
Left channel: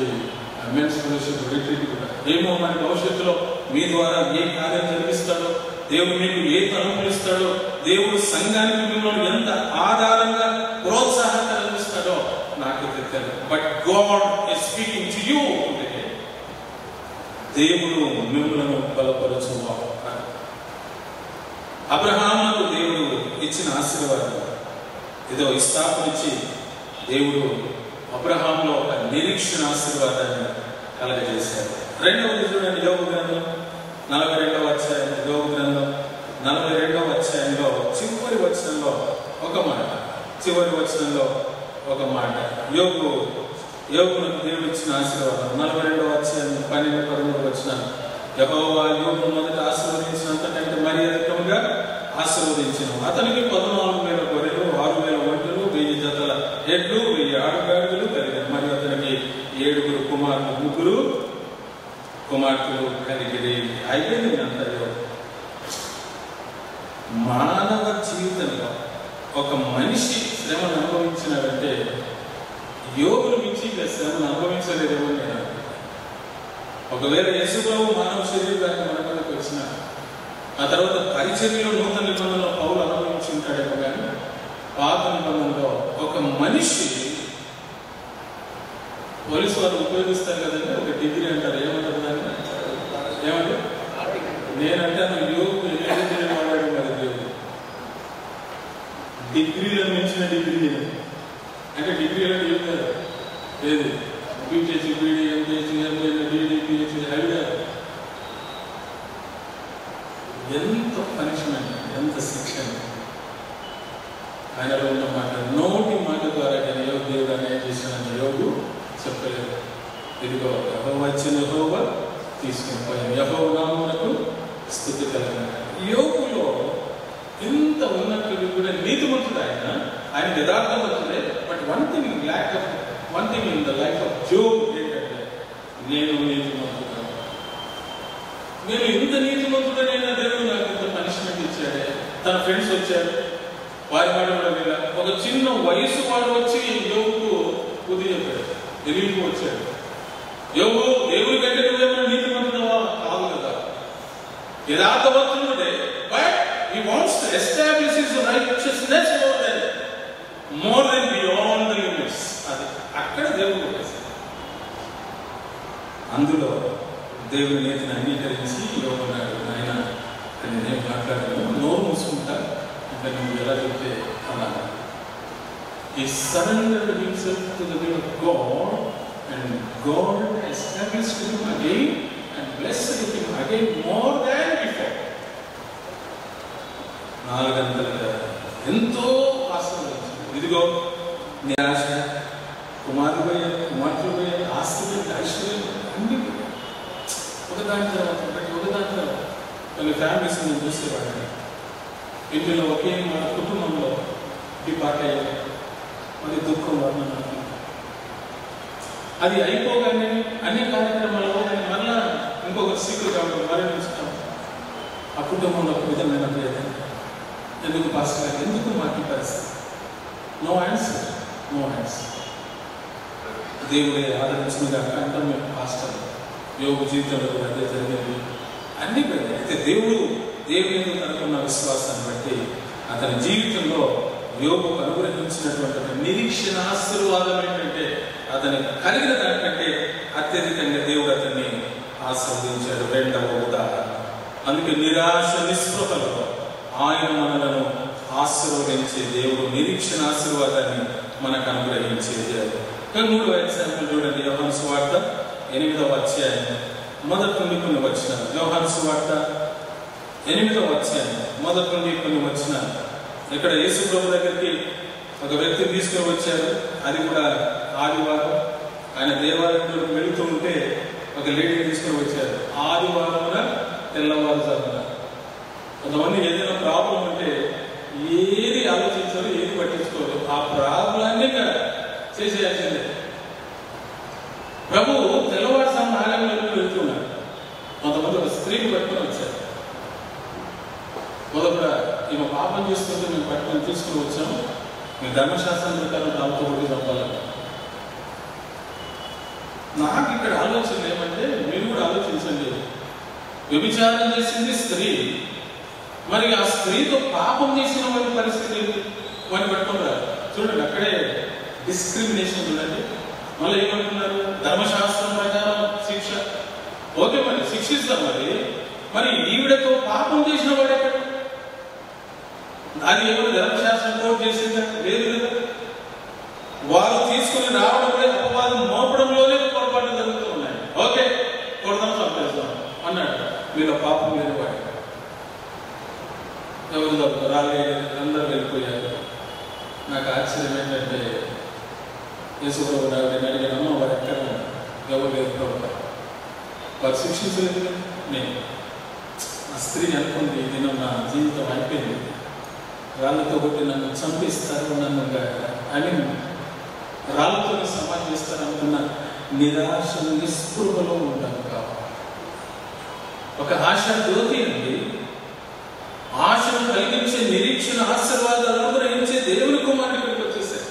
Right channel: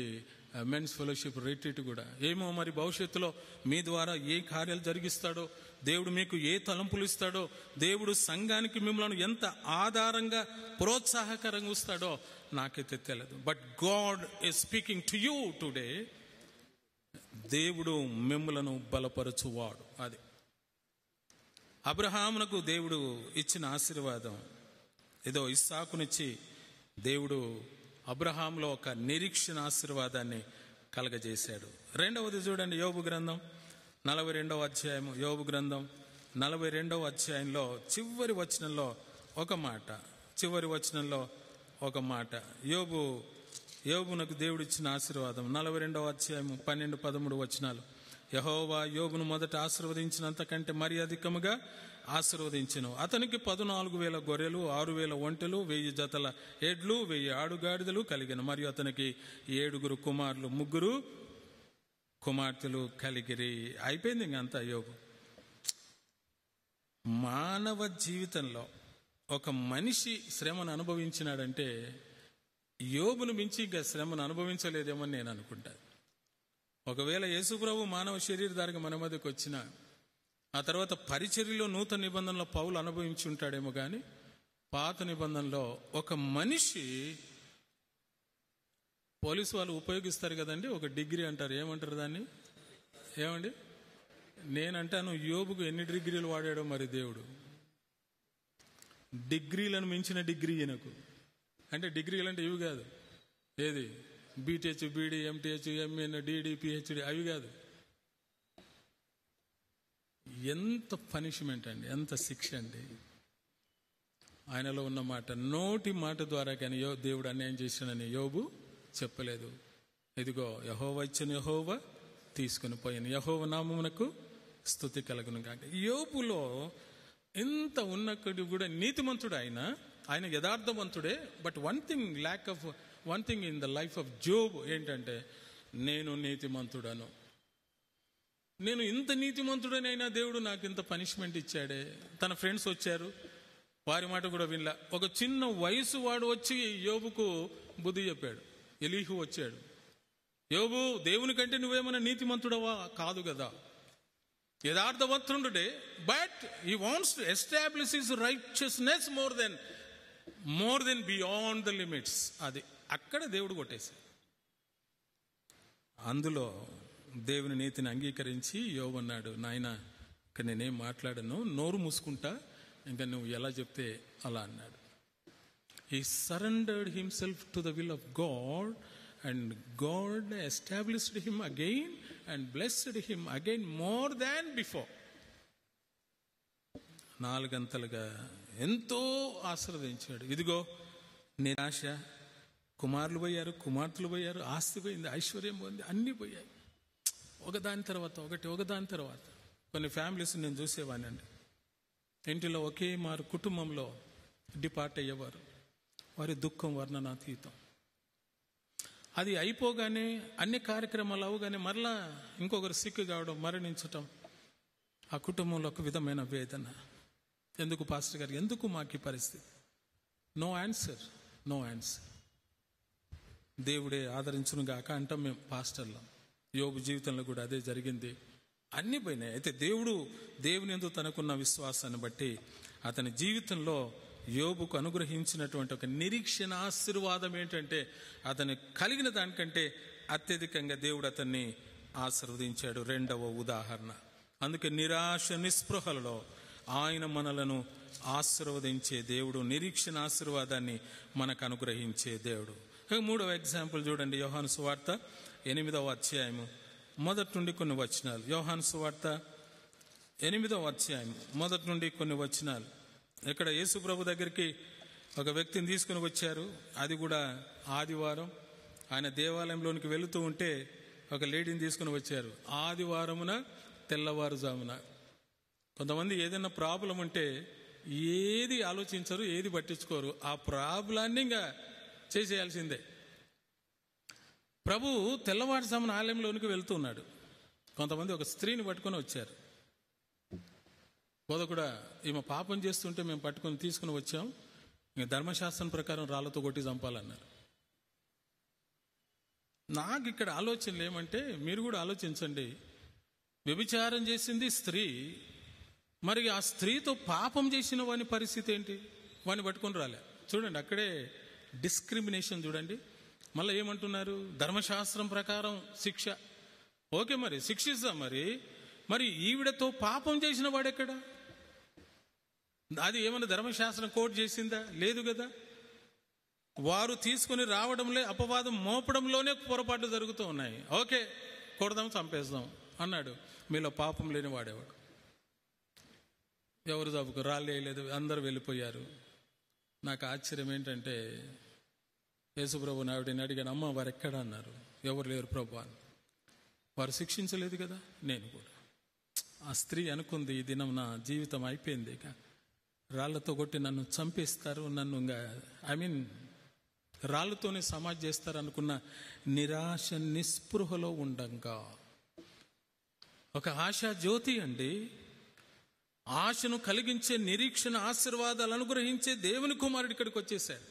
మెన్స్ ఫెలోషిప్ రిట్రీట్ కూడా. ఏమో మన భవిష్యత్తులో మీ ద్వారా ఏ కార్యం జరిగిస్తాడో, దేవుడు మీకు ఏ అనుభవిస్తాడో, దేవుడు సంఘానికి మిమ్మల్ని ఎంత ఆధారంగా ప్రోత్సాహం కలిగిస్తాడో నాకు తెలియదు. But God is speaking to you today. దేవుడు మిమ్మల్ని బలపరచువాడు. అబ్రహాముకు దేవుడు ఇచ్చిన ఆశీర్వాదం ఏదో ఇస్సాకు నుంచి దేవుడు అబ్రహాములో ఒక నిరీక్షణ ఆశీర్వాదాన్ని కలగజేశాడు. రెండవ యోబు గ్రంథం 42వ అధ్యాయం, యోబు గ్రంథం 42వ అధ్యాయంలో చివరి వచనంలో ఒక మాట, యోబును దేవుడు ఇచ్చిన ఆశీర్వాదం 42వ అధ్యాయం 12వ వచనం. యెహోవా యోబును మొదట ఆశీర్వదించినంత కంటే మరి అధికంగా ఆశీర్వదించను. అతనికి 14,000 గొర్రెలు, 6,000 ఒంటెలు, 1000 జతల ఎడ్లు, 1000 ఆడగాడిదలు కలిగారు. మరియు అతనికి 7 కుమారులు, 3 కుమార్తెలు కలిగిరి. అయిపోయింది అంటారు. మానవ జీవితంలో ఒక మనిషి శ్రమను అనుభవించినాడంటే యోగుల నుంచి శ్రమను అనుభవించలేదు. ఒకవేళ యేసుప్రభు మానవ శరీరాన్ని మనకు వచ్చిన ఆ తర్వాత పరిచర్యలో నూతన నిబంధనలో పౌలు అనుభవించుంటాడేమో కానీ పాత నిబంధనలో ఒక మనిషి, పోలీసు వారు ఉపయోగిస్తారు కదండి ఒక డిగ్రీ అంటారు, ఏమంటారు దాన్ని, ఏమంటే నేనంటే యోగు డిగ్రీ వాడాడు మరి యోగు డిగ్రీలో మించిన డిగ్రీ అంటే డిగ్రీలో చెప్తారు ఏది BTech, BD, MPC, MA, DD, PhD, idea. ఎంత పనిష్మెంట్, ఎంత శిక్షణ. ఆయనలో ఉన్న మాట, నోటి మాట ద్వారా నేను యోగు దేవుడు అనేది చేశానని యోగు చెప్పలేదు. ఇదిగో యెహోవా ఇచ్చిన యెహోవా తీసుకుని పోయాను, యెహోవా నామమునకు స్తుతి కలుగును. యోగులో ఎంత ఉన్నట్టు నీతిమంతుడు ఆయన యథార్థవంతుడే. But one thing in the life of Job ఏంటంటే నేను నీతిమంతుడు, నేను ఇంత నీతిమంతుడైనా దేవుడు నాకు ఇంత పనిష్మెంట్ ఇచ్చాడే. తన ఫ్రెండ్స్ వచ్చారు, వారి మాట ఒక చిన్న వయసు వాడు వచ్చి యోగుకు బుద్ధి చెప్పాడు, ఎలికి వచ్చాడు. యోగు దేవుడి కంటే నువ్వేమో నీతిమంతుడవా? కాదు కదా, యథార్థవంతుడే. But he wants to establish his righteousness more than beyond the limits. అది అక్కడ దేవుడు అందులో దేవుని నీతిని అంగీకరించి యోగున్నాడు. ఆయన నేనేం మాట్లాడాను, నోరు మూసుకుంటా, ఇంకా నువ్వు ఎలా చెప్తే అన్నాను. He surrendered himself to the will of God and God established him again and blessed him again more than before. 4 గంటలుగా ఎంతో ఇదిగో నిరాశ, కుమారుడు పోయే, కుమార్తెలు పోయే, ఆస్తి, ఐశ్వర్యం అన్ని ఒకదాని తర్వాత ఒకదాని వాళ్ళ ఫ్యామిలీస్ చూసేవాడిని. ఇంట్లో ఒకే మన కుటుంబంలో ఈ పాట మరి దుఃఖం వర్ణన అది అయిపోగానే అన్ని కార్యక్రమాల్లో మళ్ళా ఇంకొక సీక్రెట్ కాబట్టి మరణించుతాం. ఆ కుటుంబంలో ప్రజలు ఎందుకు పాస్టర్ ఎందుకు మాకు పరిస్థితి? No answer, no answer. దేవుడే ఆదరించిందిగా అంటే పాస్టర్ యోగు జీవితంలో అదే జరిగింది అన్ని అయితే దేవుని అనుకున్న విశ్వాసాన్ని బట్టి అతని జీవితంలో యోగు అనుగ్రహించినటువంటి నిరీక్షణ ఆశీర్వాదం ఏంటంటే అతని కలిగిన దానికంటే అత్యధికంగా దేవుడు అతన్ని ఆశీర్వదించాడు. రెండవ ఉదాహరణ, అందుకే నిరాశ నిస్పృహలో ఆయన మనలను ఆశీర్వదించే దేవుడు నిరీక్షణ ఆశీర్వాదాన్ని మనకు అనుగ్రహించే దేవుడు. 3వ అధ్యాయం చూడండి, యోహాను సువార్త 8వ అధ్యాయం మొదటి నుండి కొన్ని వచనాలు. యోహాను సువార్త 8వ అధ్యాయం మొదటి నుండి కొన్ని వచనాలు. ఇక్కడ యేసు ప్రభు దగ్గరికి ఒక వ్యక్తి తీసుకుని వచ్చారు. అది కూడా ఆదివారం. ఆయన దేవాలయంలోకి వెళుతూ ఉంటే ఒక లేడీని తీసుకుని వచ్చారు. ఆదివారం కూడా తెల్లవారుజామున. కొంతమంది ఏదైనా ప్రాబ్లం ఉంటే ఏది ఆలోచించారు, ఏది పట్టించుకోరు. ఆ ప్రాబ్లాన్ని చేసేయాల్సిందే. ప్రభు తెల్లవారుజామున ఆలయంలోకి వెళ్తున్నారు. కొంతమంది ఒక స్త్రీని పట్టుకుని వచ్చారు. మొదట ఈమె పాపం చేసుకుంటే మేము పట్టుకొని తీసుకుని వచ్చాము, మీ ధర్మశాస్త్రం ప్రకారం నాతో ఒకటి చంపాలని. నాకు ఇక్కడ ఆలోచన ఏమంటే, మీరు కూడా ఆలోచించండి. వ్యభిచారం చేసింది స్త్రీ, మరి ఆ స్త్రీతో పాపం చేసిన వారి పరిస్థితి వారిని పట్టుకుంటారు. చూడండి, అక్కడే డిస్క్రిమినేషన్ ఉందండి. మళ్ళీ ఏమంటున్నారు? ధర్మశాస్త్రం ప్రకారం శిక్ష. ఓకే, మరి శిక్షిస్తాం. మరి ఈవిడతో పాపం చేసిన వాడు ఎక్కడ? అది ఎవరు ధర్మశాస్త్రంతో చేసిందా? లేదు కదా. వారు తీసుకుని రావడమే, అపవాదం మోపడంలోనే పొరపాటు జరుగుతూ ఉన్నాయి. ఓకే, కొడదాం, చంపేస్తాం అన్నాడు. వీళ్ళ పాపం లేదు. వాడు ఎవరు రాలేదు, అందరూ వెళ్ళిపోయారు. నాకు ఆశ్చర్యం ఏంటంటే, యేసుప్రభు నేను అడిగాను, వారు ఎక్కడ? ఎవరు లేదు ప్రభు. వారు శిక్షించలేదు. నేను ఆ స్త్రీ అనుకుంది, నేను నా జీవితం అయిపోయింది, రాళ్ళతో కొట్టి నన్ను చంపిస్తారు, నన్ను అని రాళ్ళతో సమాధిస్తారు అనుకున్న నిరాశ నిస్పృహలో ఉంటాను. ఒక ఆశ జ్యోతి అండి. ఆశను కలిగించే నిరీక్షణ ఆశీర్వాదాలు అనుగ్రహించే దేవుని కుమారుడికి వచ్చేసారు.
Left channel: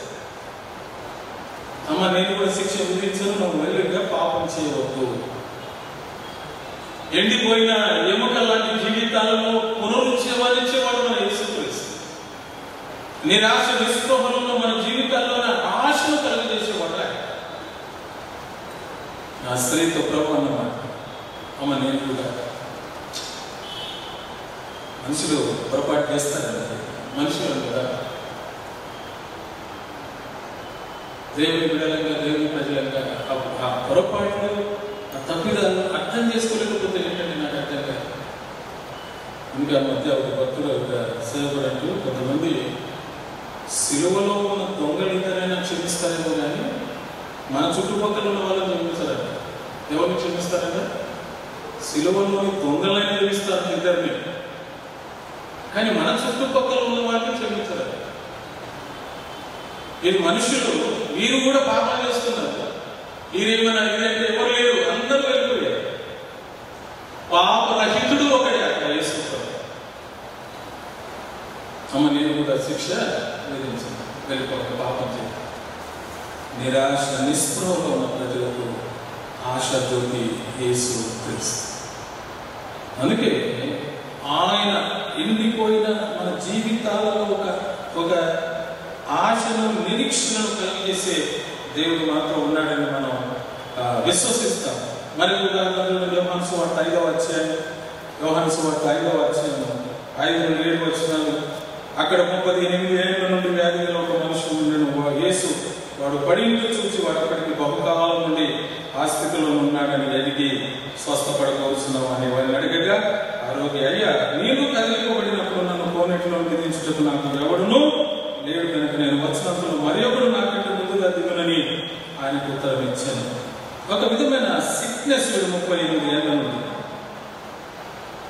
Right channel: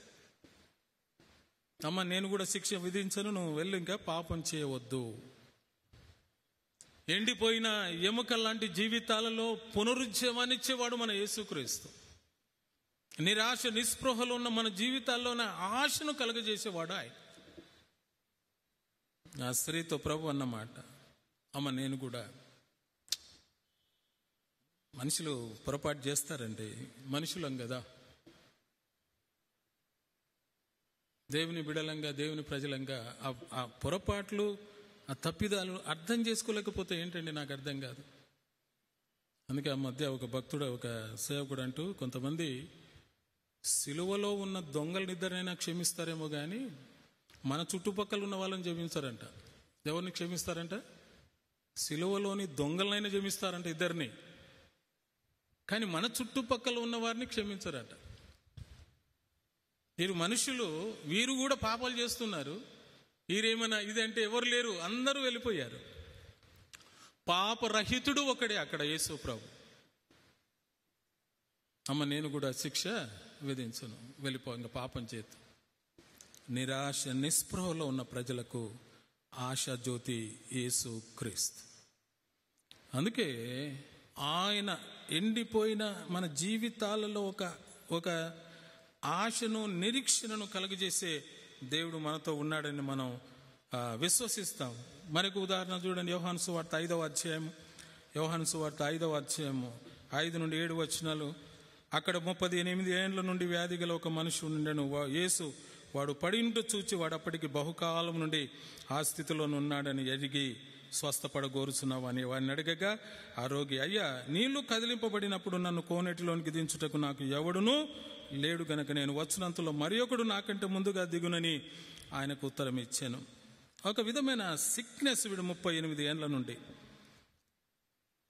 అమ్మ, నేను కూడా శిక్ష విధించను, నువ్వు మెల్లిగా పాపం చేయవద్దు. ఎండిపోయిన ఎముక లాంటి జీవితాలలో పునరుజ్జీవాలించేవాడు మన యేసుక్రీస్తు. నిరాశ నిస్పృహలో మన జీవితాల్లో ఆశను కలిగజేసేవాడు. నా స్త్రీతో ప్రభు అన్నమాట. అమ్మ, నేను కూడా మనుషులు పొరపాటు చేస్తారండి. మనుషులు కదా, దేవుని బిడ్డలంగా, దేవుని ప్రజలంగా ఆ పొరపాట్లు, ఆ తప్పిదాలను అర్థం చేసుకోలేకపోతే ఏంటంటే నాకు అర్థం కాదు. ఇంకా మధ్య ఒక భక్తులు సేవకుడు అంటూ కొంతమంది సిలువలో ఉన్న దొంగలిద్దరైనా క్షమిస్తారేమో కానీ మన చుట్టుపక్కల ఉన్న వాళ్ళని క్షమిస్తారట. ఎవరిని క్షమిస్తారట? సిలువలోని దొంగలైనా క్షమిస్తారు ఇద్దరిని, కానీ మన చుట్టుపక్కల ఉన్న వాళ్ళని క్షమిస్తారు. ఈ మనుషులు వీరు కూడా పాపం చేస్తున్నారు. వీరేమైనా ఇదంటే ఎవరు లేరు, అందరూ వెళ్ళిపోయారు. పాపరహితుడు ఒకటే యేసుప్రభు. అమ్మ, నేను కూడా శిక్ష విధించాను, వెళ్ళిపోక పాపం చేయాలి. నిరాశ నిస్పృహలో ఉన్న ప్రజలకు ఆశతోటి యేసు క్రీస్తు. అందుకే ఆయన ఎండిపోయిన మన జీవితాలలో ఒక ఆశను, నిరీక్షణను కలిగేసే దేవుడు మాత్రం ఉన్నాడని మనం విశ్వసిస్తాం. మరి యోహాను సువార్త 5వ అధ్యాయం, యోహాను సువార్త 5వ అధ్యాయం 5-7 వచనాలు. అక్కడ 38 ఏళ్ల నుండి వ్యాధి గల ఒక మనుషుడు యేసు వాడు పడింటూ చూసి వాడు అక్కడికి బహుకాలం నుండి ఆ స్థితిలో ఉన్నాడని అడిగి స్వస్థపడవలసినావు అని వారిని అడిగగా, ఆరోగ్య అయ్యా, నేను కదిలిపబడినప్పుడు నన్ను కోనేటిలో విధించుటకు నాకు ఎవడును లేడు కనుక నేను వచనములను ఒక విధమైన సిక్నెస్ 38 ఏళ్ళ నుండి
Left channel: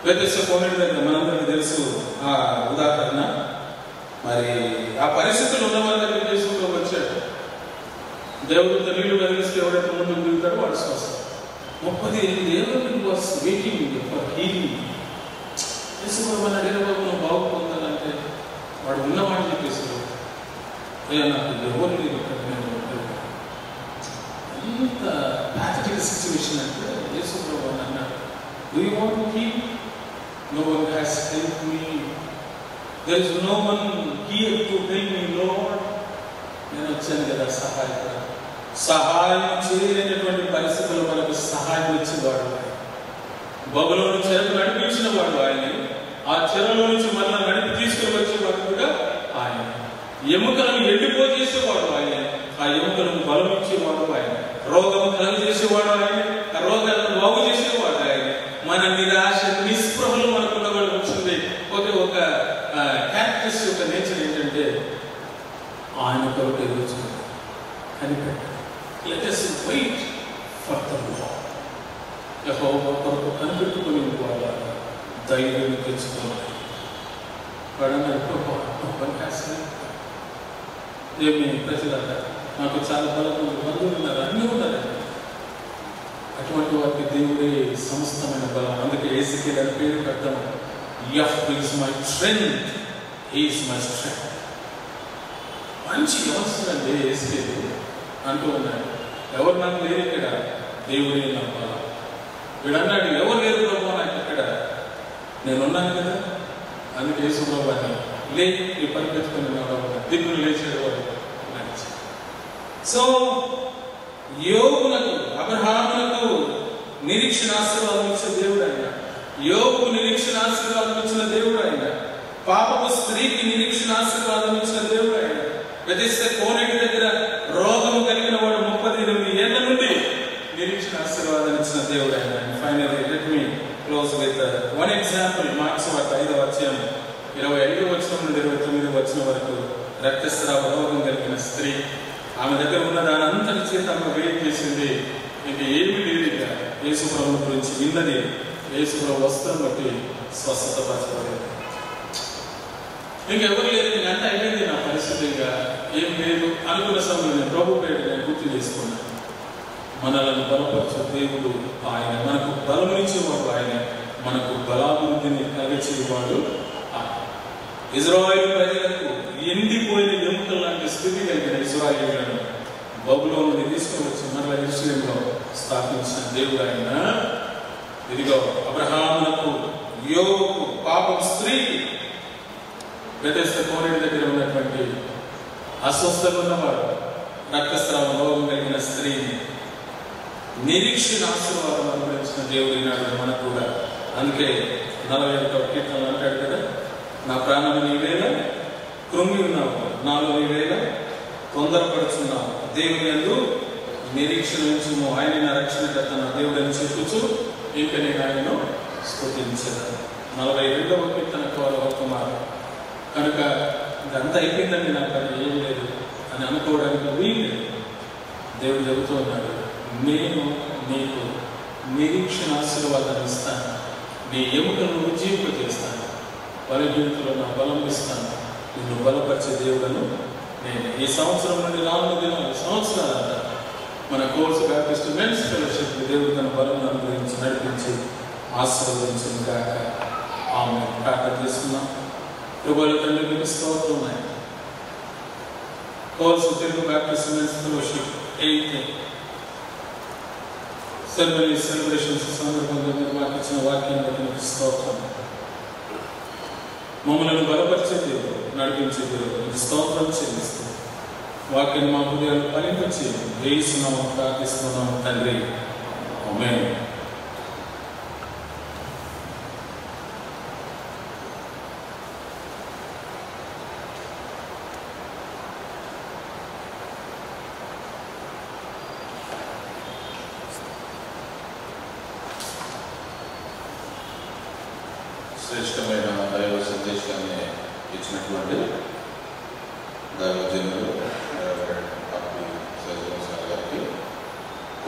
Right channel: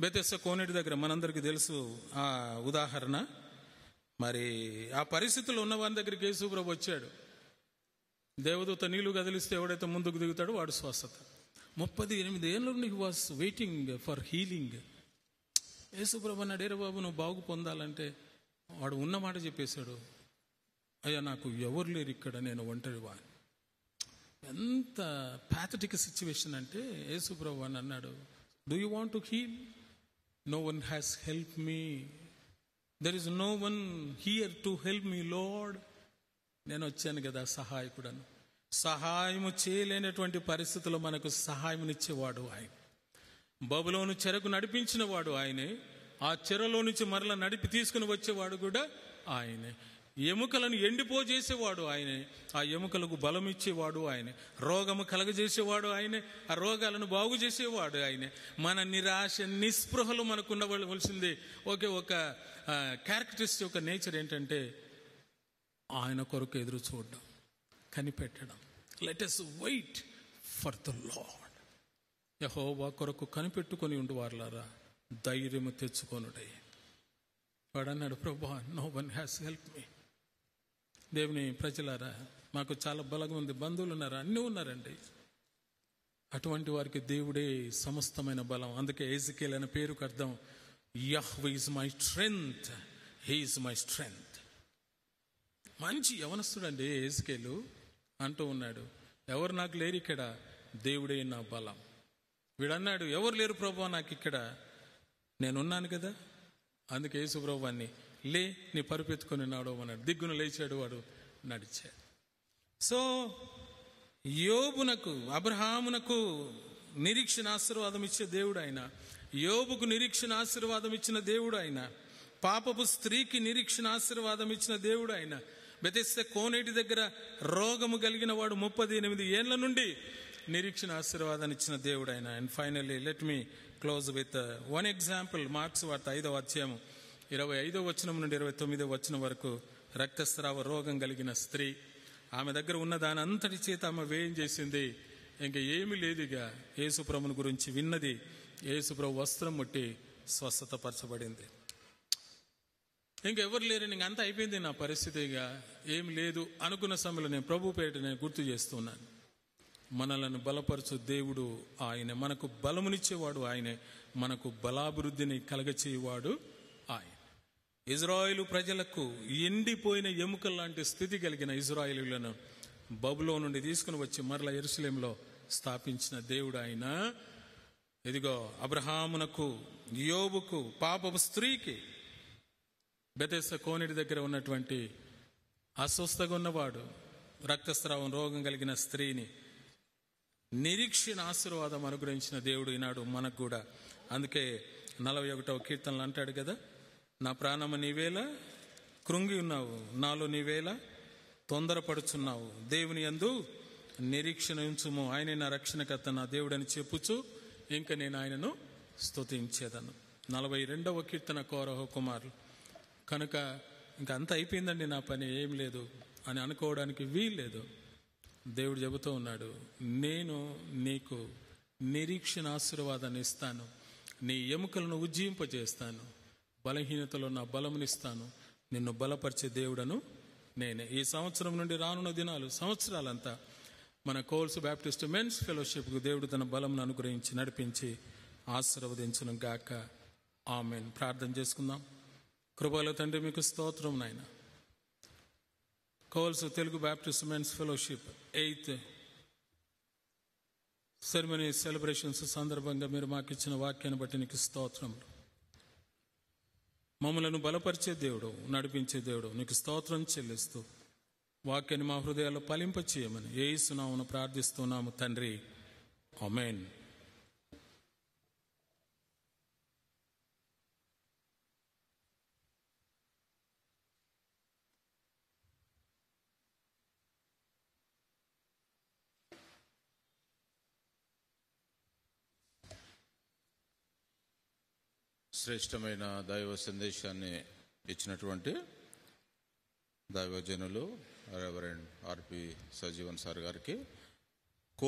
బెతెస్దా కోనేరు దగ్గర మనందరికీ తెలుసు ఆ ఉదాహరణ. మరి ఆ పరిస్థితులు ఉన్న వాళ్ళ దగ్గర చేసుకుంటూ వచ్చాడు. దేవుడితో నీళ్లు కలిగిస్తే ఎవరైతే ముందు మిగులుతాడో వాడు స్వస్థ. 38 ఏళ్ళ నుండి వాస్ వెయిటింగ్ ఫర్ హీలింగ్. మన అడిగిన బాగు పొందాలంటే వాడు ఉన్నవాడు చెప్పేసి నాకు ఎవరు లేదు. ఎంత ప్రాక్టికల్ సిచ్యువేషన్ అంటే యేసుప్రభు అన్నాడు, do you want to heal? No one has helped me. There is no one here to help me Lord. నేను వచ్చాను కదా సహాయం చేయలేనటువంటి పరిస్థితుల్లో మనకు సహాయం ఇచ్చేవాడు ఆయన. బబులోను చెరకు నడిపించిన వాడు ఆయన. ఆ చెరలో నుంచి మళ్ళీ నడిపి తీసుకుని వచ్చేవాడు కూడా ఆయన. ఎముకలను ఎండిపోజేసేవాడు ఆయన. ఆ ఎముకలను బలం ఇచ్చేవాడు ఆయన. రోగం కలుగజేసేవాడు ఆయన. ఆ రోగాలను బాగు చేసేవాడు ఆయన. మన నిరాశ నిస్పృహలు మనకున్న వచ్చింది. ఒక క్యారెక్టర్స్ యొక్క నేచర్ ఏంటంటే ఆయన కొరకు ఎదురు కనిపెట్టాడు. Let us wait for the Lord. యెహోవా కొరకు కనిపెట్టుకుని వాళ్ళ ధైర్యం తెచ్చుకోవాలి. దేవుని ప్రజలారా, నాకు చాలా బలమైన బంధువులు ఉన్నారు, అన్నీ ఉన్నారు. అటువంటి వారికి దేవుడే సమస్తమైన బలం. అందుకే యేసుకి పేరు కట్టడం, Jehovah is my strength, he is my strength. మంచి వ్యవస్థ అండి యేసుకి అంటూ ఉన్నాడు. ఎవరు నాకు లేరు ఇక్కడ, దేవుడే నా బలం. వీడు అన్నాడు, ఎవరు లేరు ప్రభు నాకు ఇక్కడ, నేనున్నాను కదా. అందుకే యేసుప్రభుని లే నీ పరిపెట్టుకుని తీర్పులు లేచేవాడు. సో యోగులకు, అబ్రహాములకు నిరీక్షణ ఆశీర్వాదం ఇచ్చిన దేవుడు ఆయన. యోగు నిరీక్షణ ఆశీర్వాదం ఇచ్చిన దేవుడు ఆయన. పాపపు స్త్రీకి నిరీక్షణ ఆశీర్వాదం ఇచ్చిన దేవుడు ఆయన. బెతెస్దా కోనేరు దగ్గర రోగం కలిగిన వాడు 38 ఏళ్ల నుండి నిరీక్షణ ఆశీర్వాదం ఇచ్చిన దేవుడు ఆయన. Finally let me close with one example. Marks వార్త 5వ అధ్యాయం 25వ వచనం నుండి 29వ వచనం వరకు. రక్తస్రావ రోగం కలిగిన స్త్రీ, ఆమె దగ్గర ఉన్న దాని అంతటి చేత ఆమె వెయిట్ చేసింది. మీకు ఏమి లేదు, ఇక యేసుప్రభు గురించి విన్నది. యేసుప్రభు వస్త్రం బట్టి స్వస్థత పరచబడింది. ఇంకెవరు లేదు, అంటే అయ్యేది నా పరిస్థితి, ఇంకా ఏం లేదు అనుకున్న సమయంలో ప్రభు పేరు నేను గుర్తు చేసుకున్నాను. మనలను బలపరచు దేవుడు ఆయన. మనకు బలం ఇచ్చేవాడు ఆయన. మనకు బలాభివృద్ధిని కలిగేసేవాడు ఆయన. ఇజ్రాయేలు ప్రజలకు ఎండిపోయిన ఎముకల లాంటి స్థితి కలిగిన ఇజ్రాయేలులను బబులోను తీసుకువచ్చి మరలా యెరూషలేములో స్థాపించిన దేవుడు ఆయన. ఇదిగో అబ్రహాములకు, యోగుకు, పాపం స్త్రీకి, బెతెస్దా కోనేరు దగ్గర ఉన్నటువంటి అస్వస్థత ఉన్నవాడు, రక్తస్రావ రోగం కలిగిన స్త్రీని నిరీక్షణ ఆశీర్వాదం అనుభవించిన దేవుడు ఈనాడు మనకు కూడా. అందుకే 41వ కీర్తనలో అంటాడు కదా, నా ప్రాణం నీవేళ కృంగి ఉన్నావు, నాలో నీవేళ తొందరపడుచున్నావు, దేవుని యందు నిరీక్షణ ఉంచుము, ఆయన నా రక్షణకర్త నా దేవుడని చెప్పుచు ఇంక నేను ఆయనను స్తుతించను. 42వ కీర్తన కుమారు. కనుక ఇదంతా అయిపోయిందండి, నాకు అది ఏం లేదు అని అనుకోవడానికి వీలు. దేవుడు చెబుతూ ఉన్నాడు, నేను నీకు నిరీక్షణ ఆశీర్వాదాన్ని ఇస్తాను, నీ ఎముకలను జీవింపజేస్తాను, బలహీనతలో నా బలం ఇస్తాను, నిన్ను బలపరిచే దేవుడను నేను. ఈ సంవత్సరం నుండి 4 దినాలు సంవత్సరాలంతా మన కోర్సు బ్యాప్టిస్ట్ మెన్స్ ఫెలోషిప్ దేవుడు తన బలం అనుభవించి నడిపించి ఆశీర్వదించిన గాక. ఆమె ప్రార్థన చేస్తున్నాం. ప్రభువుల తండ్రి మీకు స్తోత్రం. కోర్సు Telugu Baptist men's fellowship 8 celebrations సందర్భంగా మీరు మాకు ఇచ్చిన వాక్యాన్ని బట్టి మీకు స్తోత్రం. మమ్మల్ని బలపరిచే దేవుడు, నడిపించే దేవుడు స్తోత్రం చెల్లిస్తూ వాక్యాన్ని మా హృదయాలు ఫలింపచేసి యేసు నామమున ప్రార్థిస్తున్నాము తండ్రి, ఆమేన్. శ్రేష్టమైన దైవ సందేశాన్ని ఇచ్చినటువంటి దైవజనులు గారికి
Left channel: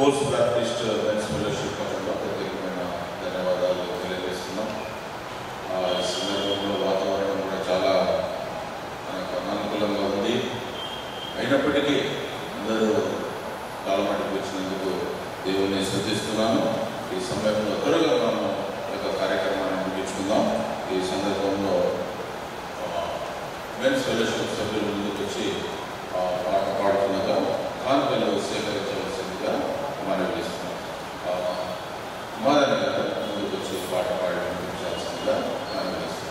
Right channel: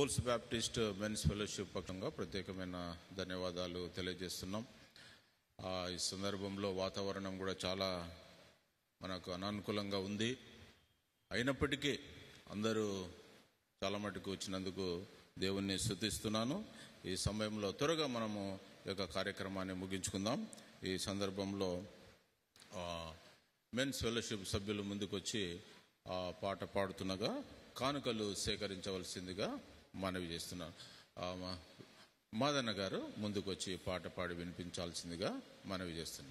పోస్ట్ బ్యాప్టిస్ట్ మెన్స్ ఫెలోషిప్ పరంగా ప్రత్యేకమైన ధన్యవాదాలు తెలియజేస్తున్నాం. ఈ సందర్భంలో వాతావరణం కూడా చాలా మనకు అనుకూలంగా ఉంది. అయినప్పటికీ అందరూ కాలమాటికి వచ్చినందుకు దేవుణ్ణి స్తుతిస్తున్నాను. ఈ సమయంలో త్వరగా మనం యొక్క కార్యక్రమాన్ని ముగించుకుందాం. ఈ సందర్భంలో మెన్స్ ఫెలోషిప్ సభ్యులు ముందుకు వచ్చి పాట పాడుతుండగా కానుకలు సేకరించవలసిందిగా మనవి చేస్తున్నాం. మాదన గారు ముందుకు వచ్చి పాట పాడించాల్సిందిగా మనవి చేస్తున్నాం.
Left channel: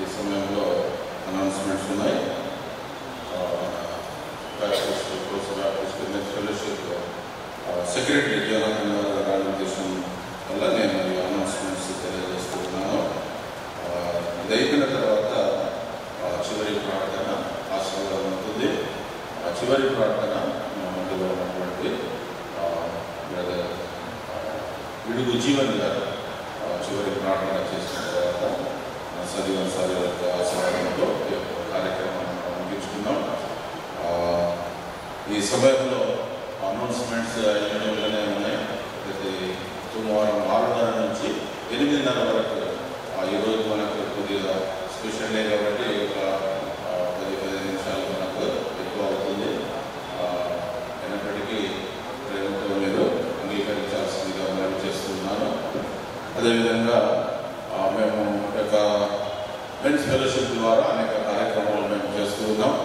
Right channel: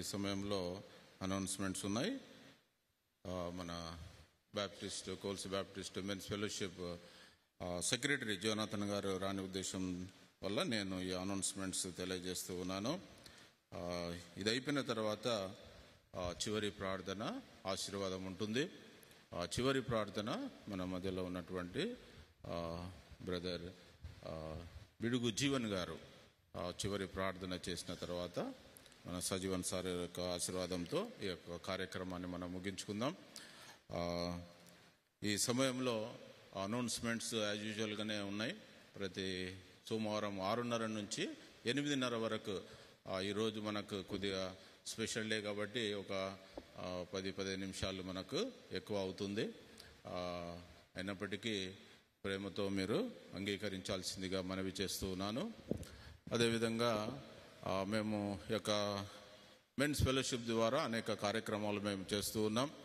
ఈ సమయంలో అనౌన్స్మెంట్స్ ఉన్నాయి. సెక్రటరీ జోనాథన్ గారి ఉద్దేశం వల్ల నేను ఈ అనౌన్స్మెంట్స్ తెలియజేస్తున్నాను. ఇది అయిపోయిన తర్వాత చివరి ప్రార్థన ఆశీర్వాదం ఉంటుంది. చివరి ప్రార్థన మధ్యలో ఉన్నటువంటి విడుగు జీవన్ గారు చివరి ప్రార్థన చేసిన తర్వాత సజీవ సాధువులకు ఆశీర్వాదంతో కార్యక్రమం ముగించుకుంటాం. సమయంలో అనౌన్స్మెంట్స్ అవైలబుల్గానే ఉన్నాయి. ప్రతి సోమవారం 6:30 నుంచి 8:30 వరకు. ఈరోజు మనకు కొద్దిగా స్పెషల్ డే కాబట్టి ఒక 10-15 నిమిషాలు మనకు ఎక్కువ అవుతుంది. అయినప్పటికీ ప్రేమతో మీరు అంగీకరించాల్సిందిగా మనం చేస్తున్నాను. అదేవిధంగా మేము యొక్క మెన్స్ ఫెలోషిప్ ద్వారా అనేక కార్యక్రమాలు మేము చేస్తూ ఉన్నాం.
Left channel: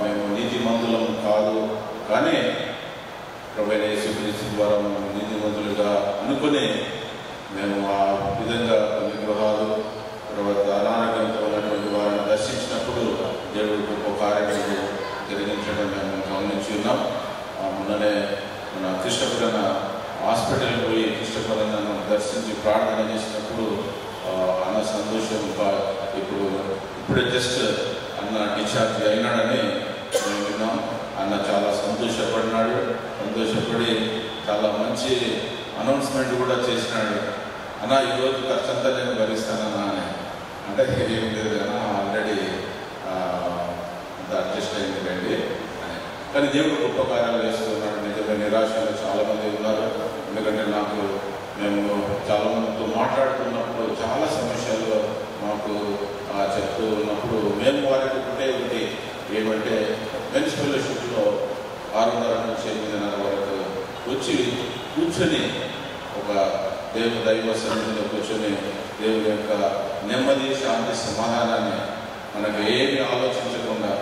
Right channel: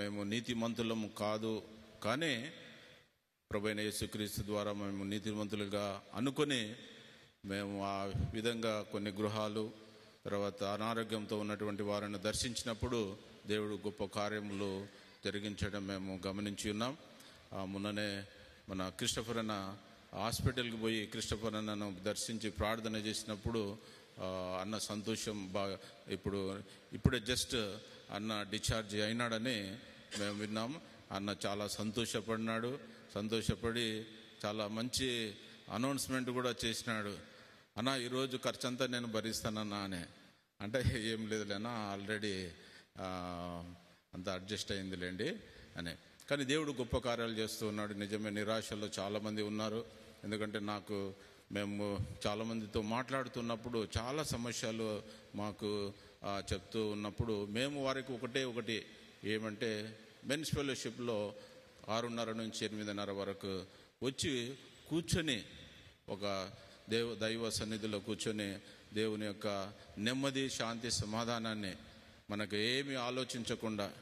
మేము నీతి మందులం కాదు, కానీ ప్రభువైన యేసుక్రీస్తు ద్వారా మేము నీతి మందులుగా అనుకుని మేము ఆ విధంగా కొన్ని గృహాలు తర్వాత అనారోగ్యంతో ఉన్నటువంటి వారిని దర్శించినప్పుడు దేవుడు గొప్ప కార్యక్రమాలు జరిగించడం మేము గమనించి ఉన్నాం. మొన్ననే మన కృష్ణపురన్న హాస్పిటల్కి పోయి కృష్ణపురన్నను దర్శించి ప్రార్థన చేసినప్పుడు అన్న సంతోషం ఇప్పుడే జస్ట్ అన్న డిశ్చార్జ్ అయినాడని మేము విన్నాం. అన్న చాలా సంతోషపడినాడు. సంతోషపడి చాలా మంచి అనౌన్స్మెంట్ కూడా చేసినాడు. అన్న ఈరోజు ఖర్చంతా నేను భరిస్తానన్నా అని. అంటే ఏం లేదు అన్న, ఆల్రెడీ అడ్జస్ట్ అయింది రండి. కానీ దేవుడు గొప్ప కార్యాలు చేస్తున్నాడు. నిజంగా నిరాశలో చాలామంది ఉన్నారు. ఎందుకంటే మేము చాలా మందితో మాట్లాడుతున్నప్పుడు చాలా సమస్యలు మాకు చెప్తూ ఉన్నప్పుడు మేము వారికి ఒకటి ఏమంటే మెన్స్ ఫెలోషిప్లో 6:30 నుంచి 8:30 వరకు వచ్చి కూర్చొని ఒక దైవ సన్నిధిలో కూర్చొని దేవుని యొక్క నెమ్మది, శాంతి, సమాధానాన్ని మనకు ఏమి ఆలోచించకుండా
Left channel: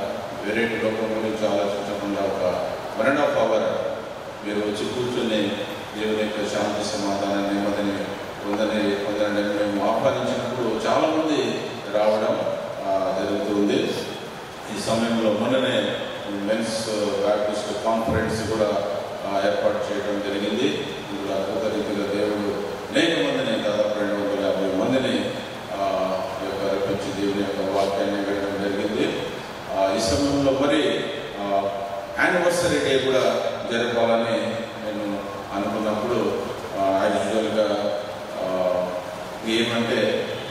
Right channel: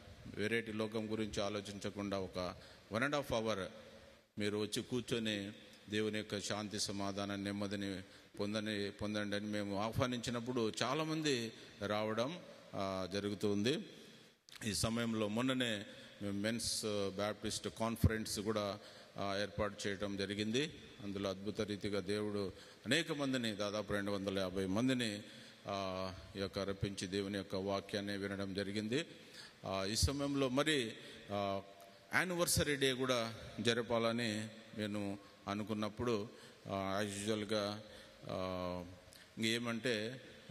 వేరే లోకం గురించి ఆలోచించకుండా ఒక 1.5 hour మీరు వచ్చి కూర్చొని దేవుని యొక్క శాంతి, సమాధానం, నెమ్మదిని పొందని మేము ఆహ్వానించినప్పుడు చాలామంది రావడం జరుగుతుంది. ఈ సమయంలో మొన్ననే మెన్స్ బ్యాప్టిస్ట్ కాన్ఫరెన్స్ కూడా ఏర్పాటు చేయడం జరిగింది. ఇప్పుడు అద్భుత రీతిగా దేవుడు అనేక మందిని, దాదాపు 250 మందిని రప్పించి దేవుని యొక్క వాక్యాన్ని వేయడం జరిగింది. ఈ సమయంలో మరి యానివర్సరీ డే కూడా జరపాలని నేను అనుకున్నప్పుడు యాక్చువల్గా ఏమంటే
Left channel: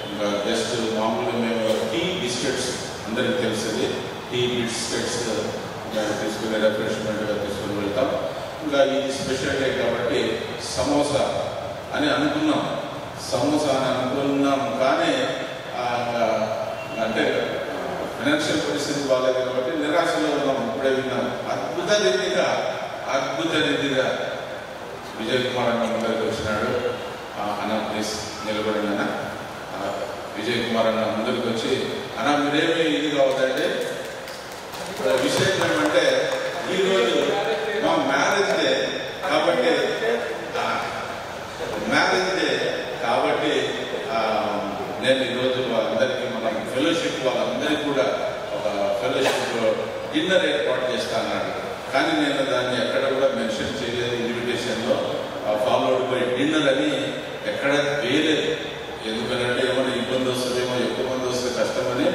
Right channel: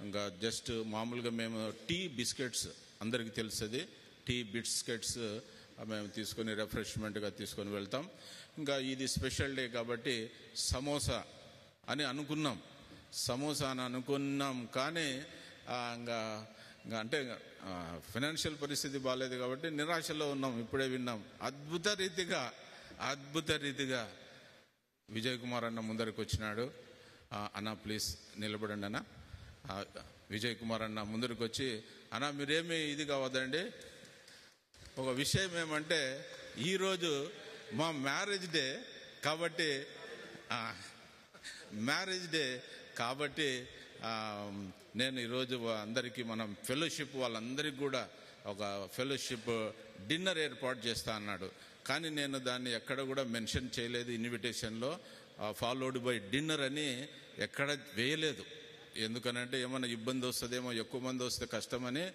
ఇంకా జస్ట్ మామూలుగా మేము టీ బిస్కెట్స్ అందరికీ తెలిసింది, టీ బిస్కెట్స్ తీసుకుని రిఫ్రెష్మెంట్గా తీసుకుని వెళ్తాం. ఇంకా ఈ స్పెషల్ డే కాబట్టి సమోసా అని అనుకున్నాం. కానీ అంటే ఫైనాన్షియల్ పరిస్థితి బాగాలేదు కాబట్టి నిరాశలో ఉన్నాం. ఇప్పుడే విన్నాం అద్భుత రీతిగా విజయ్ కుమార్ అన్న ముందరికి వచ్చినాడు. అన్న ప్లీజ్ నిలబడిన విజయ్ కుమార్ అన్న ముందరికి వచ్చి, అన్న మీరేమి ఇది కావద్దంటే విషయం ఏమంటే ఈరోజు మా మ్యారేజ్ డే కాబట్టి నేను ఈరోజు అందరికీ మన ఫెలోషిప్ వాళ్ళందరికీ కూడా ఒక ఫెలోషిప్ డిన్నర్ ఏర్పాటు చేస్తాన్నాడు. కానీ నేను దాన్ని ఎక్కడ కూడా మెన్షన్ చేయలేదు. ఇన్విటేషన్లో ఫాలోడ్ బై డిన్నర్ అని ఎక్కడ వేయలేదు. ఎందుకంటే ఏమైనా ఇబ్బంది వస్తుందేమో, ఎక్కువ మంది వస్తే కష్టమని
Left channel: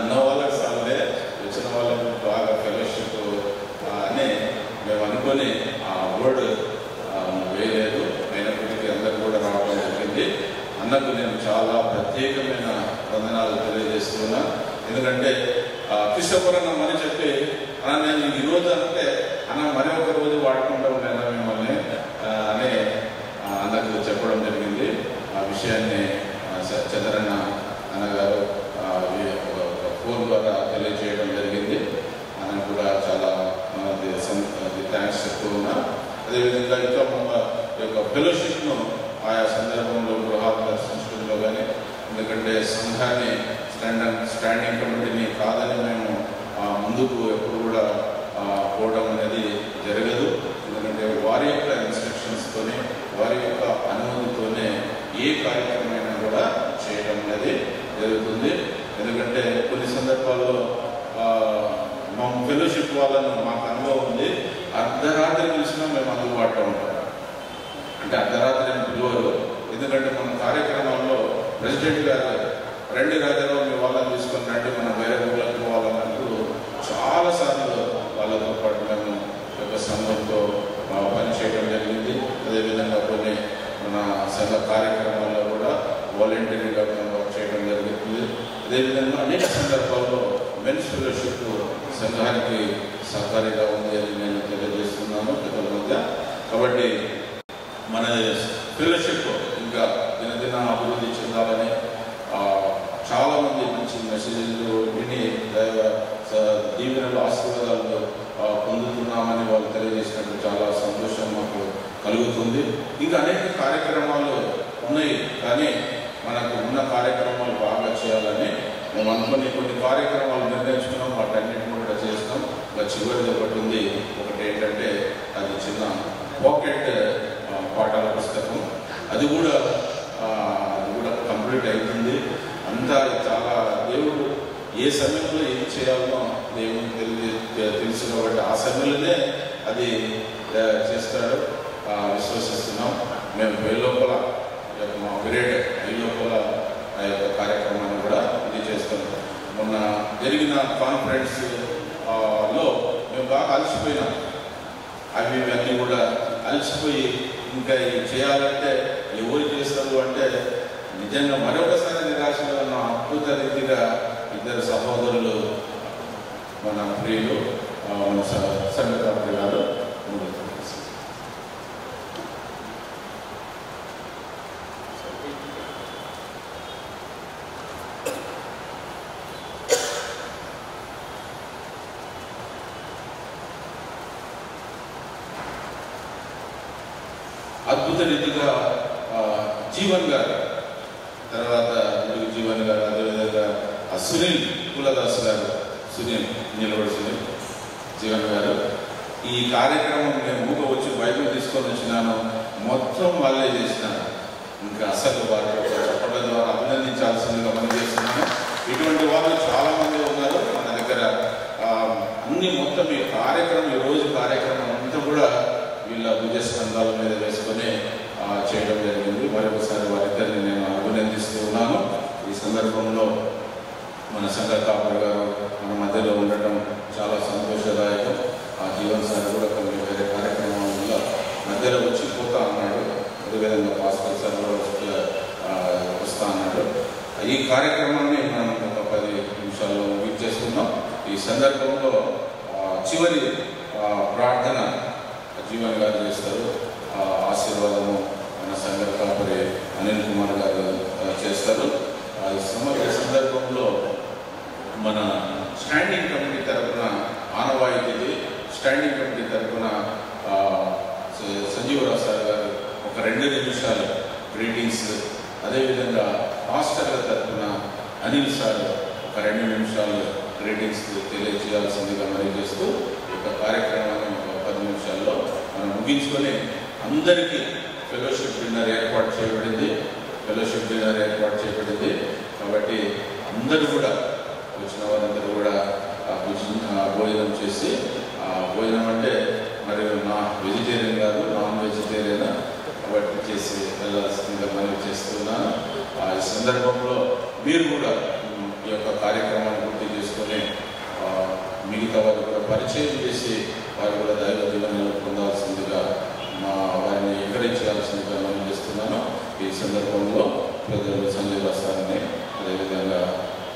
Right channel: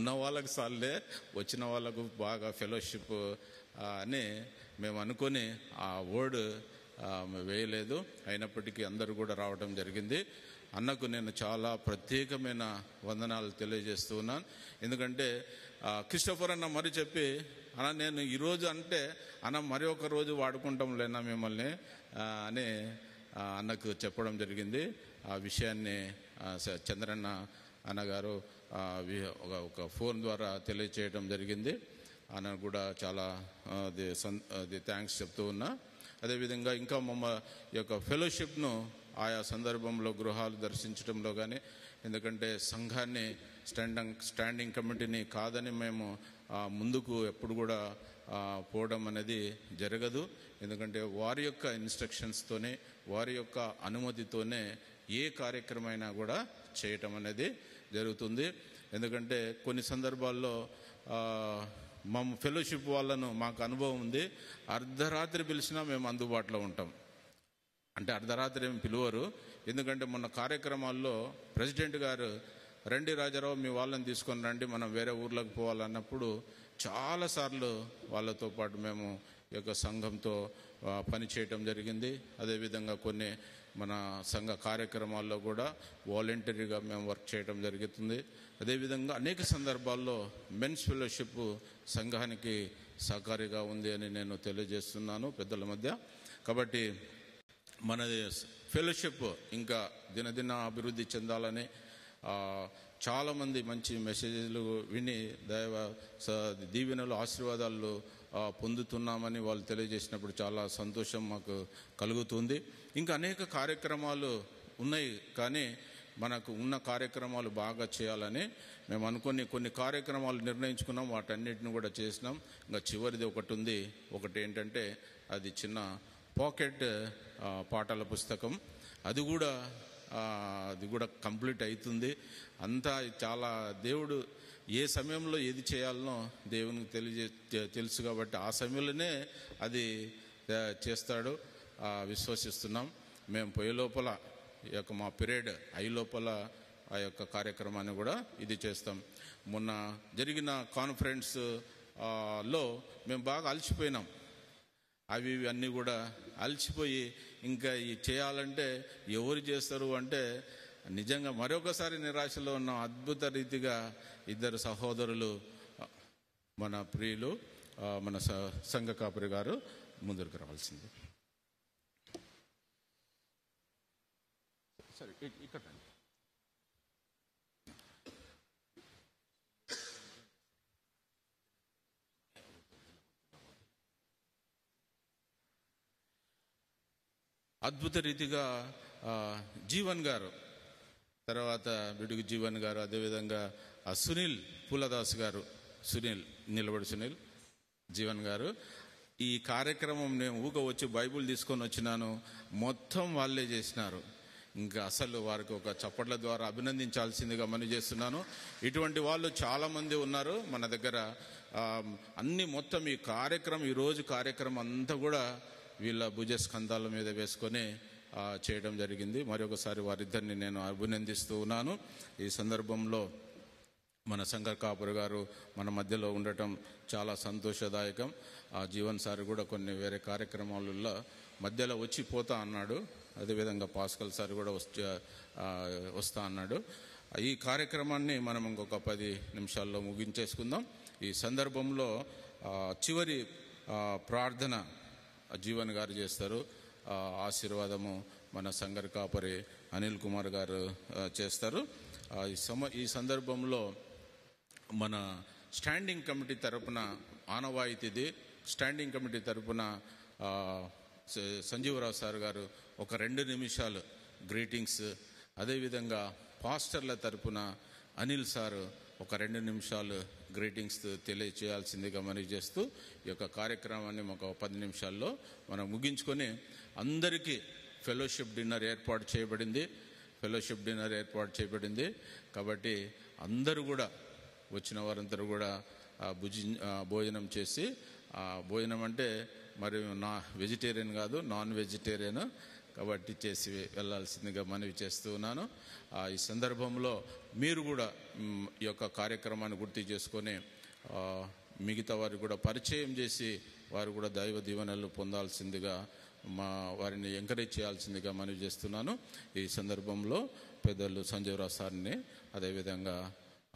ఉన్న వాళ్ళకి సార్లే, వచ్చిన వాళ్ళకి బాగా ఫెలోషిప్ అని మేము అనుకొని ఆ వర్డ్ వేయలేదు. అయినప్పటికీ అందరూ కూడా రావడం జరిగింది. అన్నకు నేను చాలా ప్రత్యేకమైన వందనాలు తెలియజేస్తున్నా. ఎందుకంటే కృష్ణపురన్న మని చెప్పి అన్న నేను ఈరోజు అంటే అన్న మరి ఒక రోజు వాడుకుంటాం లేదా మిమ్మల్ని అని అన్నకు చెప్పడం జరిగింది. ఆ విషయాన్ని చంద్రన్న అన్నగారు ఫోన్ ద్వారా తెలియజేయడం జరిగింది. ఆయన కూడా చాలా థ్యాంక్స్ చెప్తూ ఉన్నా. అదేవిధంగా ఇంకా మన యొక్క ఫెలోషిప్ను ఆయా సందర్భంలో గృహాలు దర్శించడంలో కానీ, ఎందుకంటే సంఘాన్ని స్టాండింగ్ కమిటీని కాదని మేము ముందుకు ఎప్పుడు కూడా పోవడం అనేది జరగదు. ఎందుకంటే వారి యొక్క ఇన్స్ట్రక్షన్స్తోనే, వారి యొక్క అనుమతితోనే ఏ కార్యక్రమమైనా కూడా చేయడం అనేది జరుగుతుంది. ఎందుకంటే కొన్ని సందర్భాల్లో మా ఫెలోషిప్ వాళ్ళను మాకు అనుభవం ఉంది, అర్ధరాత్రి పిలిచినా మేము అందుబాటులో ఉంటాం. అంటే అర్ధరాత్రి పిలువరు. ఎందుకంటే మన కార్యక్రమాల్లో ప్రెసిడెంట్ గారు రండి రాజారావు మీ వాళ్ళని తీసుకొని రండి మన వేరే ఊళ్ళకి పోవాలన్నట్టు చాలాసార్లు వాళ్ళతో పాటు మేము ఒక సంఘంతో పనిచేయడం జరిగింది. అదేవిధంగా కొన్ని మన సంఘ కార్యక్రమాల్లో కూడా వాలంటీర్గా మేము వర్క్ చేయడం జరుగుతుంది. అదేవిధంగా అనేక సందర్భాల్లో మెన్స్ ఫెలోషిప్ సంఘానికి సహకారిగా ఉంది అని నేను తెలియజేస్తున్నాను పిల్లల మధ్య. కాబట్టి మన ఫెలోషిప్ ఇంకా దినదిన అభివృద్ధి చెందాలని చాలామంది మంచి మెసేజ్లు విని దైవ దీవెనలు ఆశీర్వాదాలు పొందుతున్నామని వాళ్ళు తెలియజేసినట్టు చాలా సంతోషం మాకు కలుగుతుంది. ఇంకా అనేక కార్యక్రమాలు ఉన్నాయి, కానీ మనకు ఉన్న కార్యక్రమాలు బాగా చేయాలని మేము అనుకుని కొన్ని కార్యక్రమాలు నిర్ణయించుకున్నాం. వాటన్నింటిని కూడా చేస్తాం. ఇంకా చివరిది ఒకటి ఉంది. ఒకటి ఏంటంటే అది చిన్న పాకెట్ పాఠాల పుస్తకం, అది కూడా కంప్లీట్ అవుతుంది. అంతా చాలా దేవుడు ఏ సమయంలో ఏం చేయాలో దేవుడు తెలుసు కాబట్టి ఆ సమయంలోనే అది చేస్తాడు విశ్వసిస్తున్నాం. మేము లోపల మా గ్రేడ్ లోపల ఆ యొక్క కార్యక్రమాన్ని కూడా చేస్తాం. మొన్న జరిగిన కాన్ఫరెన్స్ లో మేము బాగా అలసిపోయినాం. అవి ఇవన్నీ కూడా అలసిపోయి ఇంకా ఇవి చేయాలంటే ఎవరు చేస్తారు అంటే నిజంగా మరొకసారి నిరాశలో ఉన్న అద్భుత రీతిగా ఇద్దరు సహోదరులు మన ప్రియులు సంగత ప్రియులు అద్భుత రీతిగా జీవన్ గారు, తర్వాత జీవన్ గారు, అదేవిధంగా సునీల్ కులదాస్ గారు, సునీల్ నీలబడి సునీల్ జీవన్ గారు ఈ కార్యక్రమం నేను ఊగా వచ్చి బైబిల్ తీసుకొని వచ్చినాను. మొత్తం వాళ్ళే చేసినాను. ఇంకా అసలు వారు చెప్పడం ద్వారా అభినందించాల్సిందిగా మనం చేస్తున్నాను. ఇటువంటి వాళ్ళు చాలా మంది ఉన్నారు మన దగ్గర. అన్ని మొత్తం ఈ కార్యక్రమం, ఈ రోజు కార్యక్రమం అంతా కూడా వీళ్ళ భుజస్కంధాల మీద వేసుకొని చేయడం జరిగింది. మరొకసారి వారిద్దరిని నేను అభినందిస్తూ ఉన్నాను. ఈ సందర్భంలో మన సంఘ కాపరి గారు మన మధ్యలో ఉండటం చాలా సంతోషదాయకం. ఆ జీవన్ సార్ కూడా కొన్ని వేరే కార్యక్రమాల వల్ల మధ్యలో వచ్చిపోతా అన్నాడు. అదేవిధంగా భాస్కర్ సార్ కూడా వస్తా అన్నాడు. ఈ కార్యక్రమాన్ని మనం ఒక 10 నిమిషాల్లో వీట్ చేసుకున్నాం. ఈ సందర్భంలో చివరి ప్రార్థన జీవన్ గారు చేస్తారు. ఆశీర్వాదము మన సంఘ కాపరి అనిల్ కుమార్ గారు చేస్తారు. ఈ సందర్భంలో మన స్టాండింగ్ కమిటీ తరఫున ఆనవాయితీ స్టాండింగ్ కమిటీ తరఫున సంజీవరావు సార్ గారు ఒక 2 నిమిషాలు గ్రీటింగ్స్, అదేవిధంగా మాస్టర్ల తరఫున అనిల్ సార్ ఒక 2 నిమిషాలు గ్రీటింగ్స్ తెలియజేయాల్సిందిగా మరి చేస్తూ ఈ యొక్క కార్యక్రమాన్ని ఒక 10 నిమిషాల్లో మనం ముగించుకొని అందరికీ ఫెలోషిప్ డిన్నర్ ఏర్పాటు చేయబడింది. కాబట్టి అందరూ కూడా వచ్చిన వారందరూ కూడా భోజనం చేసి, భోజనం అంటే మరి నా వెజిటేరియన్ కాదు, నాన్ వెజిటేరియన్ కాబట్టి చేసి వెళ్ళాల్సిందిగా మనం చేస్తున్నాను. ఈ సందర్భంలో మీరు కూడా ఈ యొక్క కార్యక్రమాన్ని పూర్తి చేసుకొని మిగతా వారు కూడా పరిచయం చేసి వారు కూడా దైవ జీవనంలో పొందాల్సిందిగా వారిని ఎంకరేజ్ చేయాల్సిందిగా మనం చేస్తున్నాను. ఈ సందర్భంలో ప్రజలు సంజయ్ సార్ని, అదేవిధంగా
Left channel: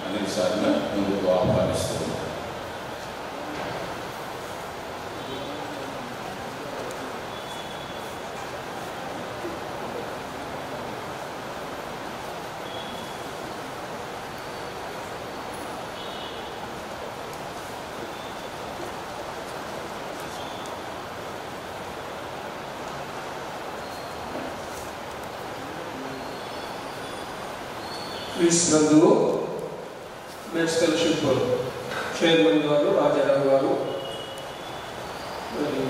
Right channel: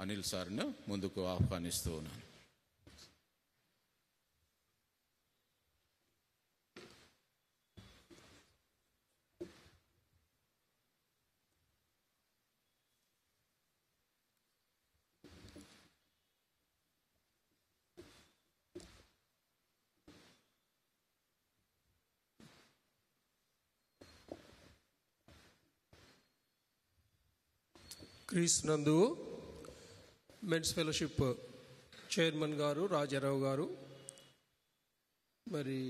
అనిల్ సార్ని ముందుకు ఆహ్వానిస్తున్నాను. క్రీస్తునందు మెన్స్ ఫెలోషిప్ చైర్మన్ గారు రాజారావు గారు మరి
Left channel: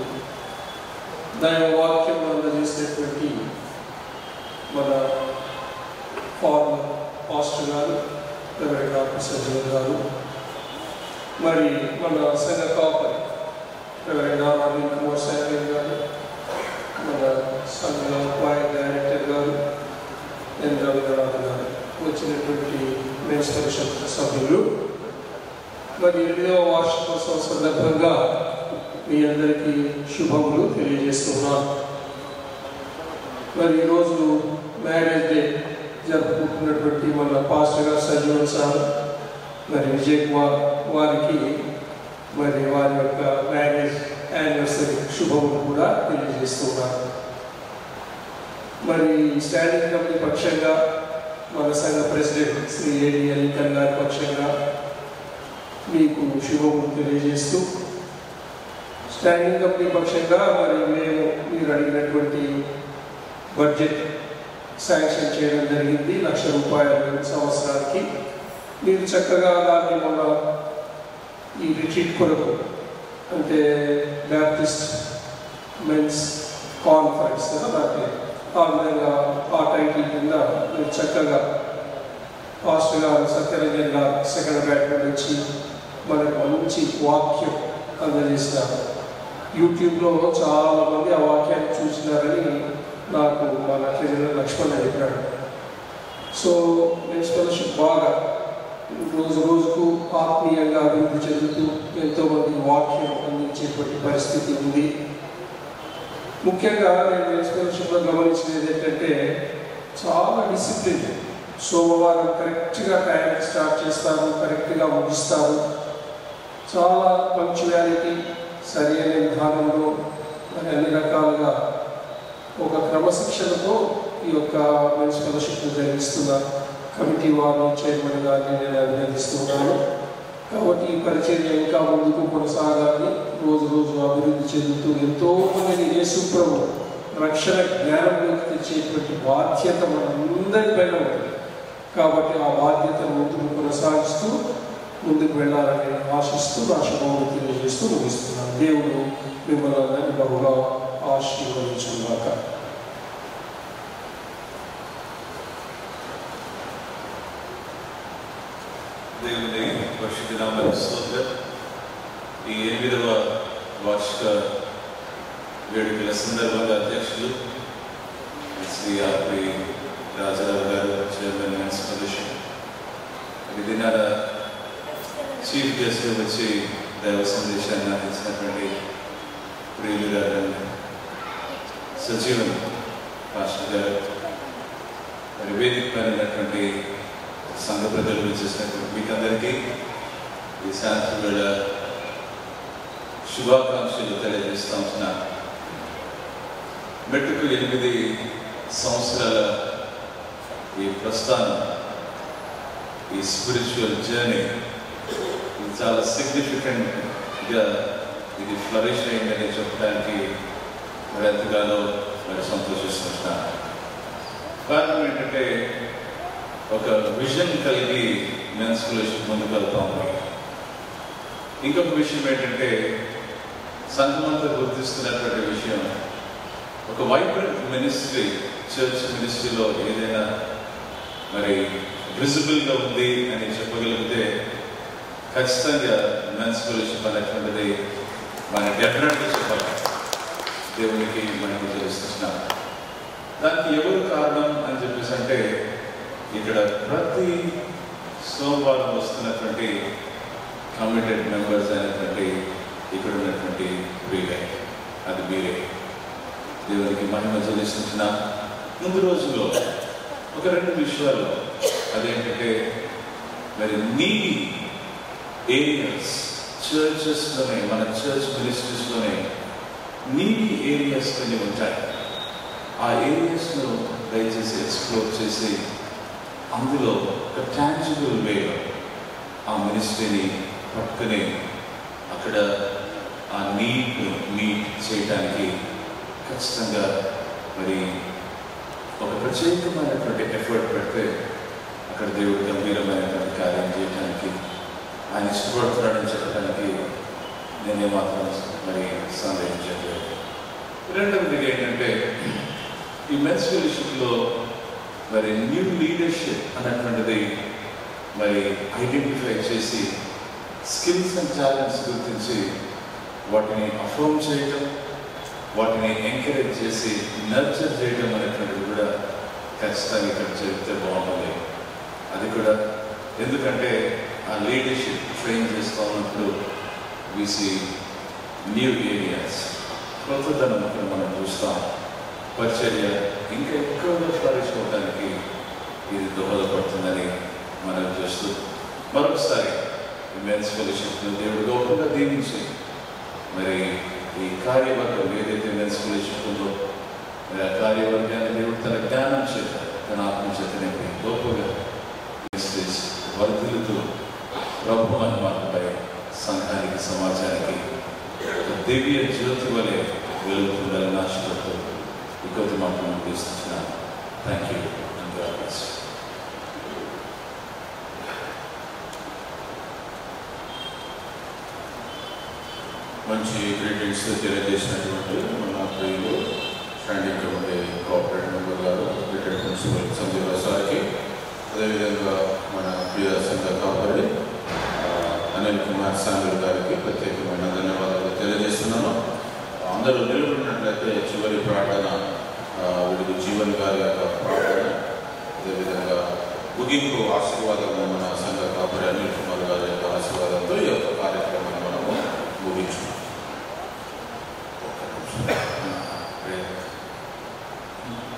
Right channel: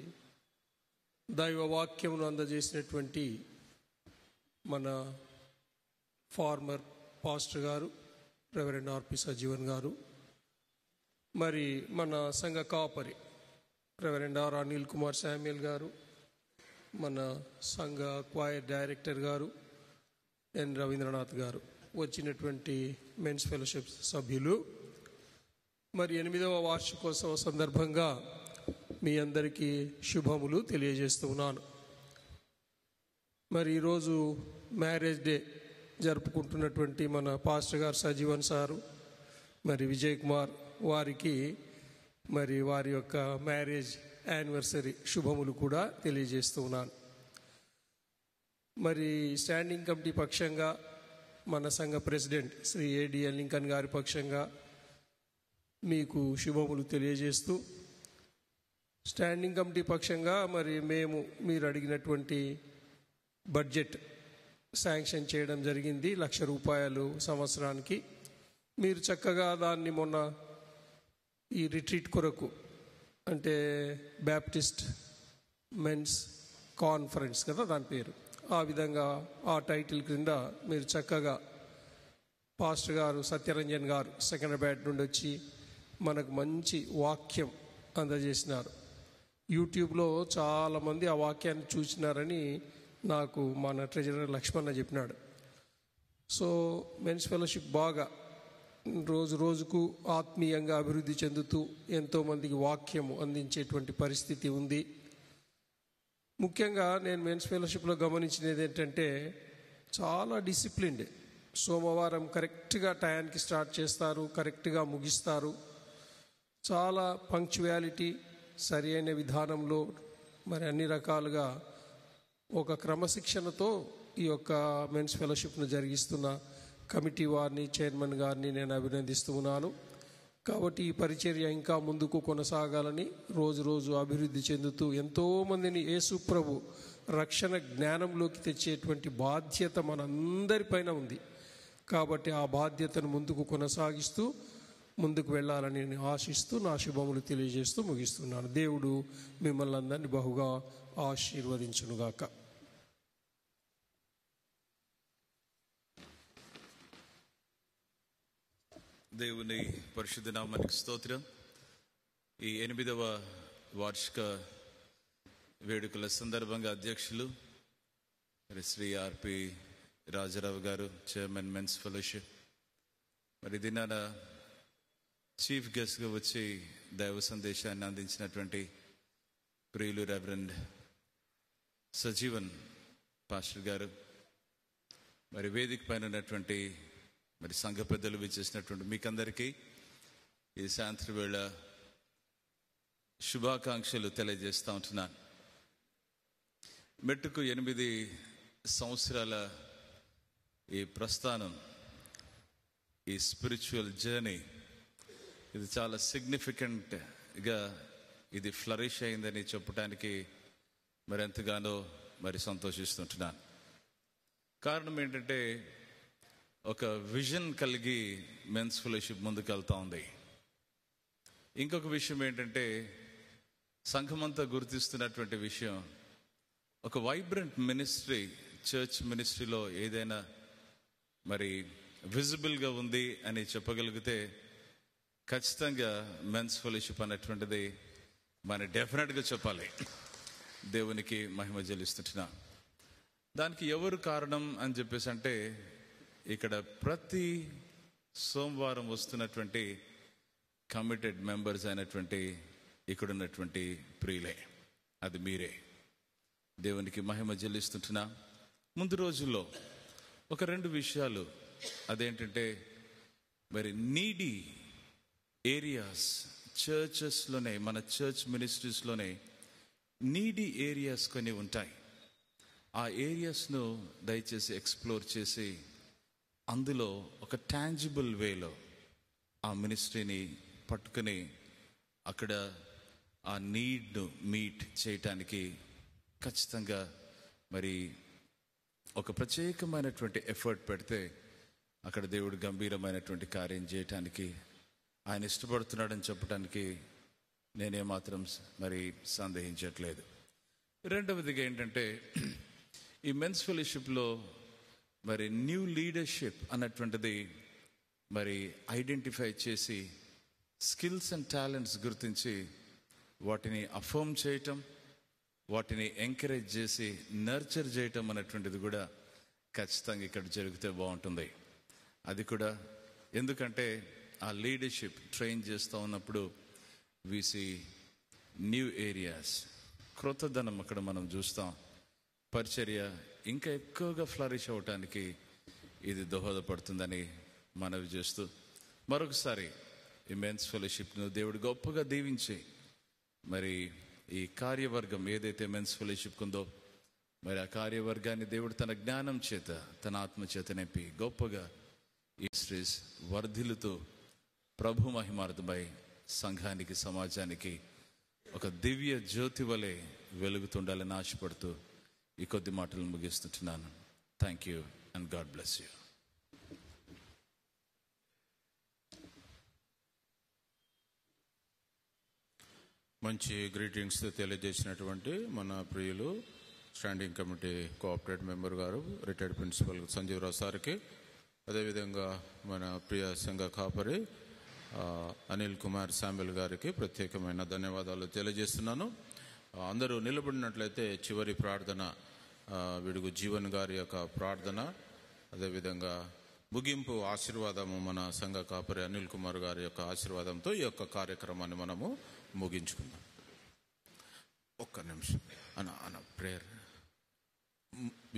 దైవ వాక్యం అందజేసినటువంటి మన ఫార్మర్ పాస్టర్ గారు ప్రైవేట్ డాక్టర్ సజ్జన్ గారు, మరి మన సంఘ కాపరి ప్రైవేట్ డాక్టర్ కుమార్ సాగర్ గారు, మన సంఘ డైరెక్టర్ గారు ఎన్ రవీంద్రనాథ్ గారు, వచ్చినటువంటి మెన్స్ ఫెలోషిప్ సభ్యులు, మరి 8వ వార్షికోత్సవ సందర్భంగా మీ అందరికీ శుభములు తెలియజేస్తున్నాను. మరి ఈరోజు మ్యారేజ్ డే జరుపుకుంటున్నటువంటి మన పాస్టర్ గారు సజ్జన్ సార్, మరి విజయ్ కుమార్ వారికి మరి వారి యొక్క మ్యారేజ్ యానివర్సరీ శుభములు కూడా తెలియజేస్తున్నారు. మరి స్టాండింగ్ కమిటీ పక్షంగా మన సంఘ ప్రెసిడెంట్ శ్రీ ఏడి అలీఖాన్ గారి పక్షంగా మీకు శుభములు తెలియజేస్తూ, స్టాండింగ్ కమిటీ పక్షంగా మరి మేము మీరు అడిగినటువంటి బడ్జెట్ శాంక్షన్ చేయడం జరిగింది. ₹1,00,000 సంవత్సరానికి. మీరు చక్కగా దాన్ని మన ఈ రిట్రీట్ కొరకు, అంటే బ్యాప్టిస్ట్ మెన్స్ కాన్ఫరెన్స్ ఆ విధంగా ఆ టైటిల్ కింద మీరు చక్కగా పాస్టర్ గారు సత్యరంజన్ గారు సెకండ్ బ్యాట్ నుంచి మనకు మంచి వాక్యం అందజేస్తారు. యూట్యూబ్లో చాలామంది ఆ వాక్యాన్ని చూసినారని నాకు మన లక్ష్మణ్ చెప్పాడు. సో స్కాలర్షిప్ బాగా రోజు రోజుకు ఆత్మీయంగా అభివృద్ధి చెందుతూ ఎంతోమంది వాక్యం అందించేటువంటి పరిస్థితి ఉంది. ముఖ్యంగా నేను స్కాలర్షిప్లో గమనించినది ఏంటంటే చాలా డిసిప్లిన్. సోమవారం కరెక్ట్గా టైంకి స్టార్ట్ చేస్తారు, కరెక్ట్గా ముగిస్తారు. చాలా పంక్చువాలిటీ, సరైన విధానంలో మరి అన్ని రకాలుగా ఒక క్రమశిక్షణతో ఈ యొక్క స్కాలర్షిప్ నిర్వహిస్తున్న కమిటీ వారిని చైర్మన్ గారిని నేను అభినందిస్తున్నాను. కాబట్టి ఈ పరిచర్య ఇంకా ముందుకు కొనసాగాలి. రోజు రోజు అభివృద్ధి చెందుతూ ఎంతోమంది యేసు ప్రభు రక్షణ జ్ఞానంలోకి తెచ్చేటువంటి బాధ్యత మనందరిపైన ఉంది. కాబట్టి ఆ బాధ్యతను ముందుకు కొనసాగిస్తూ ముందుకు వెళ్ళాలని ఆశిస్తూ రాష్ట్రభవనం తెలియజేస్తూ ముగిస్తున్నాను. దేవుడు మిమ్మల్ని అందరినీ బహుగా ఆశీర్వదించుగాక. దేవుని పరిశుద్ధ నామమునకు స్తోత్రం. ఈ 8వ వార్షిక వేడుకల సందర్భంగా అధ్యక్షులు శ్రీ ఆర్పి రాజారావు గారు, చైర్మన్ మెన్స్ ఫెలోషిప్, ఈ దినాల చీఫ్ గెస్ట్ వచ్చి దైవ సందేశాన్ని అందించినటువంటి ప్రియులు గారు, సజీవన్ మాస్టర్ గారు, మరి వేదిక పైనటువంటి సంఘ ప్రజలు చేసినటువంటి మీకందరికీ ఈ సాయంత్రం వేళ శుభాకాంక్షలు తెలియజేస్తూ ఉంటున్నాను. మెట్టుకు 8 సంవత్సరాల ఈ ప్రస్థానం, ఈ స్పిరిచువల్ జర్నీ ఇది చాలా సిగ్నిఫికెంట్గా ఇది ఫ్లరిష్ అయిందని చెప్పడానికి మరి ఎంతగానో మరి సంతోషిస్తున్నాను. కారణం ఏంటంటే ఒక విజన్ కలిగి మెన్స్ ఫెలోషిప్ ముందుకు వెళ్తా ఉంది. ఇంకొక విషయం ఏంటంటే సంఘమంతా గుర్తిస్తున్నటువంటి విషయం, ఒక వైబ్రెంట్ మినిస్ట్రీ, చర్చ్ మినిస్ట్రీలో ఏదైనా మరి విజిబుల్గా ఉంది అని చెప్పగలిగితే ఖచ్చితంగా మెన్స్ ఫెలోషిప్ అనేటువంటిది మన డెఫినెట్గా చెప్పాలి. దేవునికి మనకి తెలుస్తున్నాం. దానికి ఎవరు కారణం అని చెప్పేసి అంటే, ఇక్కడ ప్రతి సోమవారం వస్తున్నటువంటి కమిటెడ్ మెంబర్స్ అయినటువంటి ఇక్కడ ఉన్నటువంటి ప్రియులే, అది మీరే. దేవునికి మహిమ చెల్లిస్తున్న ముందు రోజుల్లో ఒక 2 విషయాలు, అదేంటంటే మరి నీటి ఏరియాస్ చర్చెస్లోనే, మన చర్చ్ మినిస్ట్రీస్లోనే నీటి ఏరియాస్ కొన్ని ఉంటాయి. ఆ ఏరియాస్ను దయచేసి ఎక్స్ప్లోర్ చేసి అందులో ఒక టాంజిబుల్ వేలో ఆ మినిస్ట్రీని పట్టుకుని అక్కడ ఆ నీడ్ను మీట్ చేయడానికి ఖచ్చితంగా మరి ఒక ప్రత్యేకమైనటువంటి ఎఫర్ట్ పెడితే అక్కడ దేవుడు గంభీరమైనటువంటి కార్యం చేయడానికి, ఆయన ఇష్టపడతాడని చెప్పడానికి నేనే మాత్రం మరి సందేహించలేదు. రెండవది ఏంటంటే ఈ మెన్స్ ఫెలోషిప్లో మరి న్యూ లీడర్షిప్ అన్నటువంటిది మరి ఐడెంటిఫై చేసి స్కిల్స్ అండ్ టాలెంట్స్ గుర్తించి వాటిని అఫర్మ్ చేయడం, వాటిని ఎంకరేజ్ చేసి నర్చర్ చేయడం అనేటువంటిది కూడా ఖచ్చితంగా ఇక్కడ చెప్తే బాగుంటుంది. అది కూడా ఎందుకంటే ఆ లీడర్షిప్ ట్రైన్ చేస్తూ ఉన్నప్పుడు వీసీ న్యూ ఏరియాస్, కొత్తదనం మనం చూస్తాం. పరిచర్య ఇంకా ఎక్కువగా ఫ్లరిష్ అవ్వడానికి ఇది దోహదపడుతుందని మనం చూస్తూ మరొకసారి మెన్స్ ఫెలోషిప్ను దేవుడు గొప్పగా దీవించి మరి ఈ కార్యవర్గం ఏదైతే మెన్స్ ఫెలోషిప్ ఉందో మరి ఆ కార్యవర్గాన్ని దేవుడు తన జ్ఞానం చేత తన ఆత్మ చేత నింపి గొప్పగా వర్ధులతో ప్రభు అనుమానంపై సంఘానికి సమాజానికి దివ్య జ్యోతి వలె వెలుగుతుందని ఆశతో ఈ కొద్ది మాటలు ముగిస్తున్నాను. Thank you. మంచి గ్రీటింగ్స్ తెలియజేసినటువంటి మన ప్రియులు స్టాండింగ్ ఉండే కోఆపరేటివ్ మెంబర్ గారు రిటైర్డ్ ప్రిన్సిపల్ సంజీవ్ సార్కి, అదేవిధంగా మన ప్రియ సంఘ కాపరి అనిల్ కుమార్ సాంగల్ గారికి ప్రత్యేకమైన ధన్యవాదాలు తెలియజేస్తున్నాను. అందరూ నిలబడినట్లయితే చివరి ప్రార్థన వీళ్ళు జీవన్ గారి యొక్క ప్రార్థన, అదేవిధంగా ముగింపు ఆశీర్వాదము మన సంఘ కాపరి అనిల్ కుమార్ గారి యొక్క ఆశీర్వాదంతో ఈ యొక్క కార్యక్రమాన్ని మనము ముగించున్నాం.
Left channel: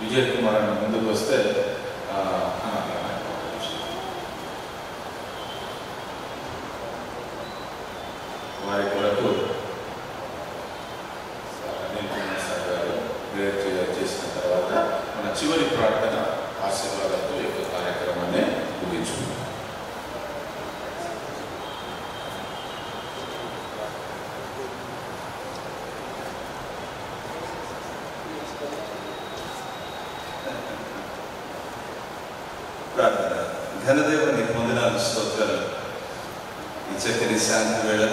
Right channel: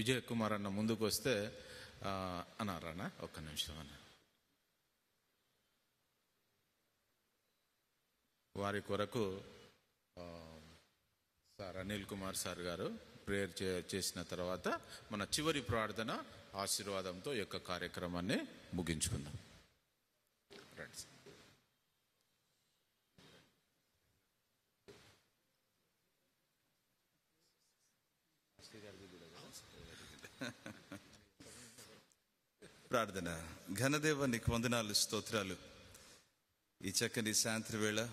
విజయ్ కుమార్ అన్న ముందుకు వస్తే వారి కొరకు అనిల్ కుమార్ సార్ గారు క్లియర్ చేసిన తర్వాత మన చివరి ప్రార్థన ఆశీర్వాదంతో ఈ యొక్క కార్యక్రమాన్ని ముగించుకున్నాం. ప్రార్థన. ఘనదేవుని వందనాలు, స్తోత్రాలు. ఈ చక్కని శాంతి వేళ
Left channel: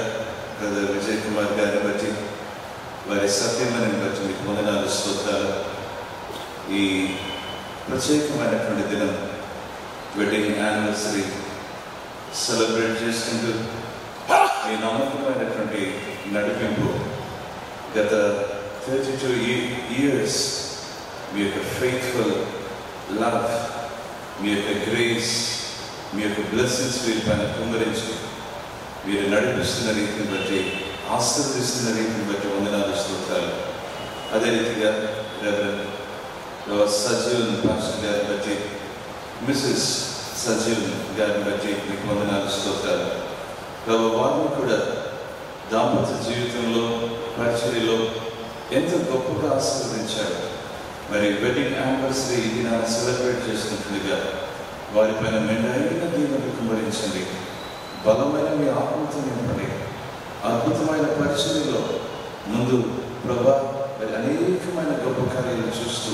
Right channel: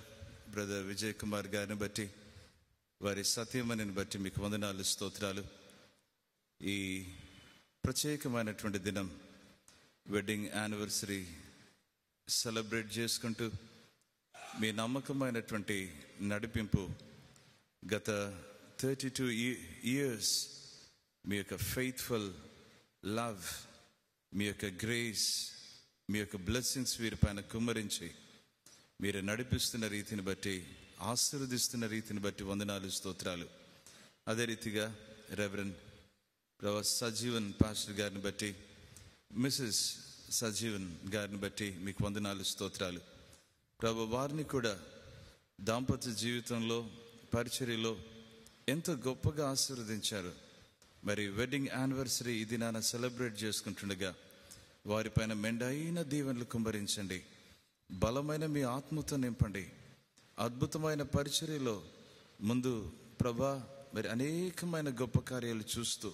బ్రదర్ విజయ్ కుమార్ గారిని బట్టి, వారి సత్యమని బట్టి మీకు వందనాలు, స్తోత్రాలు. ఈ ప్రత్యేకమైనటువంటి దినం వెడ్డింగ్ యానివర్సరీ సెలబ్రేట్ చేసుకుంటూ మీ నమ్మకమైనటువంటి నడిపింపు గత 32 years మీ యొక్క ఫెయిత్ఫుల్ లవ్, మీ యొక్క గ్రేస్, మీ యొక్క బ్లెస్సింగ్స్ వీరిపైన కుమరించి మీరు నడిపిస్తున్న రీతిని బట్టి, ఆశీర్వదిస్తున్న రీతిని బట్టి వందనాలు, స్తోత్రాలు. అదే రీతిగా సజీవన్ పాస్టర్ గారిని బట్టి, మిసెస్ సజీవన్ గారిని బట్టి మీకు వందనాలు, స్తోత్రాలు. వారిని కూడా దాంపత్య జీవితంలో, పరిచర్యలో ఎంతో గొప్పగా ఆశీర్వదించారు. మరి వెడ్డింగ్ యానివర్సరీ దినాన్ని సెలబ్రేట్ చేసినట్లుగా వారిపైన మెండైన దీవెనలు కుమ్మరించండి. బలమైన మీ ఆత్మతో నింపండి. అద్భుతమైన పరిచర్యలో ముందు ప్రభా అనేకమైన గొప్ప కార్యాలు చూస్తూ,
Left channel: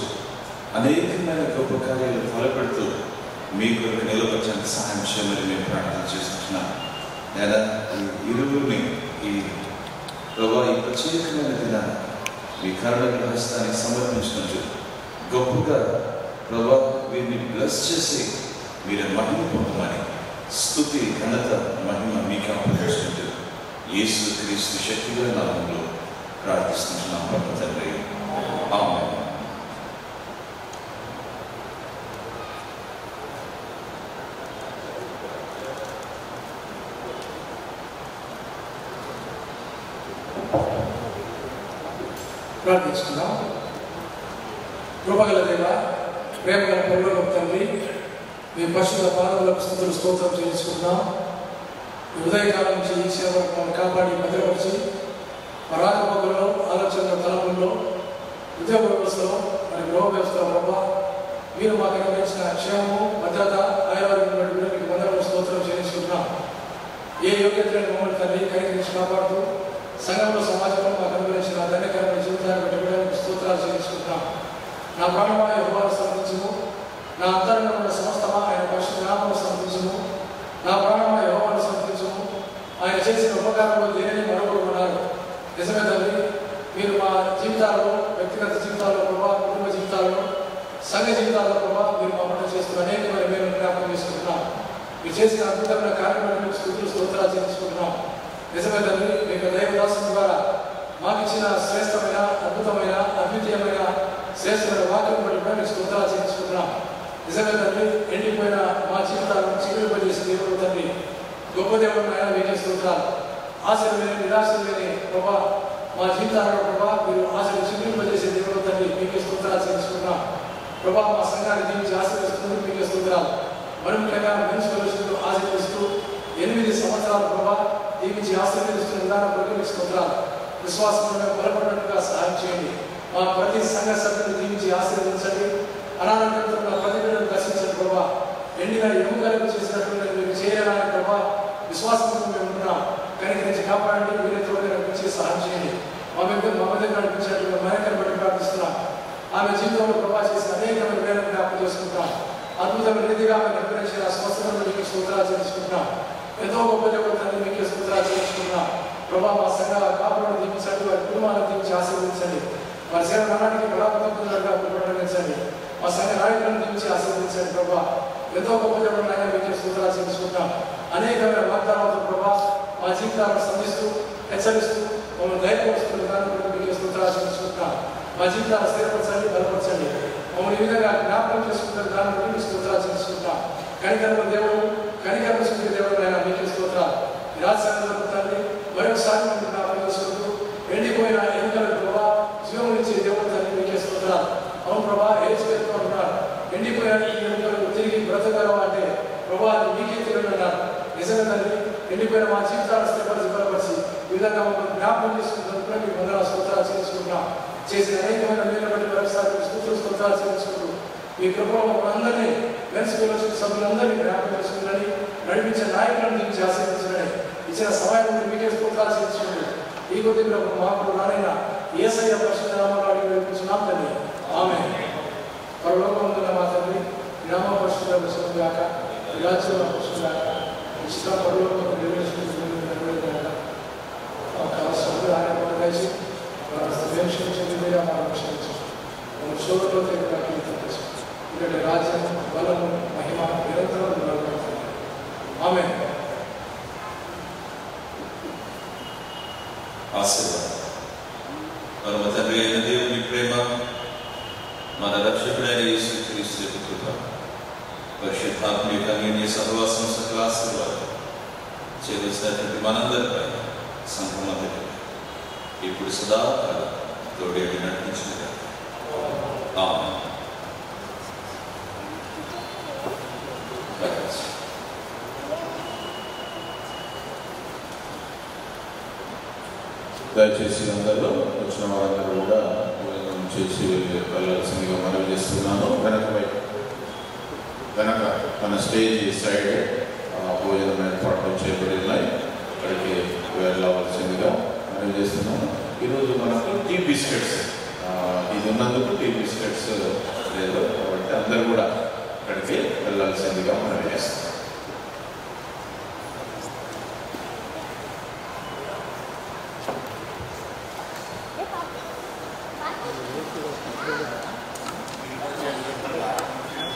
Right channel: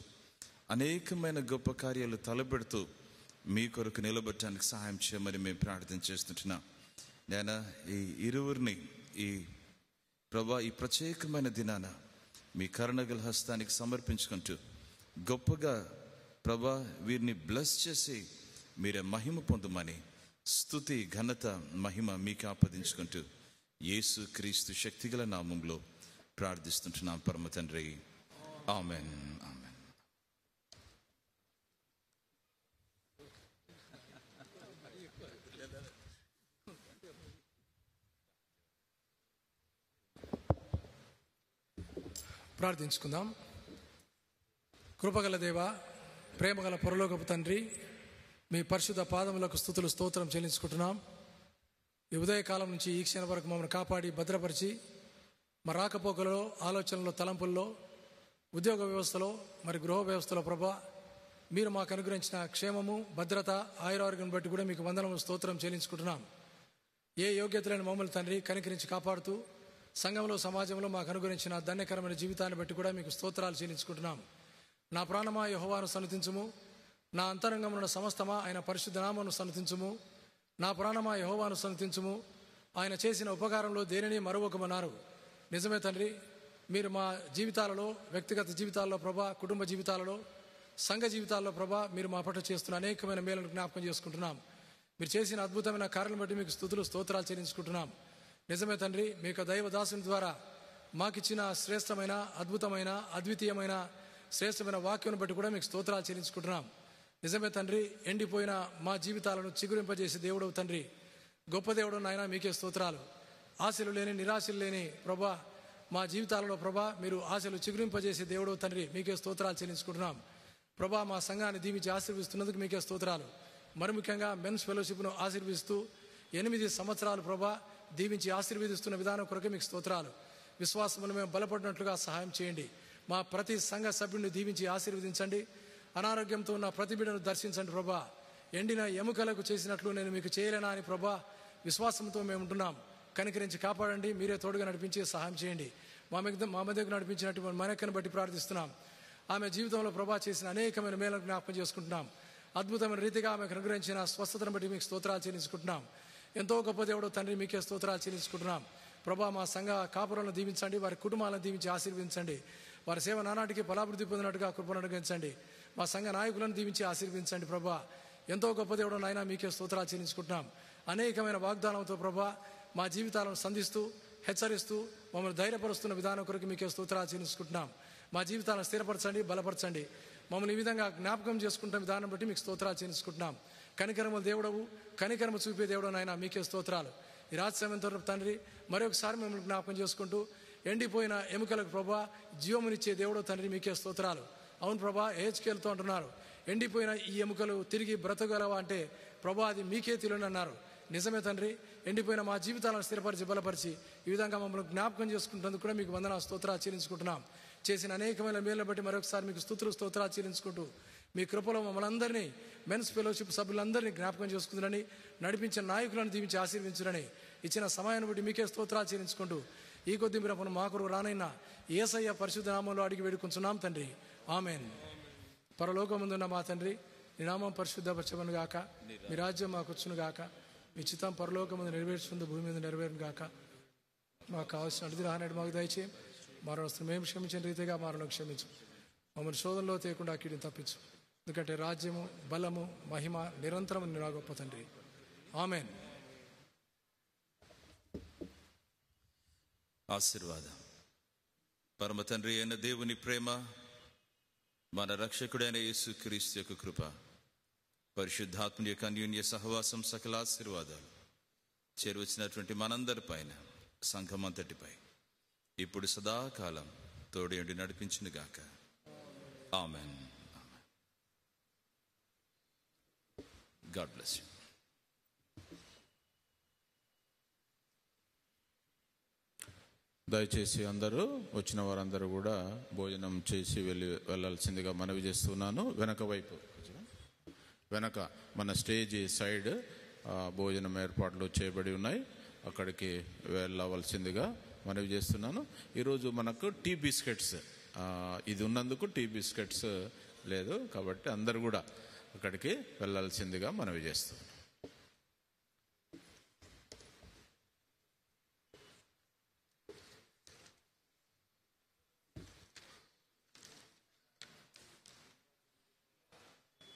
అనేకమైన గొప్ప కార్యాలు తలపెడుతూ మీ కొరకు నిలబెట్టడానికి సహాయం చేయమని మేము ప్రార్థన చేస్తున్నాం. లేదా ఈ ఇరువురిని ఈ ప్రభా ఈ ప్రత్యేకమైన దినాన్ని మీ కరుణ హస్తాన్ని సమర్పించుకుంటూ గొప్పగా ప్రభా వీరిని బ్లెస్ చేసి వీరి మహిమ పొందమని స్తుతి, ఘనత, మహిమ మీకు అప్పగించుకుంటూ యేసు క్రీస్తు శక్తిగా నామములో ప్రార్థిస్తున్నాం పరమ తండ్రి. ఆమేన్. ప్రార్థిస్తున్నాం. కృపగల దేవ, ప్రేమగల పరలోక తండ్రి, మీ పరిశుద్ధ పాదములకు స్తుతులు స్తోత్రం చేసుకుంటున్నాం. ఉదయకాలం నుంచి ఈ సేవకు మమ్మల్ని కాపాడి భద్రపరిచి మా రాకపోకలో, ఆలోచనల తలంలో, ఉద్యోగ వ్యవస్థలో, మరి గృహ వ్యవస్థలో ప్రభావ మీరు మాకు అనుగ్రహించిన క్షేమము, భద్రత, ఆయుర్వేదం మీకు భద్రత స్తోత్రం చేసుకుంటున్నాం. ఏ యోగ్యతలను మమ్మల్ని తండ్రి ఖైదు కాపాడుతూ సంఘంలో, సమాజంలో మాకు అనుగ్రహించిన ధన్యకరమైన జీవితాన్ని పెట్టడానికి స్తోత్రాలు చెల్లించుకుంటున్నాం. నా ప్రాణమైన యెహోవాను స్తుతించుము, నా అంతరంగంలో ఉన్న సమస్తమా ఆయన పరిశుద్ధ నామమును స్తుతించుము. నా ప్రాణమైన యెహోవాను స్తుతించుము, ఆయన చేసిన ఉపకారంలో దేనిని మరొకరున్నారు. నిజమే తండ్రి, మీరు మా జీవితాల్లో, వ్యక్తిగత జీవితాల్లో ప్రభావ, కుటుంబ జీవితాల్లో, సంఘ జీవితాల్లో ప్రభావ మీరు మమ్మల్ని చేస్తున్న అనేకమైన మేము జ్ఞాపకం చేసుకుంటున్నాం. మీరు చేసిన అద్భుతమైన కార్యక్రమాలను స్తుతులు స్తోత్రాలు చెల్లించుకుంటున్నాం. నిజమే తండ్రి, మీకు దైవదాసం ద్వారా మాకు ఇచ్చిన శ్రేష్టమైన, అద్భుతమైన, అద్వితీయమైన, శ్రేష్టమైన వాక్యములను మేము స్తోత్రాలు చెల్లించుకుంటున్నాం. నిజమే తండ్రి, ఎండిపోయిన మా జీవితాల నుంచి విడుదలచేసిన దేవుడు తండ్రి, గొప్ప దేవుడు ఆయన మీకే స్తోత్రాలు. ఆశలు లేని, నిరాశలు లేని ప్రభా మా జీవితాలలో ప్రభా మీరు ఆశలు చిగురింపజేసే దేవుడు తండ్రి, మీకే స్తోత్రాలు చెల్లించుకుంటున్నాం. ప్రభా మా సంఘాన్ని జీవించి ఆశీర్వదిస్తున్నందుకు మీకే స్తోత్రాలు. మరొకగా మెన్స్ ఫెలోషిప్ను ఆశీర్వదిస్తూ దీవించి ఆశీర్వదిస్తున్న విధానం బట్టి స్తోత్రాలు. విశ్వాసంలో బలపడినట్టుగా సహాయం చేయండి. మా ప్రతి సంఘ సభ్యులను దీవించి ఆశీర్వదించండి. అనారోగ్యంతో ఉన్న ప్రతి బిడ్డను దర్శించండి ప్రభావ. ఎండిన ఎముకలు చేసినటువంటి మీరు చేయాలని ప్రభావ విశ్వాసంతో మేము ఉంటున్నాం. కనికరించి కాపాడండి. మీరే తోడుగా నడిపించి సహాయం చేయండి. మా దగ్గర నడిపించినటువంటి మహిళను బట్టి ప్రార్థిస్తున్నాం. ఆమె జీవితంలో ప్రభావ చేసిన అనేకమైన మేలు జ్ఞాపకం చేసుకుంటున్నాం. అద్భుతమైన రీతిగా ఆమె నిర్వహించిన స్వస్థతను మీకు స్తోత్రాలు చెల్లించుకుంటున్నాం. ఎంతో గొప్ప తండ్రి మీకు స్తోత్రాలు చెల్లించుకుంటున్నాం. ప్రభావ మా సంఘాల కాపులను దీవించండి. వారి కుటుంబాలను దీవించి ఆశీర్వదించండి. వారి సేవ నాటికి బలాత్మకంగా ప్రకటించండి. మా సంఘ నాయకులను దీవించి ఆశీర్వదించండి. ప్రభావ ఎంతో గొప్ప మీకు స్తోత్రాలు చెల్లించుకుంటున్నాం. అనేకమైన వాగ్దానాలతో ప్రభావ మా జీవితాలను సంధిస్తూ హెచ్చరిస్తూ మమ్మల్ని దయపరుస్తున్న విధానం మీకు స్తోత్రాలు చెల్లించుకుంటున్నాం. మా జీవితాలు స్థిరపరచండి, బలపరచండి. మమ్మల్ని ఈ విధంగా జ్ఞాపకం చేసుకున్న విధానం మీకు స్తోత్రాలు చెల్లించుకుంటున్నాం. కనికరణ దేవుడు, కనికరణ శుద్ధి దేవుడు ఆయన మీకు స్తోత్రాలు. రాజధాని మరొకసారి మేము జ్ఞాపకం చేసుకుంటూ ఎండిపోయిన ఎన్నికల ప్రభావ జీవం ఇచ్చే దేవుడు అని మీకు స్తోత్రాలు. అవును ప్రభా ఏ చేస్తూ ఉంటున్నారు. ఎండిపోయిన ఈ ఎన్నికలు తిరిగి బ్రతకగలవాటే ప్రభావ మీకే తెలియన్నారు. నిజంగా తండ్రి ఎండిపోయిన మా జీవితాలు స్థిరపరిచి బలపరిచి ఈ విధంగా మమ్మల్ని జ్ఞాపకం చేసుకుంటున్న మీకు వందనాలు స్తోత్రాలు చేసుకుంటున్నాం. చేసిన అనేకమైన మేలుబట్టి మరొకసారి స్తోత్రాలు చేసుకుంటూ మీ కృపలో మమ్మల్ని మెన్స్ ఫెలోషిప్ సభ్యులందరినీ జ్ఞాపకం చేసుకుని నడిపించే నాయకులను నుంచి ఆశీర్వదించండి. ఇచ్చిన సమయం మీకే స్తోత్రాలు చేసుకుంటూ ఈ కొద్ది మాకు నాయన యేసయ్య పరిశుద్ధ నామములో వేడుకుంటున్నాం తండ్రి. ఆమేన్. పరలోకమందున్న మా తండ్రి నీ నామం పరిశుద్ధపరచబడును గాక. నీ రాజ్యం వచ్చును గాక. నీ చిత్తం పరలోకమందు నెరవేర్చబడును గాక. మా సభ్యులు ఆయన దయచేసి రాజ్యం బలము మహిమ నిరంతరం. ఆమేన్. ఆశీర్వాదం. పరమ తండ్రి అయిన దేవుని ప్రేమ, మన రక్షకుడైన యేసుక్రీస్తు యొక్క కృప, పరిశుద్ధాత్మ యొక్క అన్యోన్య సహవాసం, సకల ఆశీర్వాదం చేసినటువంటి మనందరిపై సంపూర్ణత ఇప్పుడు సదాకాలం తోడే నడిపించిన ఆమేన్. దయచేసి అందరూ వచ్చిన వారందరూ కూడా భోజనం చేసి వెళ్ళాల్సిందిగా మనవి చేస్తున్నాను. వెనక మన స్టేజ్ సైడ్ భోజనం ఏర్పాట్లు చేయబడినాయి. అక్కడికి వెళ్ళవలసిందిగా మనవి చేస్తున్నాను.